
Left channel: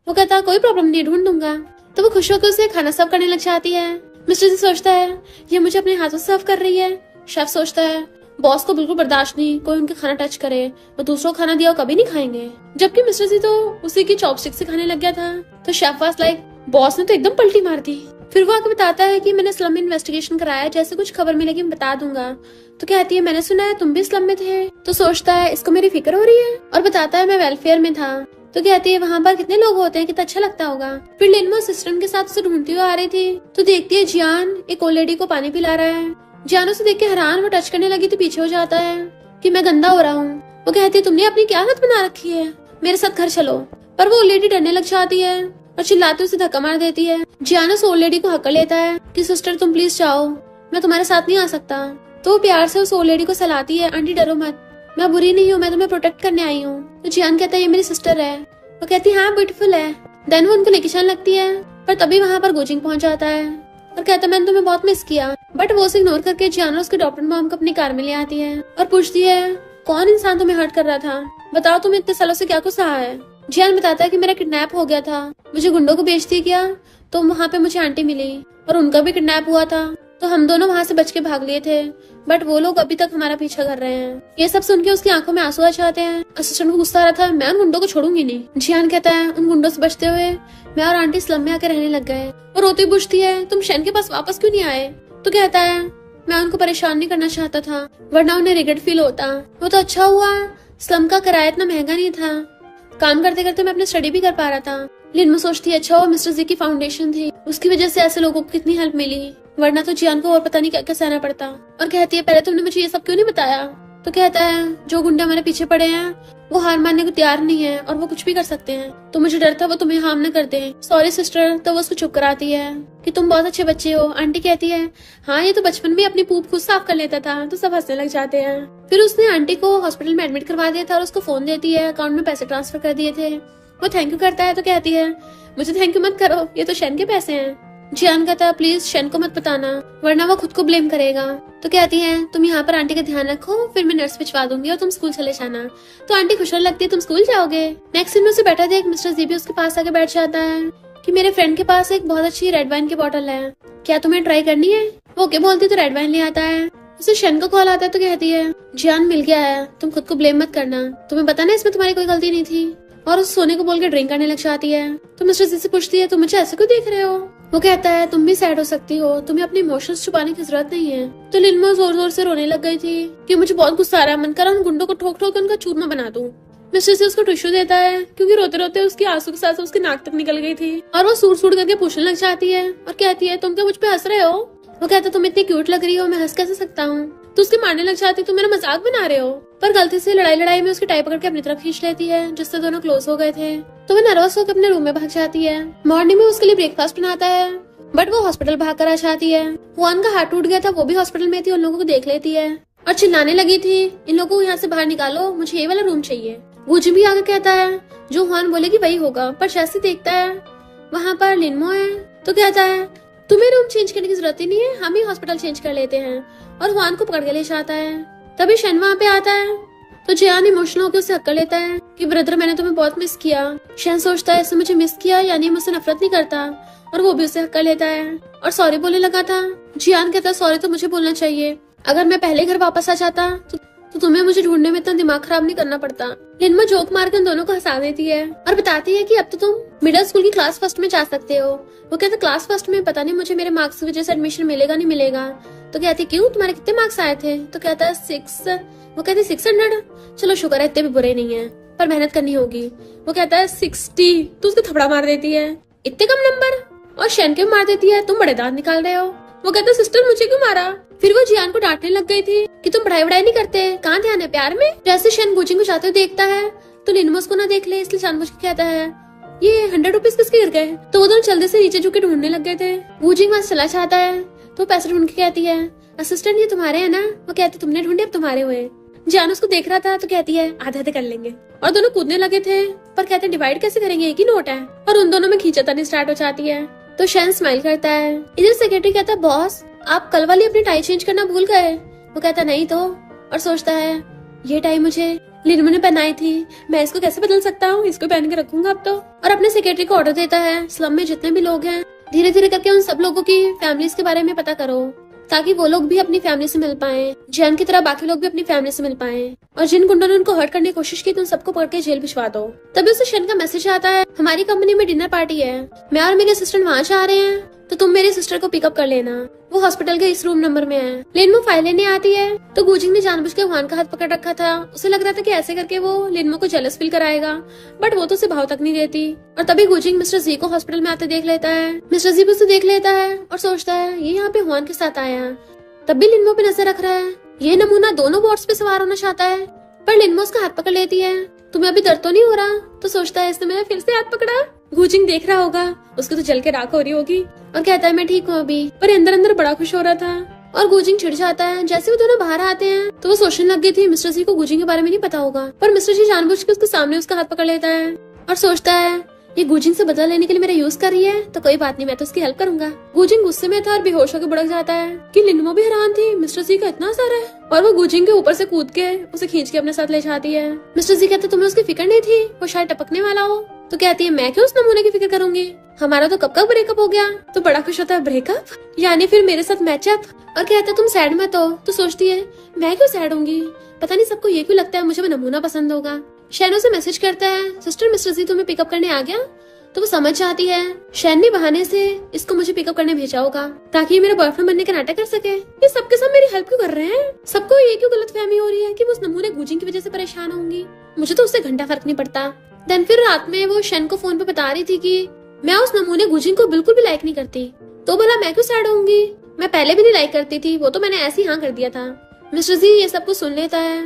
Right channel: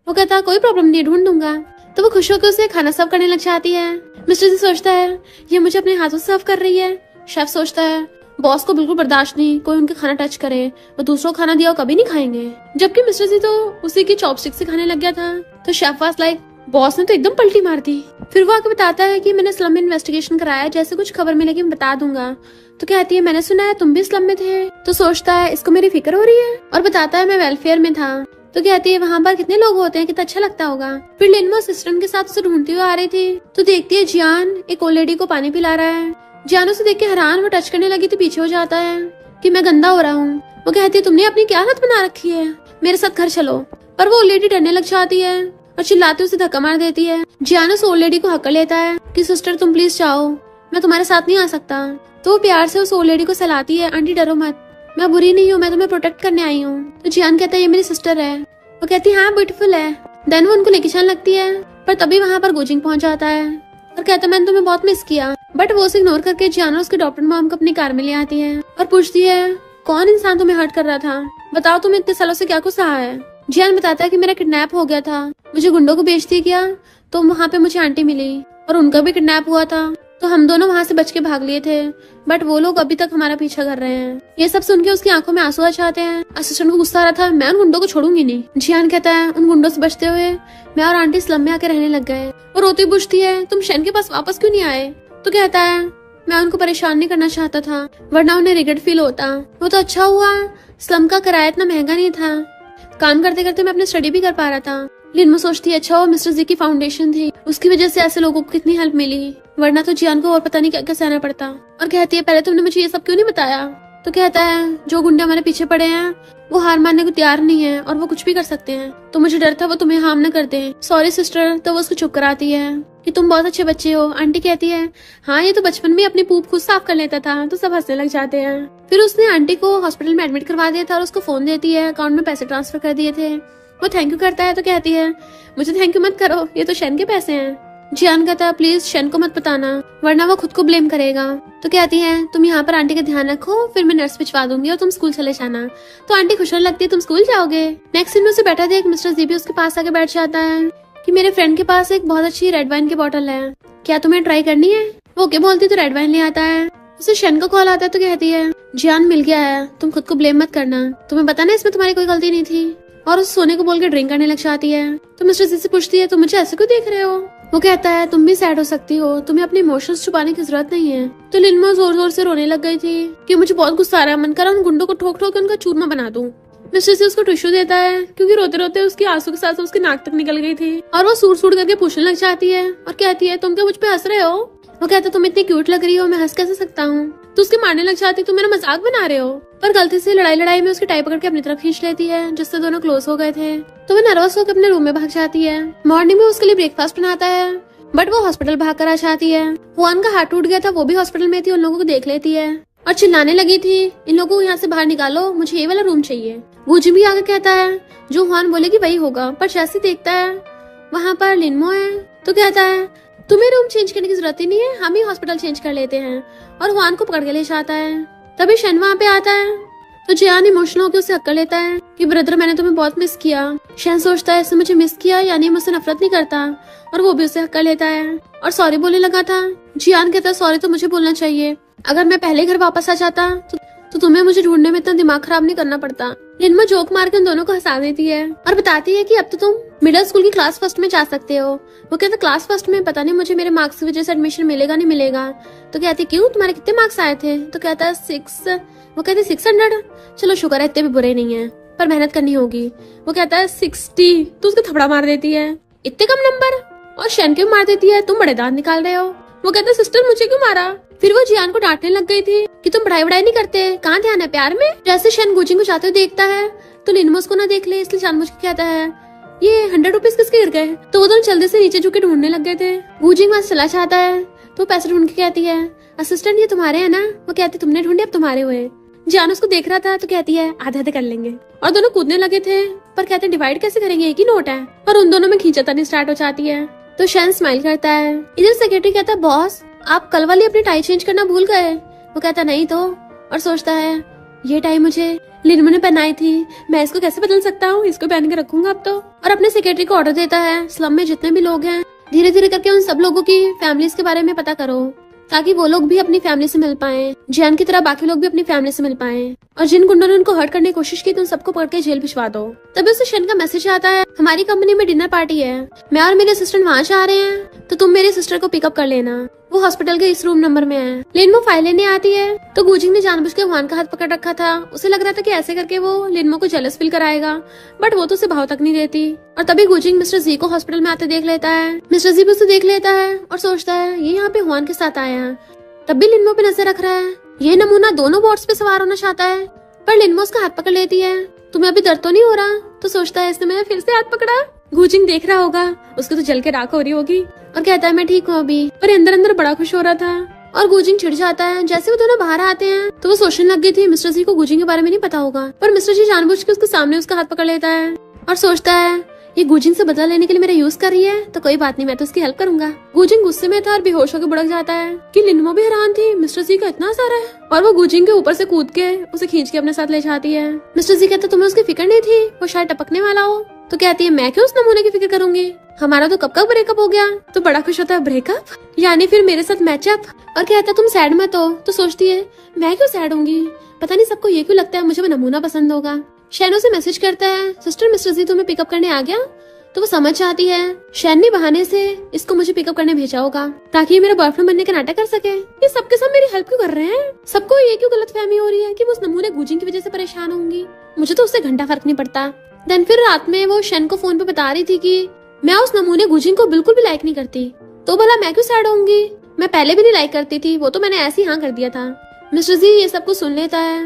वो कहता है कोई प्रॉब्लम नहीं, ढूंढ दूंगा। तो वो खुश होकर उसे खाना सर्व करने लग जाती है। मिस्टर जी सोचता है ये मुझे अपने हाथों से सर्व कर रही है। शेफ सोचता है बॉस को बिल्कुल बर्दाश्त नहीं कोई उनके खाना टच करे, वो दूसरों को खाना दिया वो कभी नहीं खाएंगे। जबकि मिस्टर जी तो उसी की चॉपस्टिक से खाने लग गया था। तो शेफ वाज लाइक बॉस ने तो एकदम पलटी मार दी। फिर वो आके बताता है कि मैंने स्लम में इन्वेस्टिगेशन कराया, जैसे कुछ खबर मिलेगी मैं बता दूंगा। तो कहती है मैंने सुना है तुम भी स्लम में थे। तो सोचता है इसको मेरी फिक्र हो रही है और बताता है मैं वेलफेयर में था। तो कहती है वहाँ पर कितने लोग होते हैं, कितना अच्छा लगता होगा। फिर लिनमा सिस्टम के साथ उसे ढूंढती हुई आ रही थी तो देखती है जियान एक ओल्ड लेडी को पानी पिला रहा है। जियान उसे देख के हैरान, वो टच करने लगी तो पीछे हो जाता है कि मैं गंदा हो रहा हूँ। वो कहती है तुमने अपनी क्या हालत बना रखी है, मेरे साथ घर चलो। पर वो ओल्ड लेडी डरने लग जाती है और चिल्लाते उसे धक्का मार देती है। जियान उस ओल्ड लेडी को हक लेता है कि सिस्टर तुम प्लीज जाओ, मैं तुम्हारे साथ नहीं आ सकता। तो वो प्यार से उस ओल्ड लेडी को सहलाती है, आंटी डरो मत, मैं बुरी नहीं हूँ, मैं तुम्हें प्रोटेक्ट करने आई हूँ। तो जियान कहता है ये मेरी सिस्टर है। वो कहती है हाँ ब्यूटीफुल है। देन वो उनको लेके चलने लगती है पर तभी वहाँ पर गोजिंग पहुंच जाता है और कहता है मैंने तुम्हें बहुत मिस किया। बट वो उसे इग्नोर करके जियान उसके डॉक्टर मॉम को अपनी कार में ले आती है और पूछती है कौन इंसान तुम्हें हर्ट कर रहा था, बताओ तुम्हें इतने सालों से क्या कुछ सहा है। जियान बताता है कि मेरा किडनैप हो गया था, मुझे गुंडों को बेच दिया गया, तो वहाँ पे मुझे आंटी मिली और उनका भी किडनैप हुआ था, तो हम दोनों वहाँ से बच के भाग लिए थे। बट वो लोग अभी तक हमारा पीछा कर रहे हैं। ये सब सुन के उसकी आंखों में आंसू आ जाते हैं। असिस्टेंट को गुस्सा आ रहा था, मैं उन गुंडों को छोड़ूंगी नहीं। जियान कहता है उन गुंडों से बचते हुए मैं और आंटी स्लम में आके रहने लग गए। और रोती पूछती है तुम शेन के पास वापस क्यों नहीं आए। तो कहता है मैं उनको परेशान नहीं करना चाहता था, वरना उन्हें रिग्रेट फील होता। वो तो अच्छा हुआ स्लम का किराया इतना महंगा नहीं था, काम करते करते मैं अपनी स्टडी भी कर पा रहा था। लिनमा सोचती है अच्छा वो मिस्टर जी की फाउंडेशन थी, उसकी वजह से ऐसे लोगों को कितनी हेल्प मिली, वरना तो जियान को और पता नहीं क्या क्या सहना पड़ता। और कहती है पहले तुमने मुझे ये सब क्यों नहीं बताया। तो कहता है जो गुंडे हमारे पीछे पड़े हैं वो हार मानने को तैयार नहीं है और वो कुछ भी कर सकते हैं, तो मुझे डर था वो तुम्हें हार्म न कर दे। Sorry sister. तो वो उसको चुप कराती है कि तुम बहुत अच्छे बच्चे हो। आंटी कहती है हाँ ये तो बचपन में अपनी पूप खुद साफ कर लेता था। तो सब हंसने लग जाते हैं। फिर उसने आंटी को हॉस्पिटल में एडमिट करवा दिया था और उसको फोन देती है, अकाउंट में पैसे ट्रांसफर कर दिए थे। वो थैंक यू करता है तो कहती है मुझे थैंक यू मत करो, ये तो शेन के पैसे हैं। जियान कहता है प्लीज शेन को मत बताना वरना वो खुद को ब्लेम करेगा। तो कहती है तुम यहाँ पर आंटी का ध्यान रखो, फिर मैं नर्स भिजवा दूंगी और तुम स्कूल चले जाना। तो आंटी खुश होने लगती है तुम स्कूल जाओगे। नेक्स्ट दिन में उसे बैठा देख मिस्टर जी भी उसके पास आके बैठ जाता है कि मेरे फ्रेंड के पास एक बहुत अच्छी रेड वाइन की बोतल है, क्या तुम्हें ट्राई करनी है। वो ओके बोलती तो रेड वाइन ले आता है। उसे शेन का कॉल आता है तो कहती है जियान मिल गया है, तुम खुद को ब्लेम मत करना, तुम्हें पता ना इसमें तुम्हारी कोई गलती नहीं थी। और उस सोने को बोल के ड्रिंक करने लग जाती है। तो मिस्टर जी से पूछती है तुम मुझे ऐसे क्यों देख रहे हो। वो कहता है तुम भी सैड हो सकती हो, तुम्हें अपने इमोशंस छुपाने की जरूरत नहीं है। तो लिनमा जोर जोर से रोने लग गई थी कि मुझे बहुत गुस्सा आ रहा है, मन कर रहा उन गुंडों को ठोक ठोक के उनका चूरमा बना दूं। मिस्टर से उसको टिश्यू देता है क्योंकि रोते रोते उसके आंसू के साथ उसके नाक तक निकल गई थी। और वो सूट सूट करके पूछने लग जाती है और कहती है तुम क्या मुझ पे हंस रहे हो। वो कहता तुम इतनी क्यूट लग रही हो, मैं हंस कैसे सकता हूँ। तो उसके मारने लग जाती तुम मेरा मजाक बना रहे हो। पर गलती से लड़ाई में उसकी टाई पकड़ के अपनी तरफ खींच लेती है, जिससे दोनों क्लोज हो गए थे। तो वो नर्वस होकर अपने रूम में भाग जाती है। मॉर्निंग में उसके लिए ब्रेकफास्ट बनाता है बट वो हॉस्पिटल भाग कर आ जाती है। हुआन का हाथ टूट गया था, वो भी हॉस्पिटल में थी, उन लोगों को देख लेती है और चिल्लाने लगी थी इन लोगों को यहाँ से बाहर निकालो, मुझे ये वाला रूम चाहिए। गुज भी आकर कहता है जो हुआन बोलेगी वही होगा। पर जैसे देखता है वहाँ पर लिनमो है तो कहता है तुम्हें रूम चेंज करने की जरूरत ही नहीं है, हम ही हॉस्पिटल चेंज कर लेते हैं। और हुआन को पकड़ के ले जाता है। तभी शन वहाँ पे आता है तो जियान इमोशनल होकर उसे हक कर लेता है कि ब्रदर मैंने तुम्हें बहुत मिस किया। शन सोचता है इसने मुझे मिस किया यानी मुझसे नफरत नहीं करता, और वो भी उसे हक कर लेता है और सॉरी बोलने लगा था। जियान कहता है सॉरी तो मुझे बोलना चाहिए, अगर मैं पहले घर वापस आ जाता तो तुम्हें मुझे ढूंढने में इतना दिमाग खराब नहीं करना पड़ता। लिनमा जोक मार कर उन दोनों को हंसा देती है और बताती है कि अब तो तुम मिडिल स्कूल की क्लास फर्स्ट में जा सकते हो। वो कहता क्लास फर्स्ट में पता नहीं मुझे मेरे मार्क्स की वजह से एडमिशन मिलेगा नहीं मिलेगा। तो कहती क्यों तुम्हारे कितने मार्क्स आए थे। तो कहता है 6। वो कहती 600। चलो शुक्र है इतने भी बुरे नहीं है, पर मेहनत करनी होगी। वो कहता है 60। तो उसको थपड़ा मार देती है इतने कम नंबर, और शेन के मार देती है तुम बड़े दांत निकाल रहे हो। वो कहता सिस्टर मुझे क्यों मारा। फिर वो जियान को डांटने लग गई थी कि तुम पढ़ाई नहीं करते, कहाँ ध्यान है प्यार में। जैसे शेन गुजिंग को जाते हुए देखता है तो लिनमा उसको न देख ले, इसलिए जानबूझ के कहता है ये 100 रुपीज किसके गिर गए। तो वो दोनों जल्दी से नीचे झुक के ढूंढने लग गए थे। गुजिंग वहां चला जाता है तो पैसे ढूंढ के कहती है असिस्टेंट ये तुम्हारे है ना। वो कहते तुमने ढूंढे अब तुम्हारे हुए। जियान उसको देख रहा था तो कहती है आधे आधे कर लेंगे, और दोनों कूदने लगे थे पर कहते डिवाइड कैसे करेंगे, एक ही नोट है। और उन दोनों में खींचातानी स्टार्ट हो जाती है। तो शैन स्माइल करता है। इधर सेक्रेटरी कहता है बॉस आप कल वाली अपनी टाई चेंज करना भूल गए। वो कहता नहीं तो, और सोचता है ये टाई मुझे लिनमा ने पहनाई थी, मैं इसको कैसे बदल सकता हूँ, इसको पहन के रखूंगा अब तो। और अपने सेक्रेटरी को ऑर्डर देता है स्लम में जितने भी लोग हैं धीरे धीरे करके उन सब लोगों की फैमिलीज के बारे में पता करो, ताकि वो लोग भी अपनी फैमिली से मिल पाए, जियान की तरह बाकी लोग भी अपनी फैमिली से मिल पाए। और जिन गुंडों ने उनको हर्ट करने की कोशिश की तो उन सबको पकड़ के जेल भिजवा दो। तभी उसे शेन का मैसेज आता है हमारी कंपनी में डिनर पार्टी है, मैं और मेरे असिस्टेंट वहाँ जा रहे हैं, तो तुम मेरे सिस्टर को पिकअप कर लेना, वो हॉस्पिटल के इस रूम नंबर में है। लिनमो फाइल लेने आती है तो गुजिंग ने जानबूझ के वान का हाथ पकड़ रखा था। उसे लग रहा था कि ऐसे करके वो लिनमो को जेलस फील कराएगा, बट वो तो उसे भाव तक नहीं देती। और तभी गुजिंग मिस्टर जी को हॉस्पिटल में आते देख लेता है। मिस्टर जी भी उसे देख लेता है और सोचता है ये यहाँ पे हुआन के साथ आया है। तब भी लिनमो पे नजर रख रहा है। ये नमूना दोनों बोट्स पे सवार होना चाहता है, पर लिनमो उसका हाथ पकड़ लेती है। तुम्हें अभी दर्द तो नहीं हो रहा? तो सोचता है इसने मैंने फिर से हाथ पकड़ा। गुजिंग देख रहा होगा, उसको तो जल के राख हो रही होगी और कहता है मैं ठीक हूँ अभी, पर अंदर अंदर बड़ा खुश हो रहा था। और गुजिंग चिढ़ जाता है। जैसे वो दोनों बाहर आते हैं तो वो सोचने लग गई थी मिस्टर जी को गुजिंग के बारे में नहीं पता होगा, पर मिस्टर जी जानबूझ के उसके सामने उसका हाथ पकड़ लेता है और सोचता है ये गुजिंग से बदला लेने के लिए मेरा यूज कर रही है, तो कोई बात नहीं, मैं तो उसकी हेल्प करूंगा। गुजिंग गुस्से में था और बेहोश होकर भड़क जाता है कि लिनमो भी हैरान थी मिस्टर जी का इतना सारा है, और वो गुजिंग के ऊपर से कूद के उसे खींच के अपने साथ ले जाती है। मिस्टर जी कहता तुम्हें उसकी फिक्र नहीं थी, वो शायद टपकने वाला हो। तो कहती है मैं क्यों उस नमूने की फिक्र करूंगी, हमारा तो कब का ब्रेकअप हो गया। तो बड़ा खुश होता है ब्रेकअप, यानी फिर मेरे साथ मैचअप। और कहता तुम सैड मत हो। तो सोचती है मैं क्यों सैड होंगी, पता नहीं सबको ये क्यों लगता है मुझे वो नमूना पसंद होगा। शैन उसे मैसेज करता है सिस्टर मिस्टर जी तुम्हें पिकअप करने आ गया। तो वो समझ जाती है शैन ने बहाने से इसको मुझे पिकअप करने भेजा होगा ताकि ये मेरे बॉयफ्रेंड बनने का नाटक कर सके। ये सबके सब मेरी हेल्प क्यों कर रहे हैं? सबको ये क्यों गलतफहमी हो रही है कि वो उस नमूने गुजिंग की वजह से परेशान होंगी, मुझे तो उससे घंटा फर्क नहीं पड़ता। देन फिर रात में वो शैन को फोन पे बता रही थी कि मैं उस नमूने गुजिंग को बिल्कुल भी लाइक नहीं करती, तो भला मैं क्यों सैड होंगी, मैं पहले भी नहीं लाइक करती थी, वो तो मैंने ऐसे ही हाँ कर दिया था। मिस्टर जी ये सब कुछ सुन लेता है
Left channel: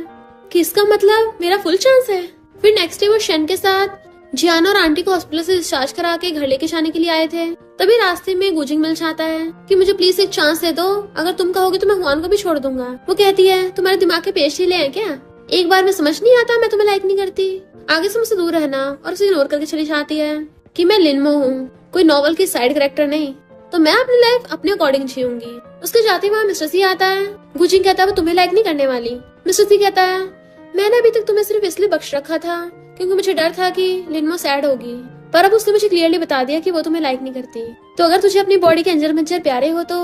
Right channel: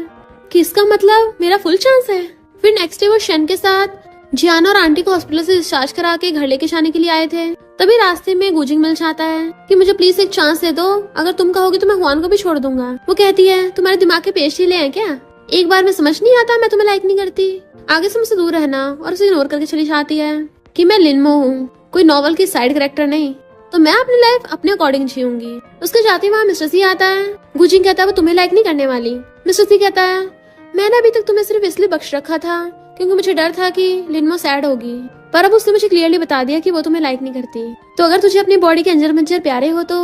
कि इसका मतलब मेरा फुल चांस है। फिर नेक्स्ट डे वो शैन के साथ जियान और आंटी को हॉस्पिटल से डिस्चार्ज करा के घर लेके जाने के लिए आए थे। तभी रास्ते में गुजिंग मिल जाता है कि मुझे प्लीज एक चांस दे दो, अगर तुम कहोगे तो मैं हुआन को भी छोड़ दूंगा। वो कहती है तुम्हारे दिमाग के पेश हिले हैं क्या, एक बार में समझ नहीं आता मैं तुम्हें लाइक नहीं करती, आगे से मुझसे दूर रहना। और उसे इग्नोर करके चली जाती है कि मैं लिनमो हूँ, कोई नॉवल के साइड कैरेक्टर नहीं, तो मैं अपनी लाइफ अपने अकॉर्डिंग जीऊंगी। उसके जाते वहाँ मिस्टर जी आता है। गुजिंग कहता है वो तुम्हें लाइक नहीं करने वाली। मिस्टर जी कहता है मैंने अभी तक तुम्हें सिर्फ इसलिए बख्श रखा था क्योंकि मुझे डर था कि लिनमो सैड होगी, पर अब उसने मुझे क्लियरली बता दिया कि वो तुम्हें लाइक नहीं करती। तो अगर तुझे अपनी बॉडी के अंजर मंजर प्यारे हो तो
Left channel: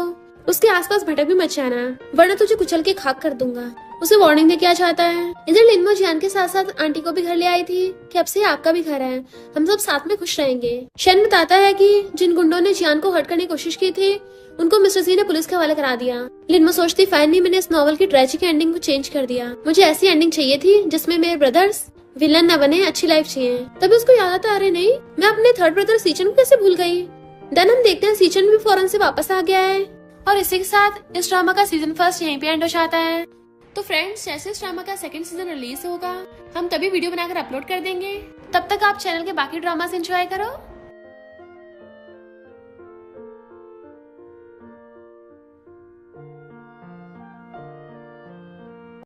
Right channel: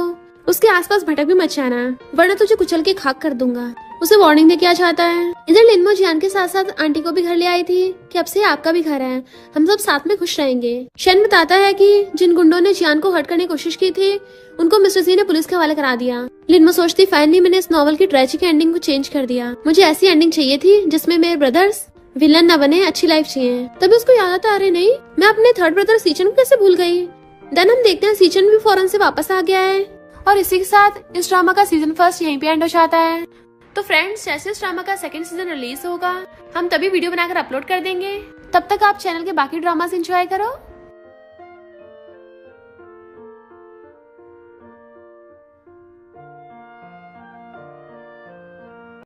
उसके आसपास भटक भी मत जाना, वरना तुझे कुचल के खाक कर दूंगा। उसे वार्निंग दे के आ जाता है। इधर लिनमो जियान के साथ साथ आंटी को भी घर ले आई थी कि अब से आपका भी घर है, हम सब साथ में खुश रहेंगे। शैन बताता है कि जिन गुंडों ने जियान को हर्ट करने की कोशिश की थी उनको मिस्टर जी ने पुलिस के हवाले करा दिया। लिनमो सोचती फाइनली मैंने इस नॉवल की ट्रेजिक एंडिंग को चेंज कर दिया, मुझे ऐसी एंडिंग चाहिए थी जिसमें मेरे ब्रदर्स विलन न बने, अच्छी लाइफ चाहिए। तभी उसको याद आता अरे नहीं मैं अपने थर्ड ब्रदर सीचन को कैसे भूल गई। देन हम देखते हैं सीचन भी फौरन से वापस आ गया है। और इसी के साथ इस ड्रामा का सीजन फर्स्ट यहीं पे एंड हो जाता है। तो फ्रेंड्स जैसे इस ड्रामा का सेकंड सीजन रिलीज होगा हम तभी वीडियो बनाकर अपलोड कर देंगे। तब तक आप चैनल के बाकी ड्रामास एंजॉय करो।